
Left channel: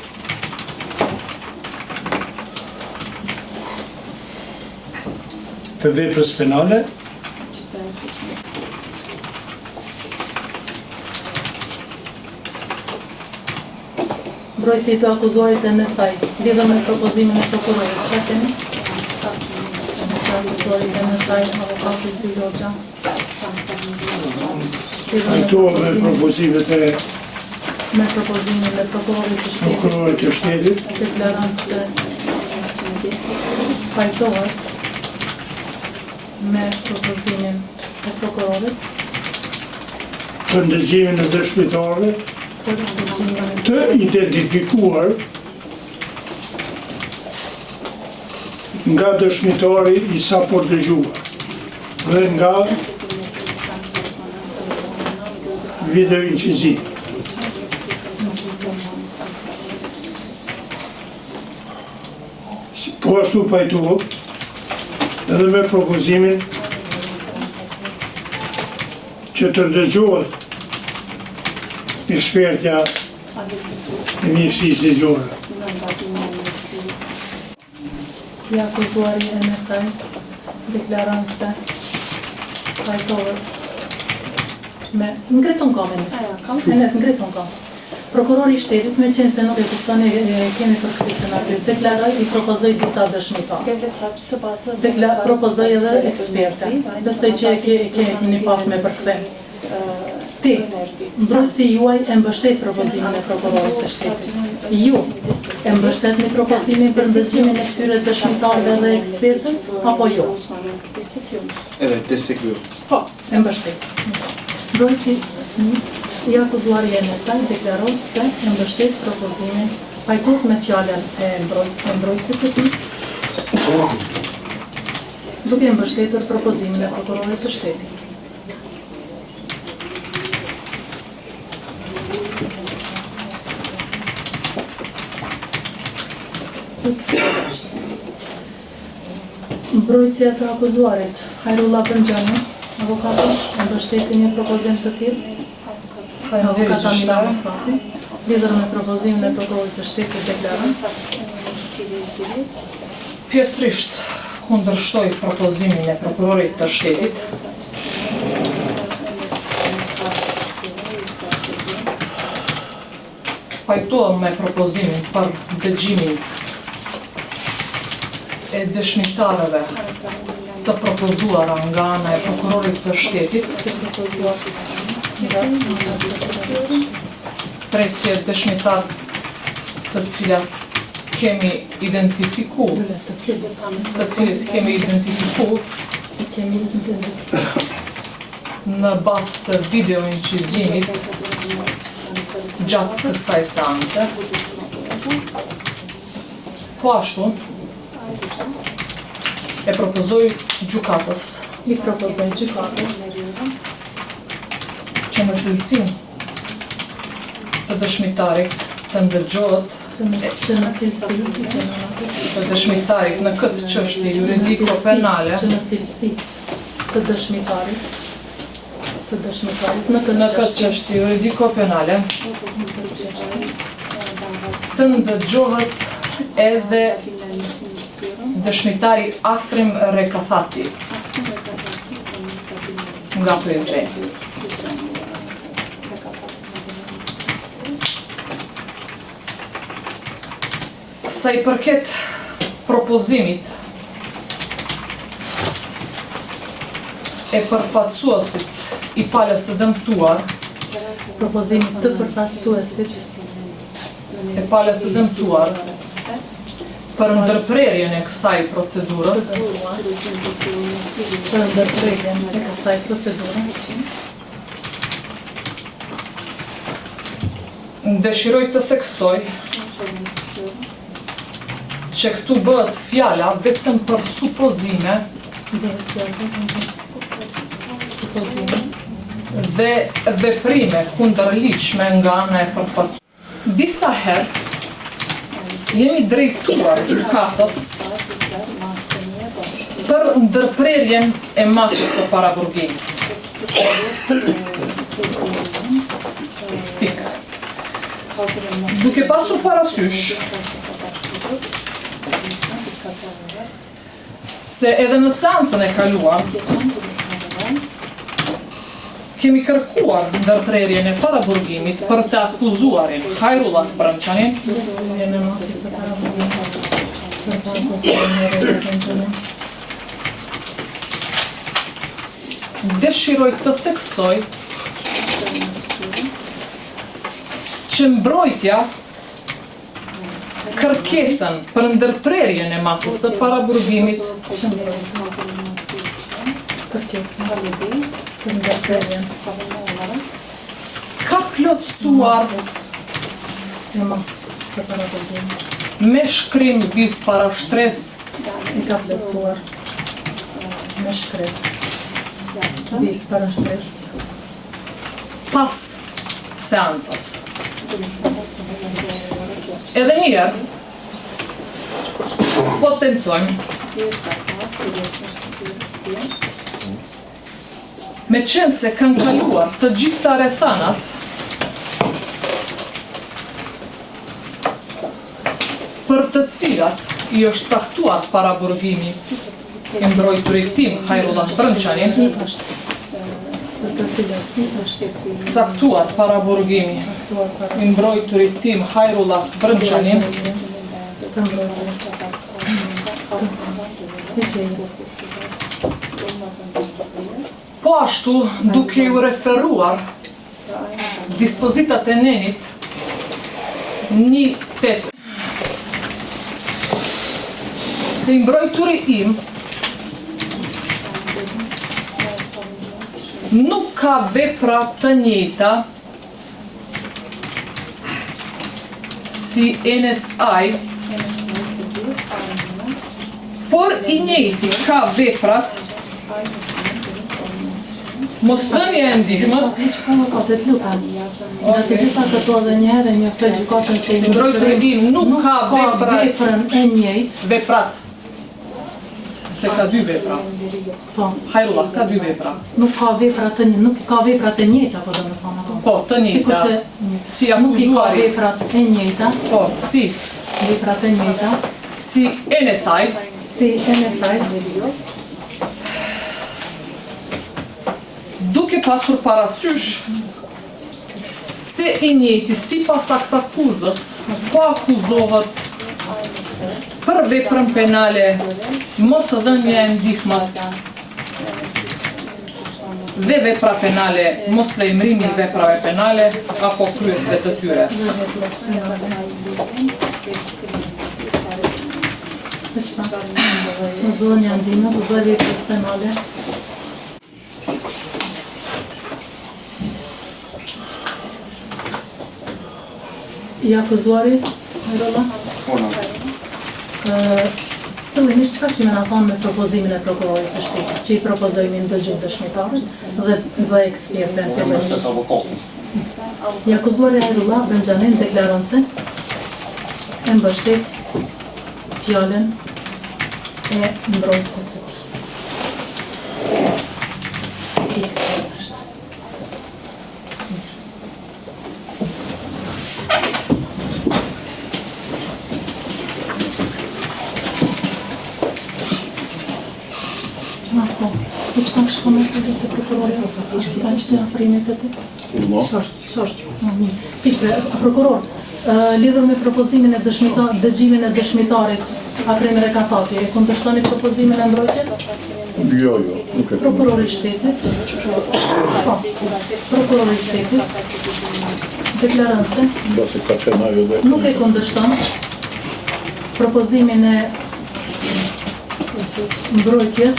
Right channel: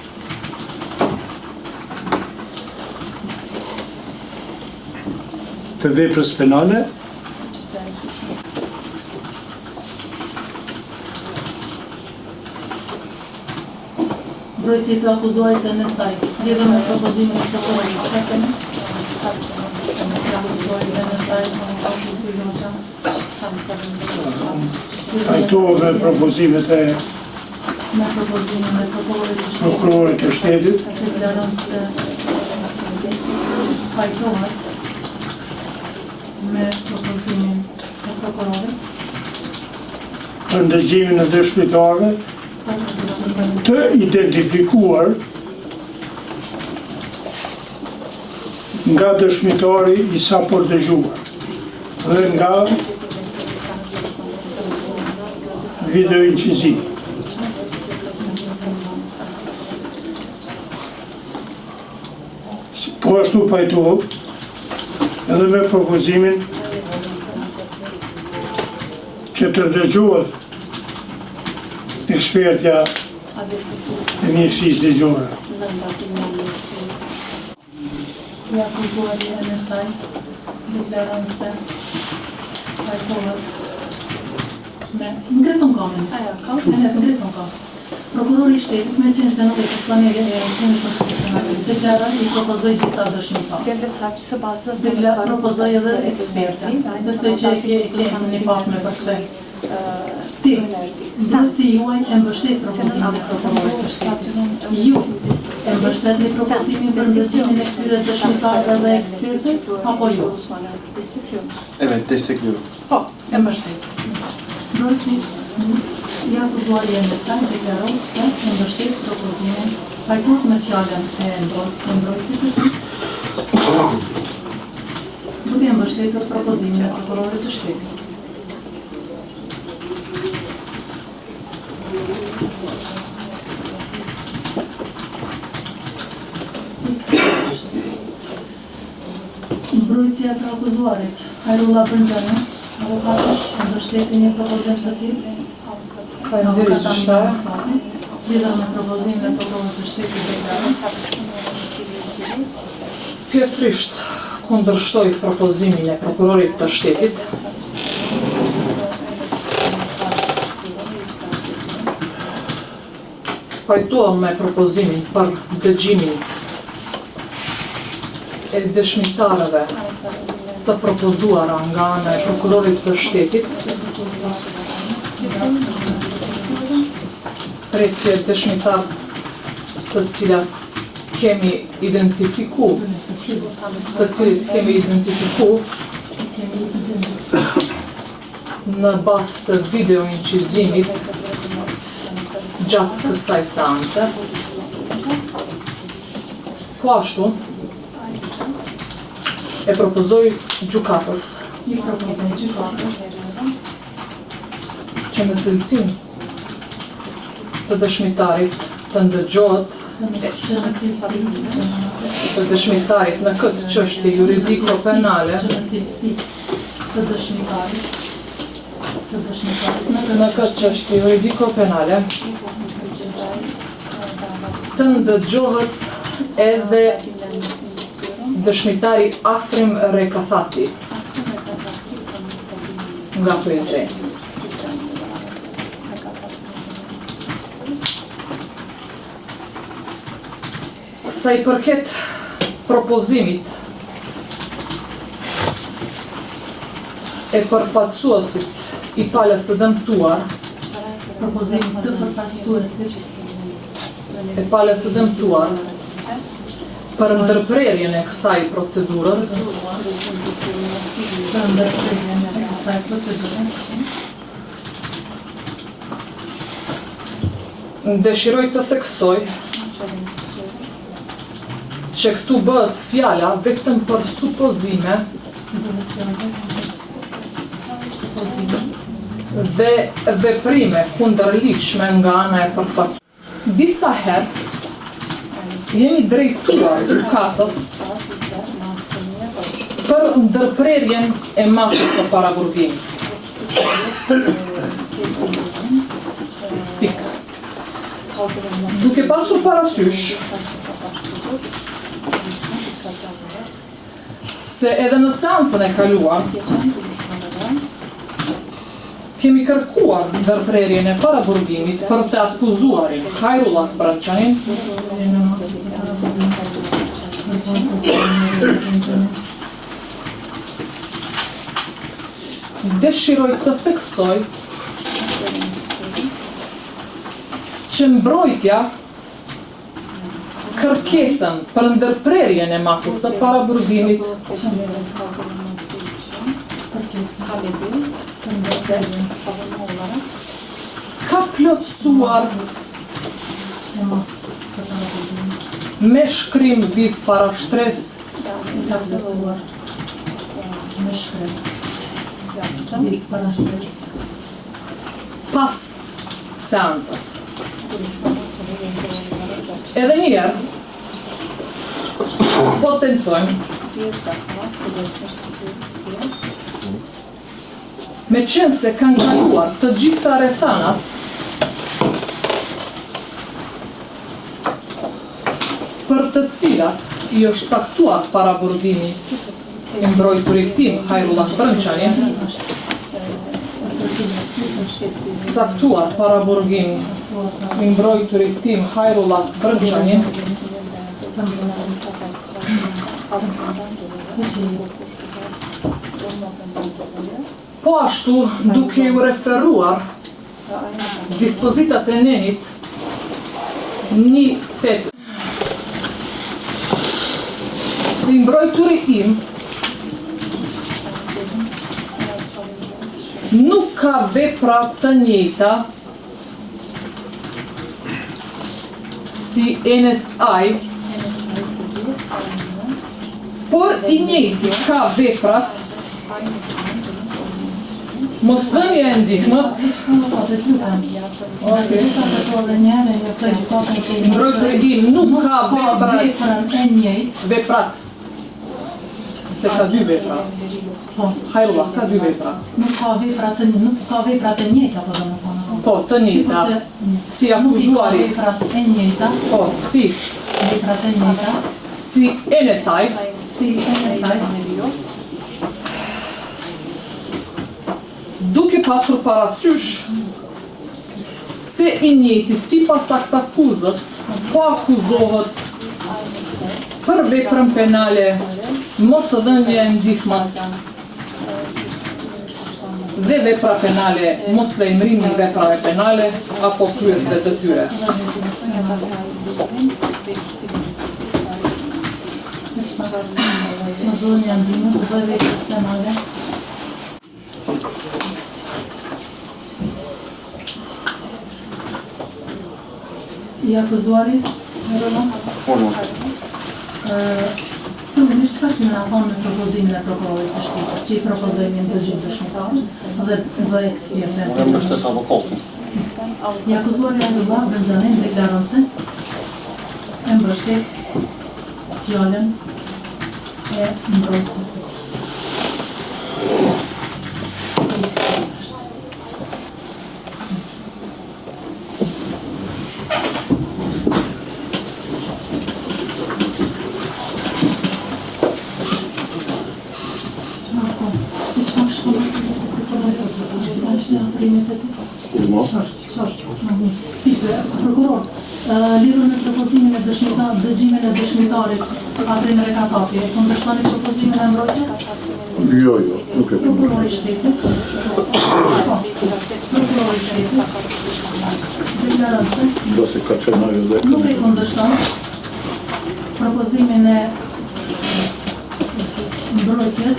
të veprës penale, Brojësi të akuzuarit e nësaj, lidhën me propozimin e prokurorit, që kemi? Akuzuarit e nësaj, në pasi si loqa. Pajtohet me propozimet e Me propozimin e prokurorit të prokurorit të shtetit, deklarant se pajtohet me propozimin e prokurorit për ndëgjimin e dëshmitarëve për propozimin të identifikuar nga dëshmitari i sapo dëgjuar dhe nga video inciziv. Po ashtu pajtohet edhe me propozimin që të dëgjohet ekspertja e mjekësisë ligjore. I akuzuari e NSA deklarant se pajtohet me ngriton kamerën. NS ngriton kamerën. Prokurori i shtetit me qenë se nuk e kupton e kemi përkëtësën atë, deklaroj i propozoj disa dëshmitarë. Propozoj edhe eksperta, nëse që e keni pas me përkëtën. Ti, zënësi juaj e mbështet propozimin e prokurorit të shtetit. Ju e mbështetni propozimin për ndëgjimin e këtyre dëshmitarëve dhe ekspertës, apo jo? Evet, destekliyorum. Po, e mbështet. Zënësi, i akuzuari e NSA deklaron se e mbështet propozimin pajtohet me fjallën e mbrojtësit të tij, duke e mbështetur propozimin e prokurorit të shtetit. Mbrojtësia të akuzuarit Hajrullah Brëngjani, avokatës mbështetin një propozim të tillë. Avokata Milana Stati, lidhur me propozimin e prokurorit të shtetit deklarant. Pjesërisht kundërshtoj propozimin e prokurorit të shtetit. Pajtohem me propozimin për dëgjimin e dëshmitarëve të propozuara nga ana e prokurorit të shtetit, presje dëshmitar të cilat kemi identifiku, në bazë të video incizimit gjatë kësaj seance. Po ashtu, e propozoj gjykatës që në cilësin të dëshmitarit të ndëgjohet të dëshmitarit në këtë çështje juridiko-penale Që në cilësi të dëshmitarit në këtë çështje juridiko-penale të ndëgjohet edhe dëshmitari Afrim Rekathati nga Prizreni. Sa i përket propozimit e përfaqësuesit i palës së dëmtuar, propozimit të përfaqësuesit e palës së dëmtuar për ndërprerjen e kësaj procedurës, dëshiroj të theksoj që këtu bëhet fjala vetëm për supozime dhe veprime kundërligjshme nga ana e përfaqësuar. Disa herë jemi drejtuar gjykatës për ndërprerjen e masës së paraburgimit. Pikë. Duke pasur parasysh se edhe në seancën e kaluar kemi kërkuar ndërprerjen e paraburgimit për të akuzuarin Hajrullah Brëngjani dëshiroj të theksoj që mbrojtja kërkesën për ndërprerjen e masës së paraburgimit ka plotësuar me shkrim vis parashtres pas seancës. Edhe njëherë, potencojmë me qenë se kanë kaluar të gjitha rrethanat për të cilat i është caktuar paraburgimi i mbrojturit tim Hajrullah Brënçani, caktuar paraburgimi i mbrojturit tim Hajrullah Brënçani, po ashtu duke ju referuar dispozitat e nenit 1/8 se i mbrojturi im nuk ka vepra të njëjta si NSI, por i njëjti ka veprat mosdhënia e ndihmës, mbrojturi im nuk ka veprat, se ka dy vepra. Hajrullah, ka dy vepra. Nuk ka veprat e njëjta, po do me thonë. Po, të njëjta. Si akuzuari. Veprat e njëjta. Po, si. Veprat e njëjta. Si NSI. Duke pasur parasysh se i njëjti sipas aktakuzës po akuzohet për veprën penale mosdhënia e ndihmës dhe vepra penale moslejmërimi i veprave penale apo kryesve të tyre. Mosdhënia e ndihmës dhe veprat penale. I akuzuari, Hajrullah? Fillimisht çka kemi na thonë me propozimin e prokurorit të shtetit, që i propozojmë ndërgjim dëshmitar dhe ekspertë. I akuzuari Hajrullah Brënçani deklaron se e mbështet fjalën e mbrojtësës. Prokuror, lidhur me propozimin e dëgjimin e dëshmitarit Afrin Rekatapi, kundërshtoni propozimin e mbrojtjes? Jo, nuk e Prokurori i shtetit. Prokurori i shtetit deklaron se nuk e kundërshton propozimin e mbrojtjes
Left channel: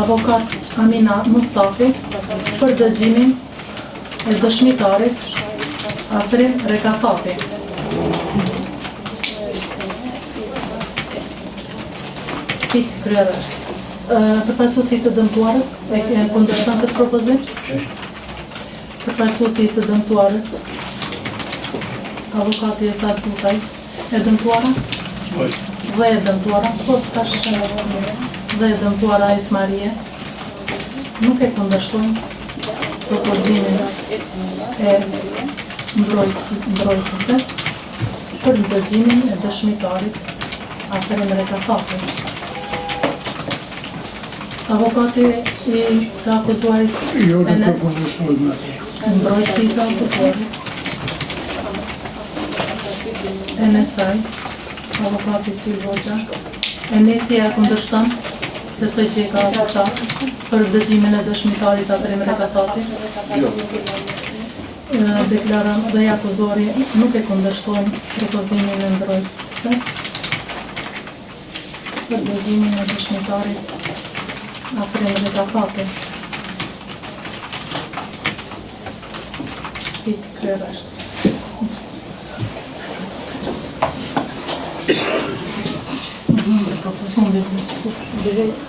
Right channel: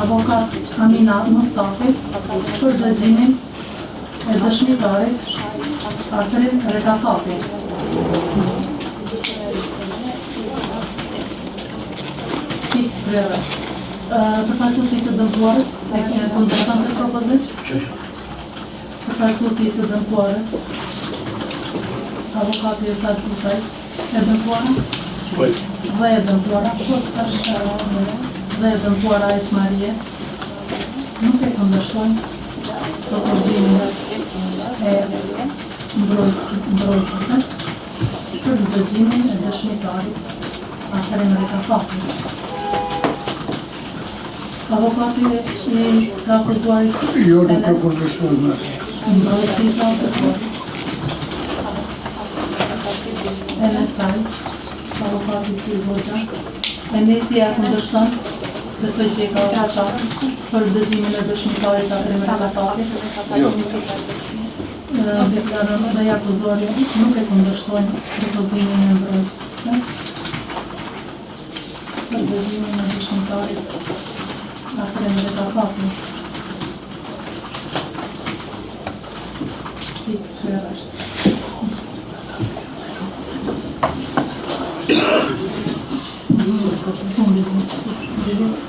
avokat Amina Mustafi për dëgjimin e dëshmitarit Afrin Rekatapi. Për pasusit të dëmtuarës, e kundërshton këtë propozim? Për pasusit të dëmtuarës, avokati e sa Kutaj, e dëmtuara? Dhe e dëmtuara, dhe e dëmtuara Ais Marie, nuk e kundërshton propozimin e mbrojtëses për dëgjimin e dëshmitarit Afrin Rekatapi. Avokati i të akuzuarit Jo, nuk e kundërshton me asnjë. mbrojtësi i të akuzuarit NSI, avokati Sy Hoxha, NSI e kundërshton Besoj që i ka për dëgjimin e dëshmitarit Akrim Rekatati. Deklaron dhe akuzuari nuk e kundërshton propozimin e mbrojtëses për dëgjimin e dëshmitarit Akrim Rekatati.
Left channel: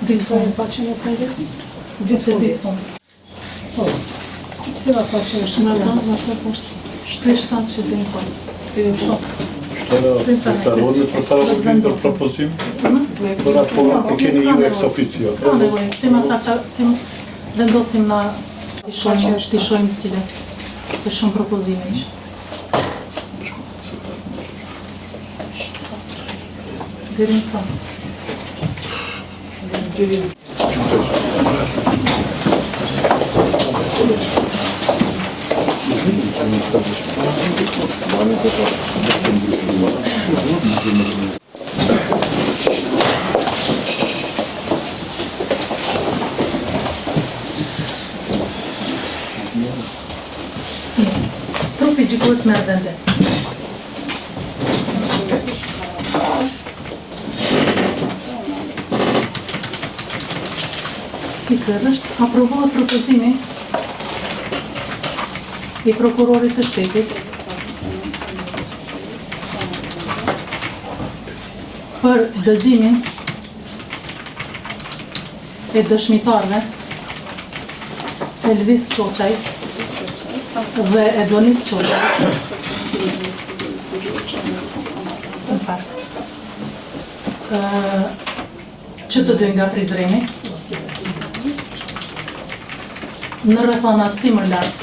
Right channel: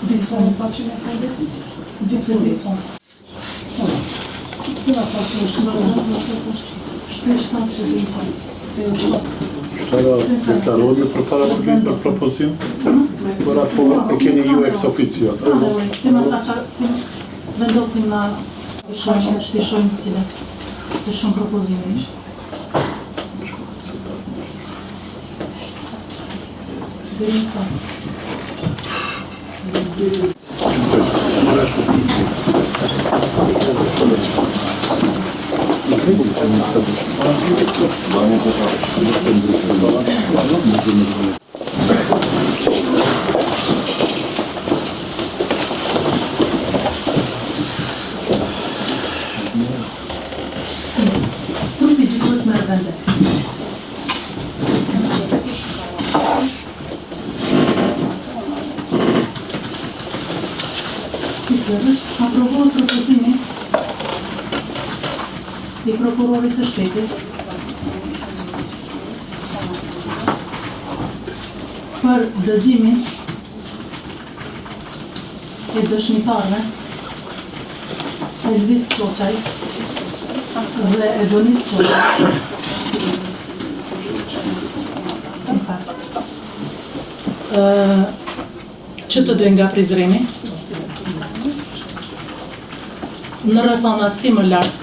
Dy fondë pa që në fundit? Dy fondë. Cila pa që është në rëndë, në të është shtatë që dy fondë. Shtarode për para për propozim? Për apo e keni ju ex officio? Ska me ujë, si masakta, si vendosim na shtishojmë cilët, të shumë propozime ishë. Deri në sa. Trupi gjykos me vende. Aprovohet propozimi i prokurorit të shtetit për dëgjimin e dëshmitarëve Elvis Soçaj dhe Edonis Soçaj që të dy nga Prizreni në rrethanat si më lartë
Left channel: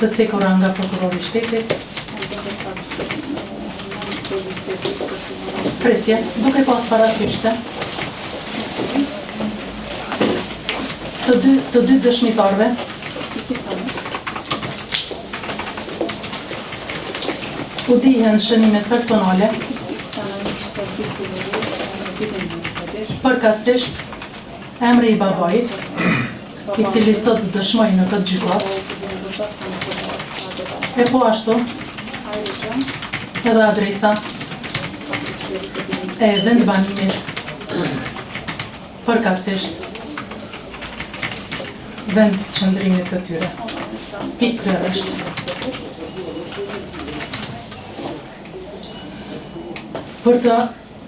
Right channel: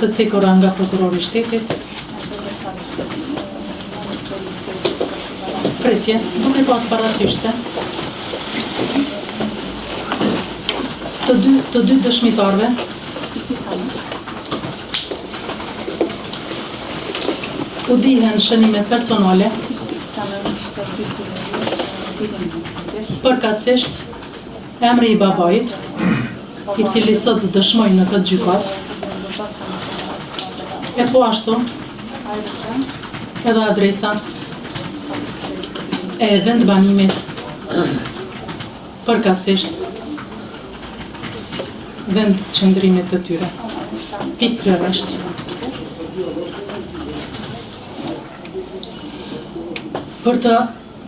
të cekura nga prokurori i shtetit. Presje, duke pas parasysh se të dy dëshmitarëve u dihen shënimet personale përkatësisht emri i babait, i cili sot dëshmoj në këtë gjykat, e po ashtu edhe adresa e vendbanimit përkatësisht vend qëndrimit të tyre. Pikë kjo është.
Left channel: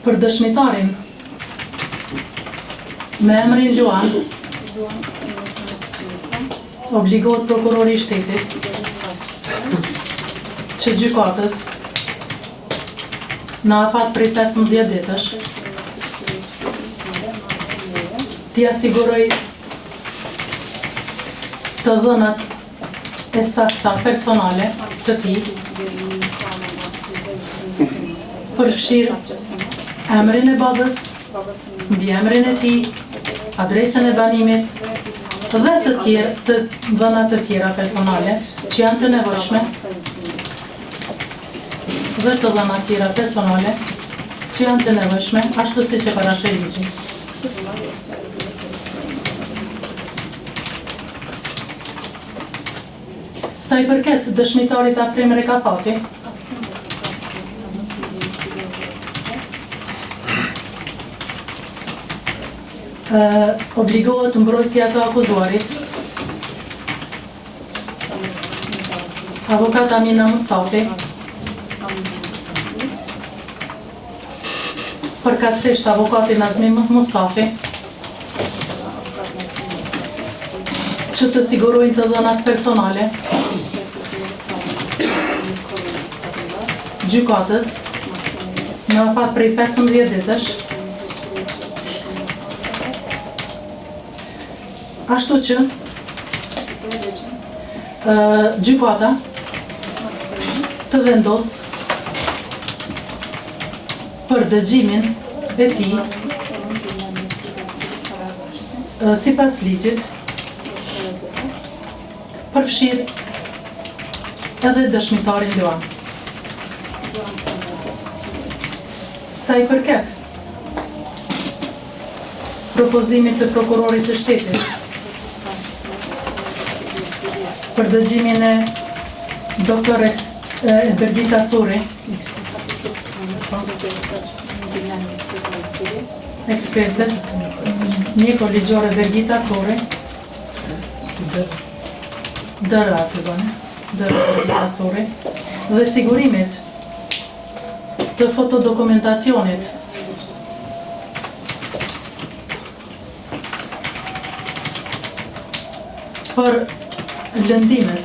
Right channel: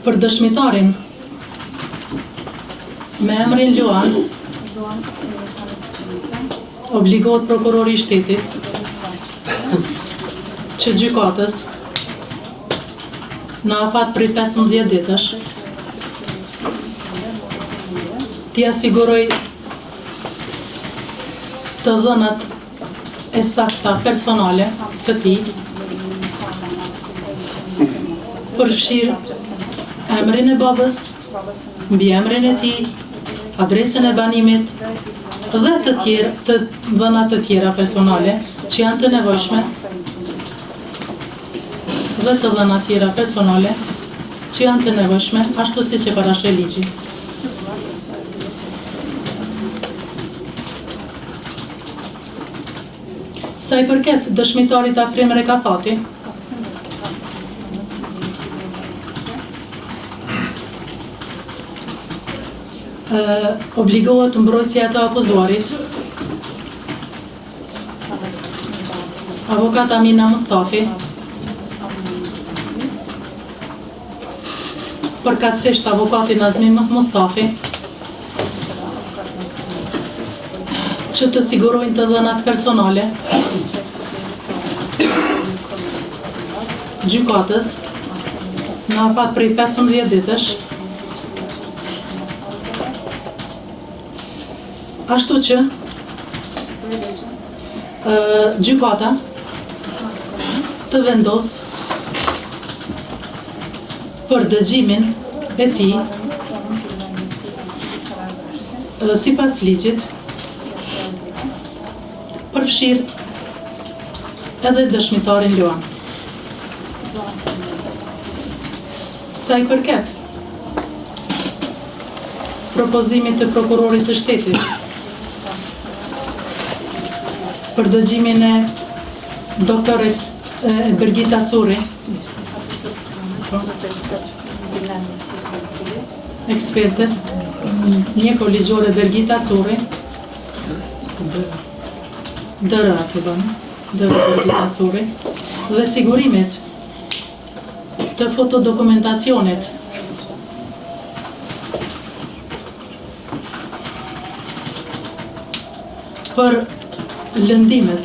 Për dëshmitarin me emrin Luan, obligohet prokurori i shtetit që gjykatës në afat prej 15 ditësh t'i asiguroj të dhënat e sakta personale të tij, përfshirë emrin e babës, mbiemrin e tij, adresën e banimit dhe të tjerë, të dhënat të tjera personale që janë të nevojshme dhe të dhënat tjera personale që janë të nevojshme, ashtu si që parashë ligji. Sa i përket dëshmitarit Akrim Rekatati, obligohet mbrojtësia të akuzuarit, avokat Amina Mustafi, përkatësisht avokati Nazmi Mustafi, që të sigurojnë të dhënat personale gjykatës në afat prej 15 ditësh, ashtu që gjykata të vendos për dëgjimin e tij sipas ligjit, përfshirë edhe dëshmitarin Luan. Sa i përket propozimit të prokurorit të shtetit për dëgjimin e doktorex Birgita Curi, ekspertës mjeko-ligjore Birgita Curi, dërë Birgita Curi, dhe sigurimit të fotodokumentacionit për lëndimet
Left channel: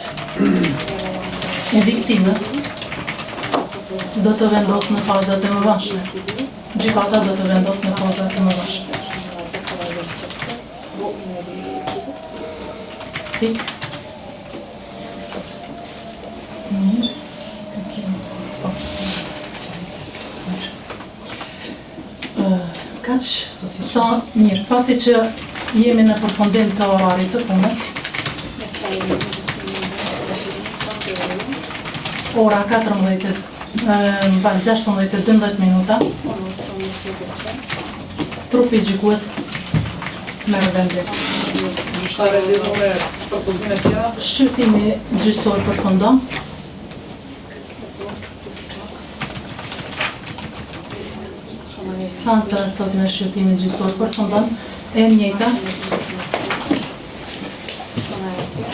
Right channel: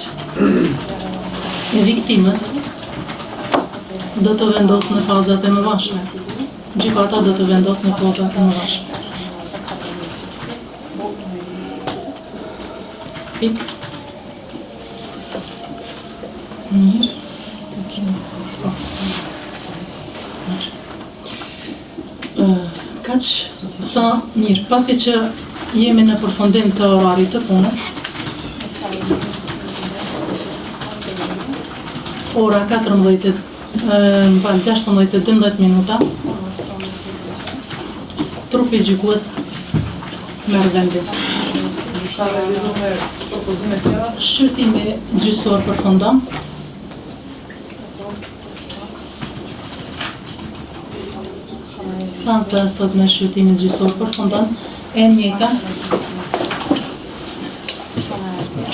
e viktimës do të vendos në fazat e mëvashme. Gjykata do të vendos në fazat e mëvashme. Pik. Kaq sa mirë, pasi që jemi në përfundim të orarit të punës, ora 16:12 minuta, trupi gjykues merr vendin. Gjyqtare lidhur me propozime tjera? Shqyrtimi gjyqësor përfundon. Seanca sot me shqyrtimin gjyqësor përfundon, e njëjta.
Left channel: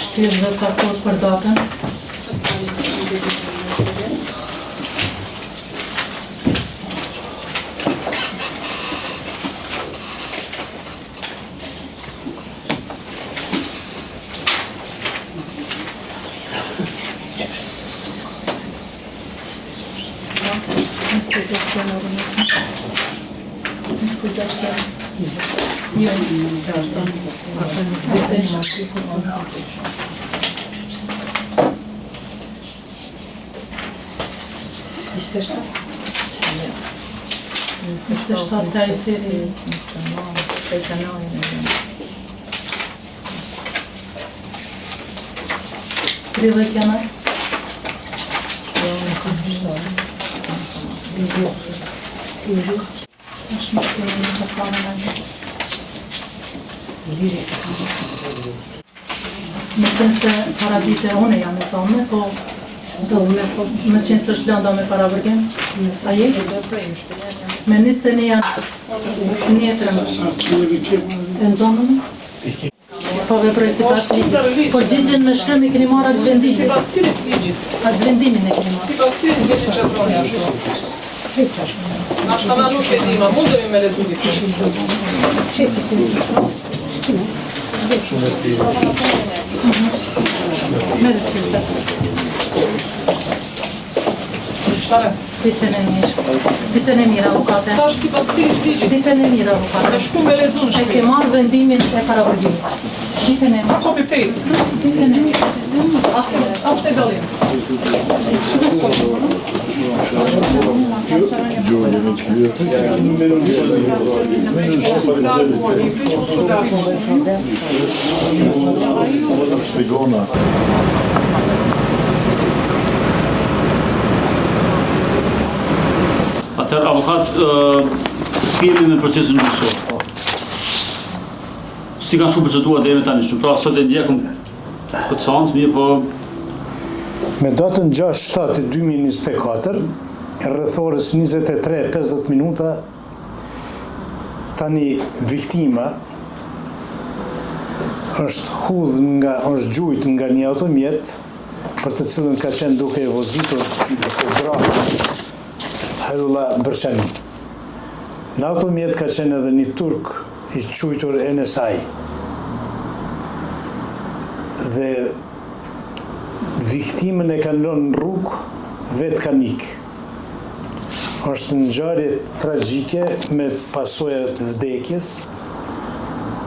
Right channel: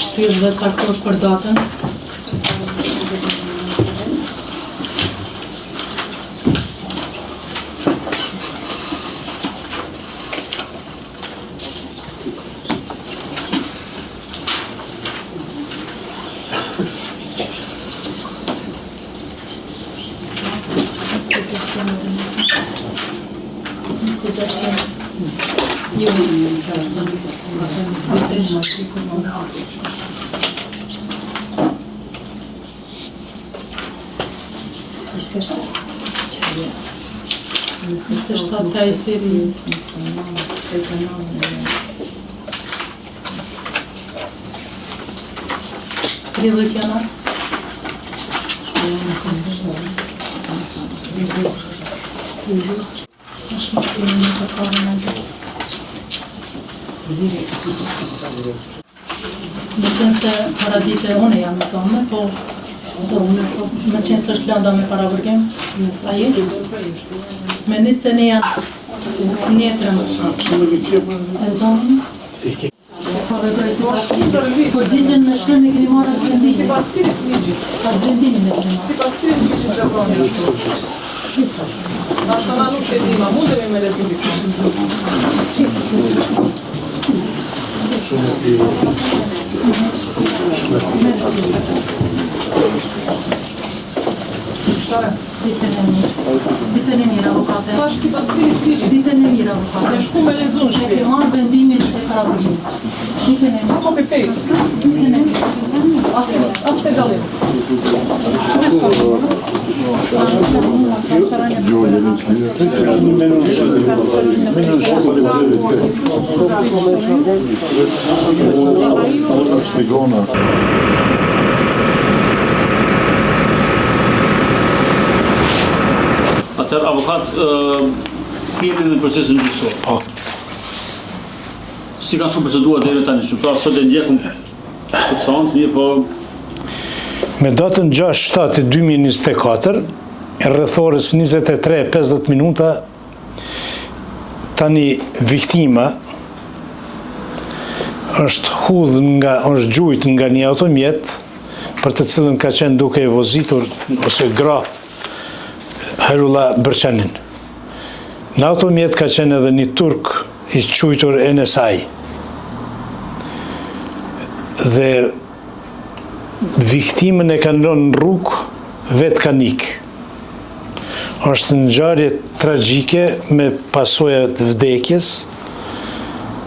Shtyr dhe caktohet për datën. Me qenë se paradite une jam e thome, po me qenë se është lënda me paravërgim, a jetë? Me niste një janë njetërën. E nëzonën? Po veproj si pas ligjit. Po gjigjen me shkëm e keni marrë atë vendimin. Si pas cilit ligjit? Atë vendimin e keni marrë. Si pas cilit ligjit veproni ashtu? Ashtë na nuk e dima, mundemi me letu dikon. Ditën e mirë, avokate. Tash si pas cilit ligjit? Ditën e mirë, avokate. Me shku me lexu në E shtëpi. ke marrë vendimin e paravërgjimit. Ditën e mirë. Copy paste. Ditën e mirë. As te dallim. Atëherë, avokat, kemi në procesin gjyqësor. Si ka shumë procedura deri tani, shumë pra sot e ndjekëm të cancë, mirë po... Me datën 6/7/2024, rreth orës 23:50 minuta, tani viktima është gjujt nga një automjet për të cilën ka qenë duke e vozitur ose gra Herula Bërçanin. Në automjet ka qenë edhe një turk i quajtur NSI. Dhe viktimën e kanë lënë në rrugë, vetë ka ikë. Është një ngjarje tragjike me pasoja të vdekjes.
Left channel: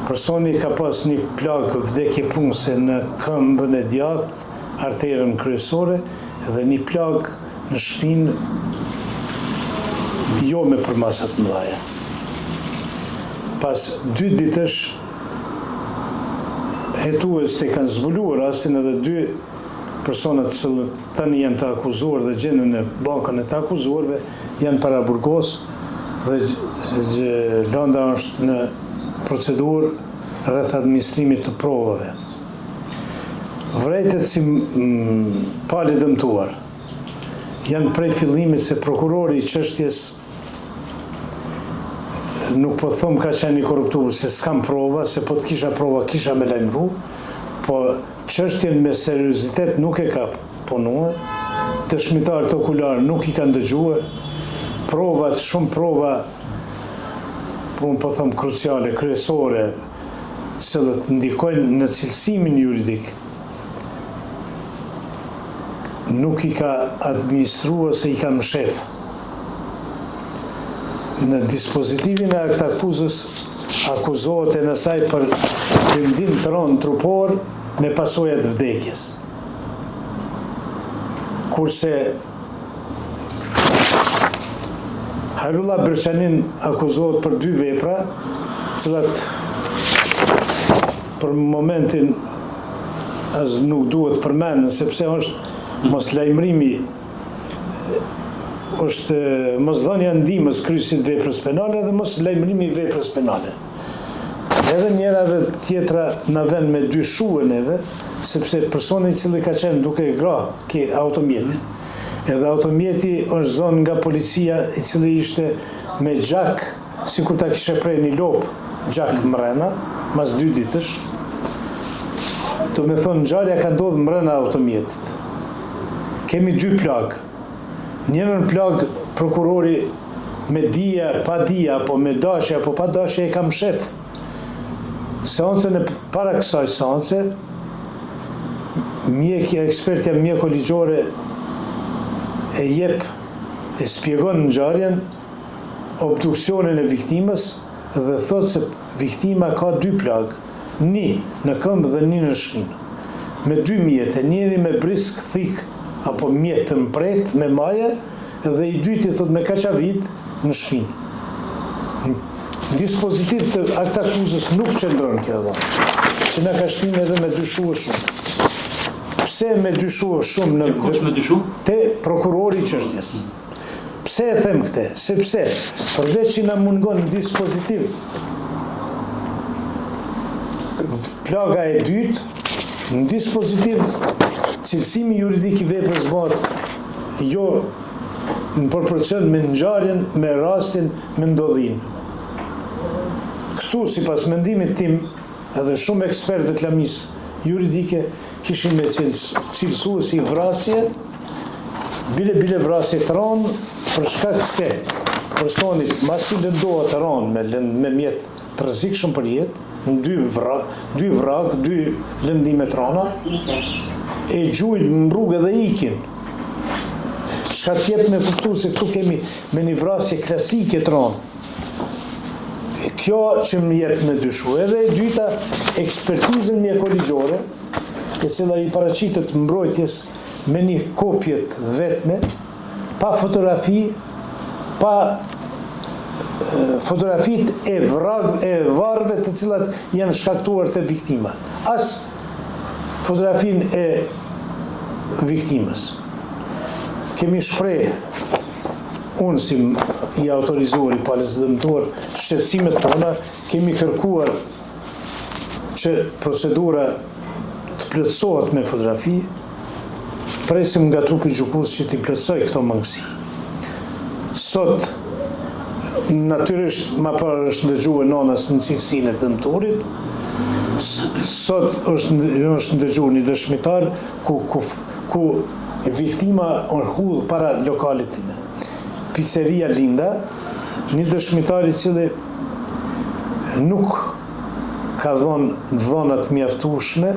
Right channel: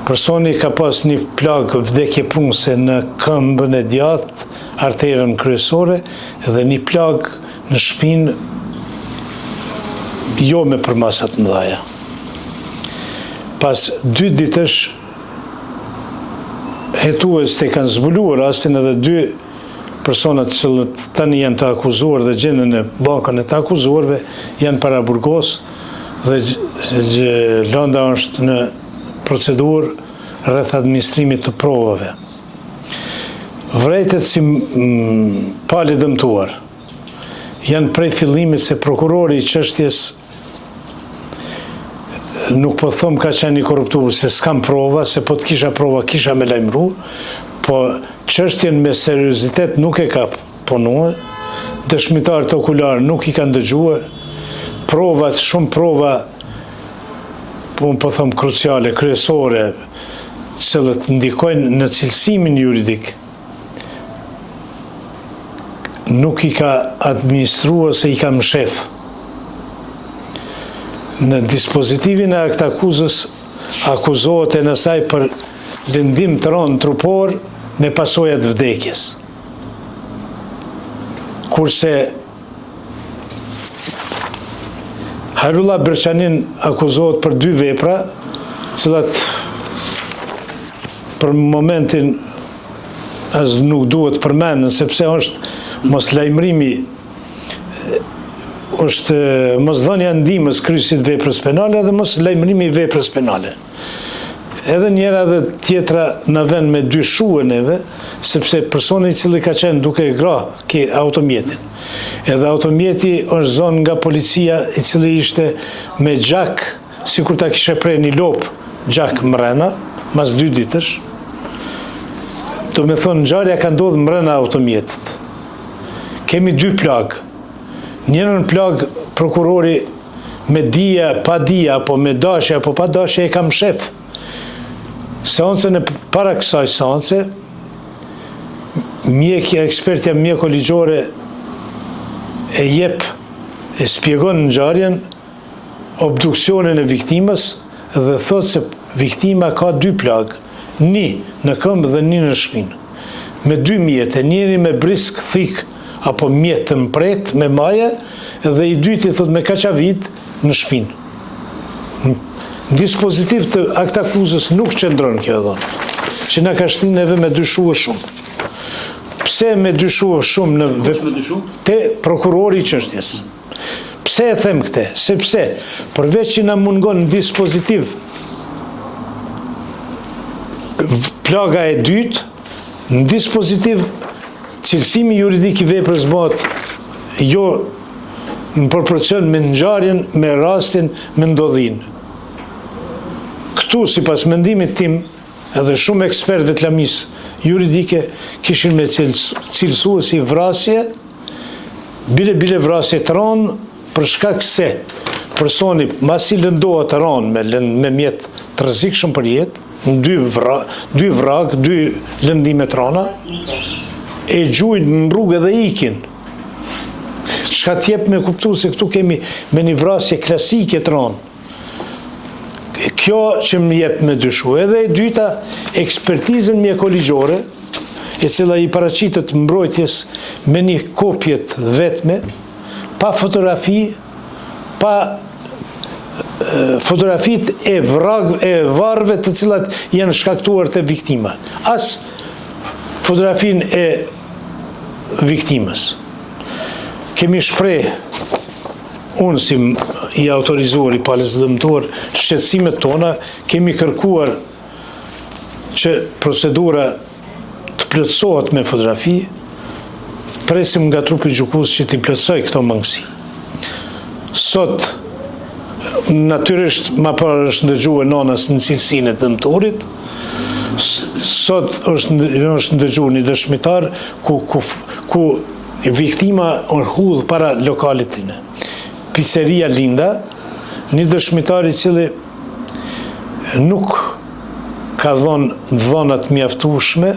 Personi ka pas një plagë vdekje prunëse në këmbën e djathtë, arterën kryesore dhe një plagë në shpinë jo me përmasat mëdha. Pas 2 ditësh hetues të kanë zbuluar rastin edhe 2 personat që tani janë të akuzuar dhe gjendën në bankën e të akuzuarve janë para burgos dhe lënda është në procedurë rreth administrimit të provave. Vërejtet si palë dëmtuar janë prej fillimit se prokurori i çështjes nuk po thom ka qenë i korruptuar, se s'kam prova, se po të kisha prova kisha me lajmëru, po çështjen me seriozitet nuk e ka punuar, dëshmitarët okular nuk i kanë dëgjuar, provat, shumë prova, unë po thom kruciale, kryesore, cilët ndikojnë në cilësimin juridik, nuk i ka administruar se i ka mshef. Në dispozitivin e akt akuzës akuzohet e nësaj për lëndim të rënd trupor me pasojat vdekjes. Kurse Hajrullah Berçanin akuzohet për 2 vepra, cilat për momentin as nuk duhet përmendën, sepse është mos lajmërimi, është mosdhënia ndihmës kryesit veprës penale dhe mos lajmërimi i veprës penale. Edhe njëra dhe tjetra në vend me dyshuar neve, sepse personi i cili ka qenë duke e gra ke automjetin. Edhe automjeti është zonë nga policia i cili ishte me gjak, sikur ta kishe prej një lop gjak mrena, mas 2 ditësh. Do me thonë, ngjarja ka ndodhur mrena automjetit. Kemi 2 plagë. Njërën plagë prokurori me dije, pa dije, apo me dashje, apo pa dashje e kam shef. Seancën e para kësaj seance, ekspertja mjeko-ligjore e spjegon ngjarjen, obduksionin e viktimës dhe thot se viktima ka 2 plagë, një në këmbë dhe një në shpinë, me 2 mjete, njëri me brisk thik apo mjet të mpret me maje dhe i dyti thot me kaqavit në shpinë. Në dispozitiv të akt akuzës nuk qëndron kjo dhënë, që na ka shtinë neve me dyshuar shumë. Pse me dyshuar shumë te prokurori i çështjes? Pse e them këtë? Sepse përveç që na mungon në dispozitiv plaga e dytë, në dispozitiv cilësimi juridik i veprës bëhet jo në proporcion me ngjarjen, me rastin, me ndodhin. Këtu, sipas mendimit tim, edhe shumë ekspertëve të lamisë juridike kishin me cilësuar si vrasje, bile vrasje të rënë, për shkak se personi masi lëndohet të rënë me mjet të rrezikshëm për jetë, në 2 vrak, 2 lëndime të rëna, e gjujnë në rrugë dhe ikin. Çka t'jep me kuptu se këtu kemi me një vrasje klasike të rënë. Kjo që më jep me dyshu. Edhe e dyta, ekspertizën mjeko-ligjore, e cila i paraqitet mbrojtjes me një kopje të vetme, pa fotografi, pa fotografit e varve të cilat janë shkaktuar të viktima. As fotografin e viktimës. Kemi shpreh, unë si i autorizuar, i palës dëmtuar, shqetësimet tona, kemi kërkuar që procedura të plotësohet me fotografi, presim nga trupi gjykues që t'i plotësoj këto mangësi. Sot, natyrisht, ma parë është ndëgjuar nënës në cilësinë e dëmtuarit, sot është ndëgjuar një dëshmitar ku viktima hudh para lokalit tine. Pizzeria Linda, një dëshmitar i cili nuk ka dhënë dhënat mjaftueshme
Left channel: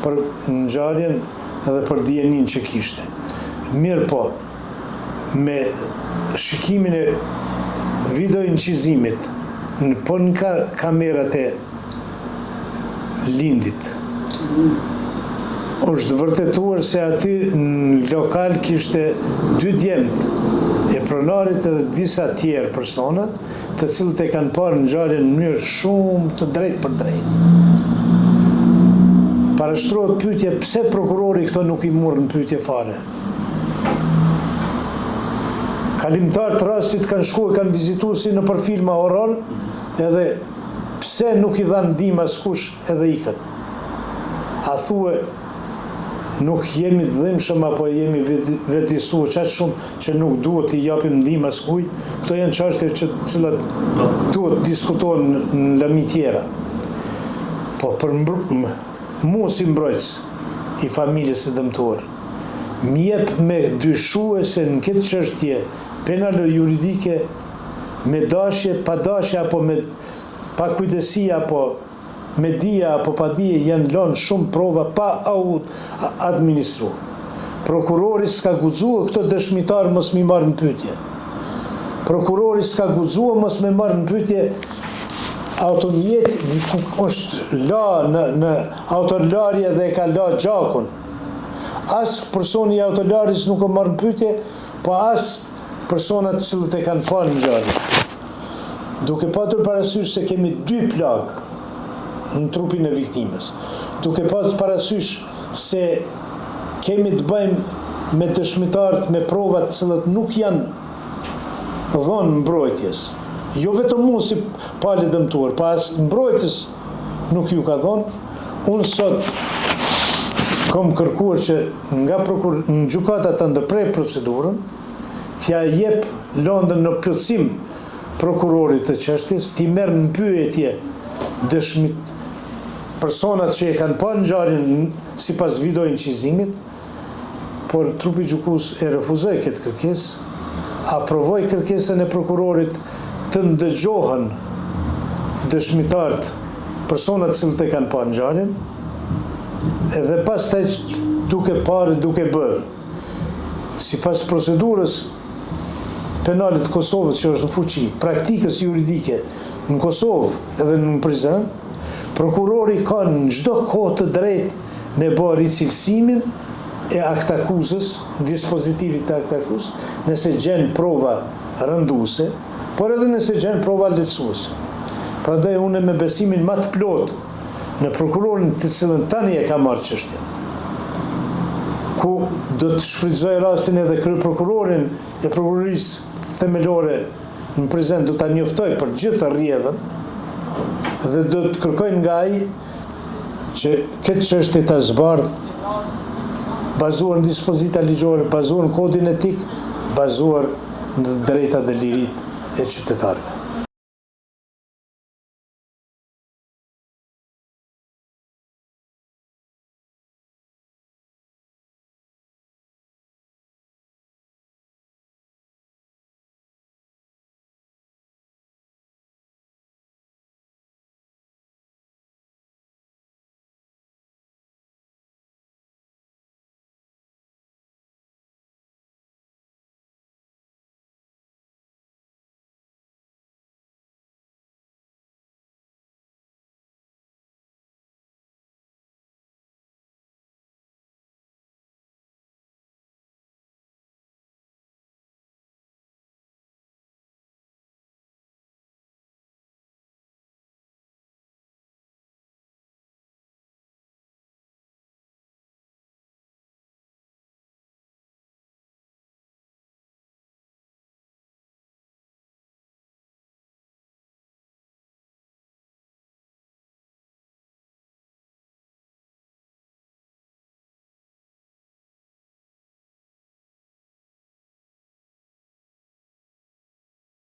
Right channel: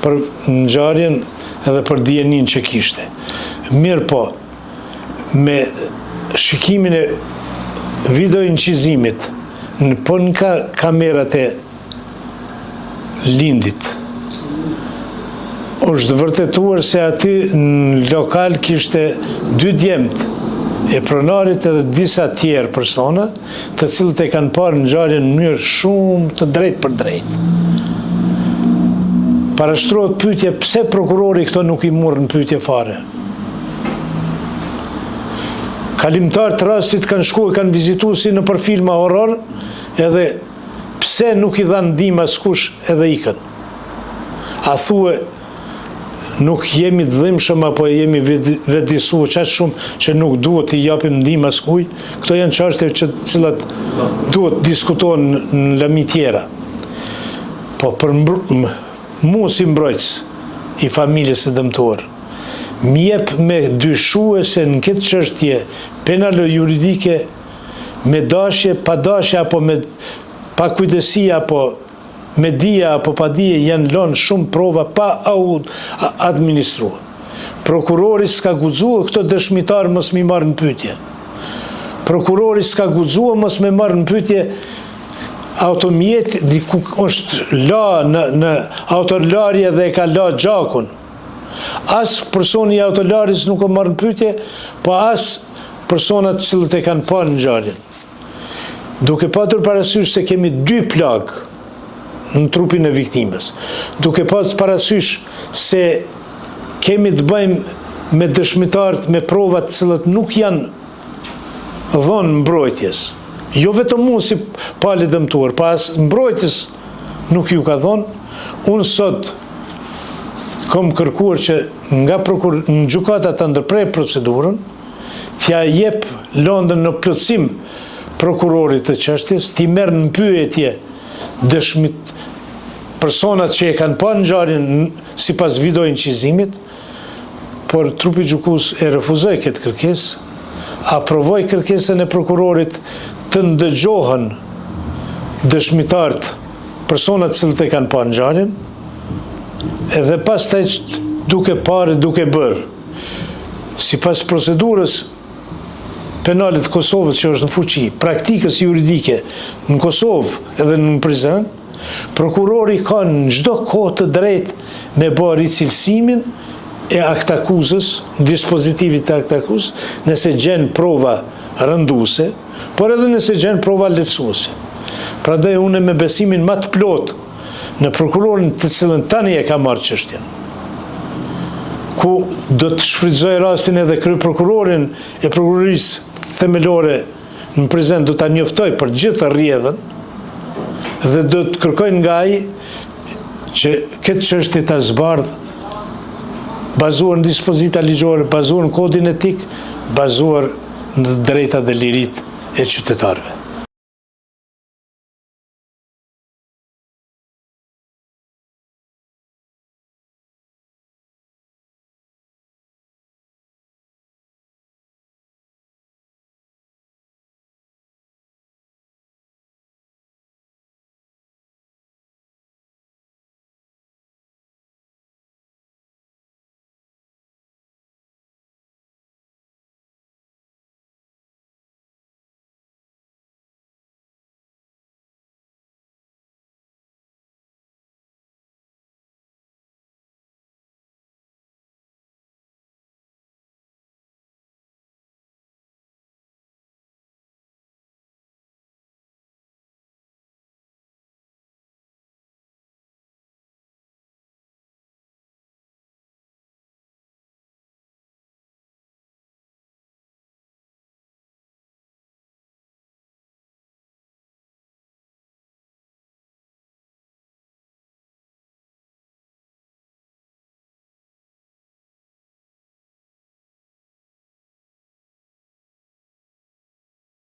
për ngjarjen edhe për dijenin që kishte. Mirë po, me shikimin e video incizimit në kamerat e Lindit, është vërtetuar se aty në lokal kishte 2 djemt e pronarit edhe disa tjerë persona, të cilët e kanë parë ngjarjen në mënyrë shumë të drejtë për drejtë. Parashtrohet pyetje pse prokurori këto nuk i morën pyetje fare. Kalimtar të rastit kanë shkuar, kanë vizituar si në për filma horror, edhe pse nuk i dhanë ndihmë askush edhe ikën? A thue nuk jemi të dhimbshëm apo jemi vetëdijsuar çaq shumë që nuk duhet i japim ndihmë askujt? Këto janë çështje që të cilat duhet diskutohen në lami tjera. Po për mu si mbrojtës i familjes së dëmtuar, m'jep me dyshue se në këtë çështje penale juridike me dashje, pa dashje apo me pa kujdesi apo me dije apo pa dije janë lënë shumë prova pa administruar. Prokurori s'ka guxuar këto dëshmitar mos mi marrë në pyetje. Prokurori s'ka guxuar mos me marrë në pyetje automjet ku është la në autolarje dhe e ka la gjakun. As personi i autolaris nuk o marrë në pyetje, po as personat cilët e kanë parë në ngjarje. Duke patur parasysh se kemi 2 plagë në trupin e viktimës, duke patur parasysh se kemi të bëjmë me dëshmitarët me provat cilët nuk janë dhënë mbrojtjes. Jo vetëm mu si pali dëmtuar, pas mbrojtjes nuk ju ka dhënë. Unë sot kom kërkuar që nga në gjykata të ndërprej procedurën, t'ja jep lëndën në plotësim prokurorit të çështjes, t'i merr në pyetje dëshmit personat që e kanë parë ngjarjen sipas video incizimit, por trupi gjykues e refuzoi këtë kërkesë, aprovoi kërkesën e prokurorit të ndëgjohen dëshmitarët, personat cilët e kanë parë ngjarjen, edhe pastaj duke parë, duke bërë. Sipas procedurës penale të Kosovës që është në fuqi, praktikës juridike në Kosovë edhe në Prizren, prokurori ka në çdo kohë të drejtë me bërë ricilësimin e aktakuzës, dispozitivit të aktakuzës, nëse gjen prova rënduese, por edhe nëse gjen prova lehtësuese. Prandaj unë me besimin më të plotë në prokurorin të cilën tani e ka marrë çështjen, ku do të shfrytëzoj rastin edhe kryeprokurorin e prokurorisë themelore në Prizren, do ta njoftoj për gjithë rrjedhën dhe do të kërkoj nga ai që këtë çështje ta zbardh bazuar në dispozita ligjore, bazuar në kodin etik, bazuar në drejtat dhe liritë e qytetarëve.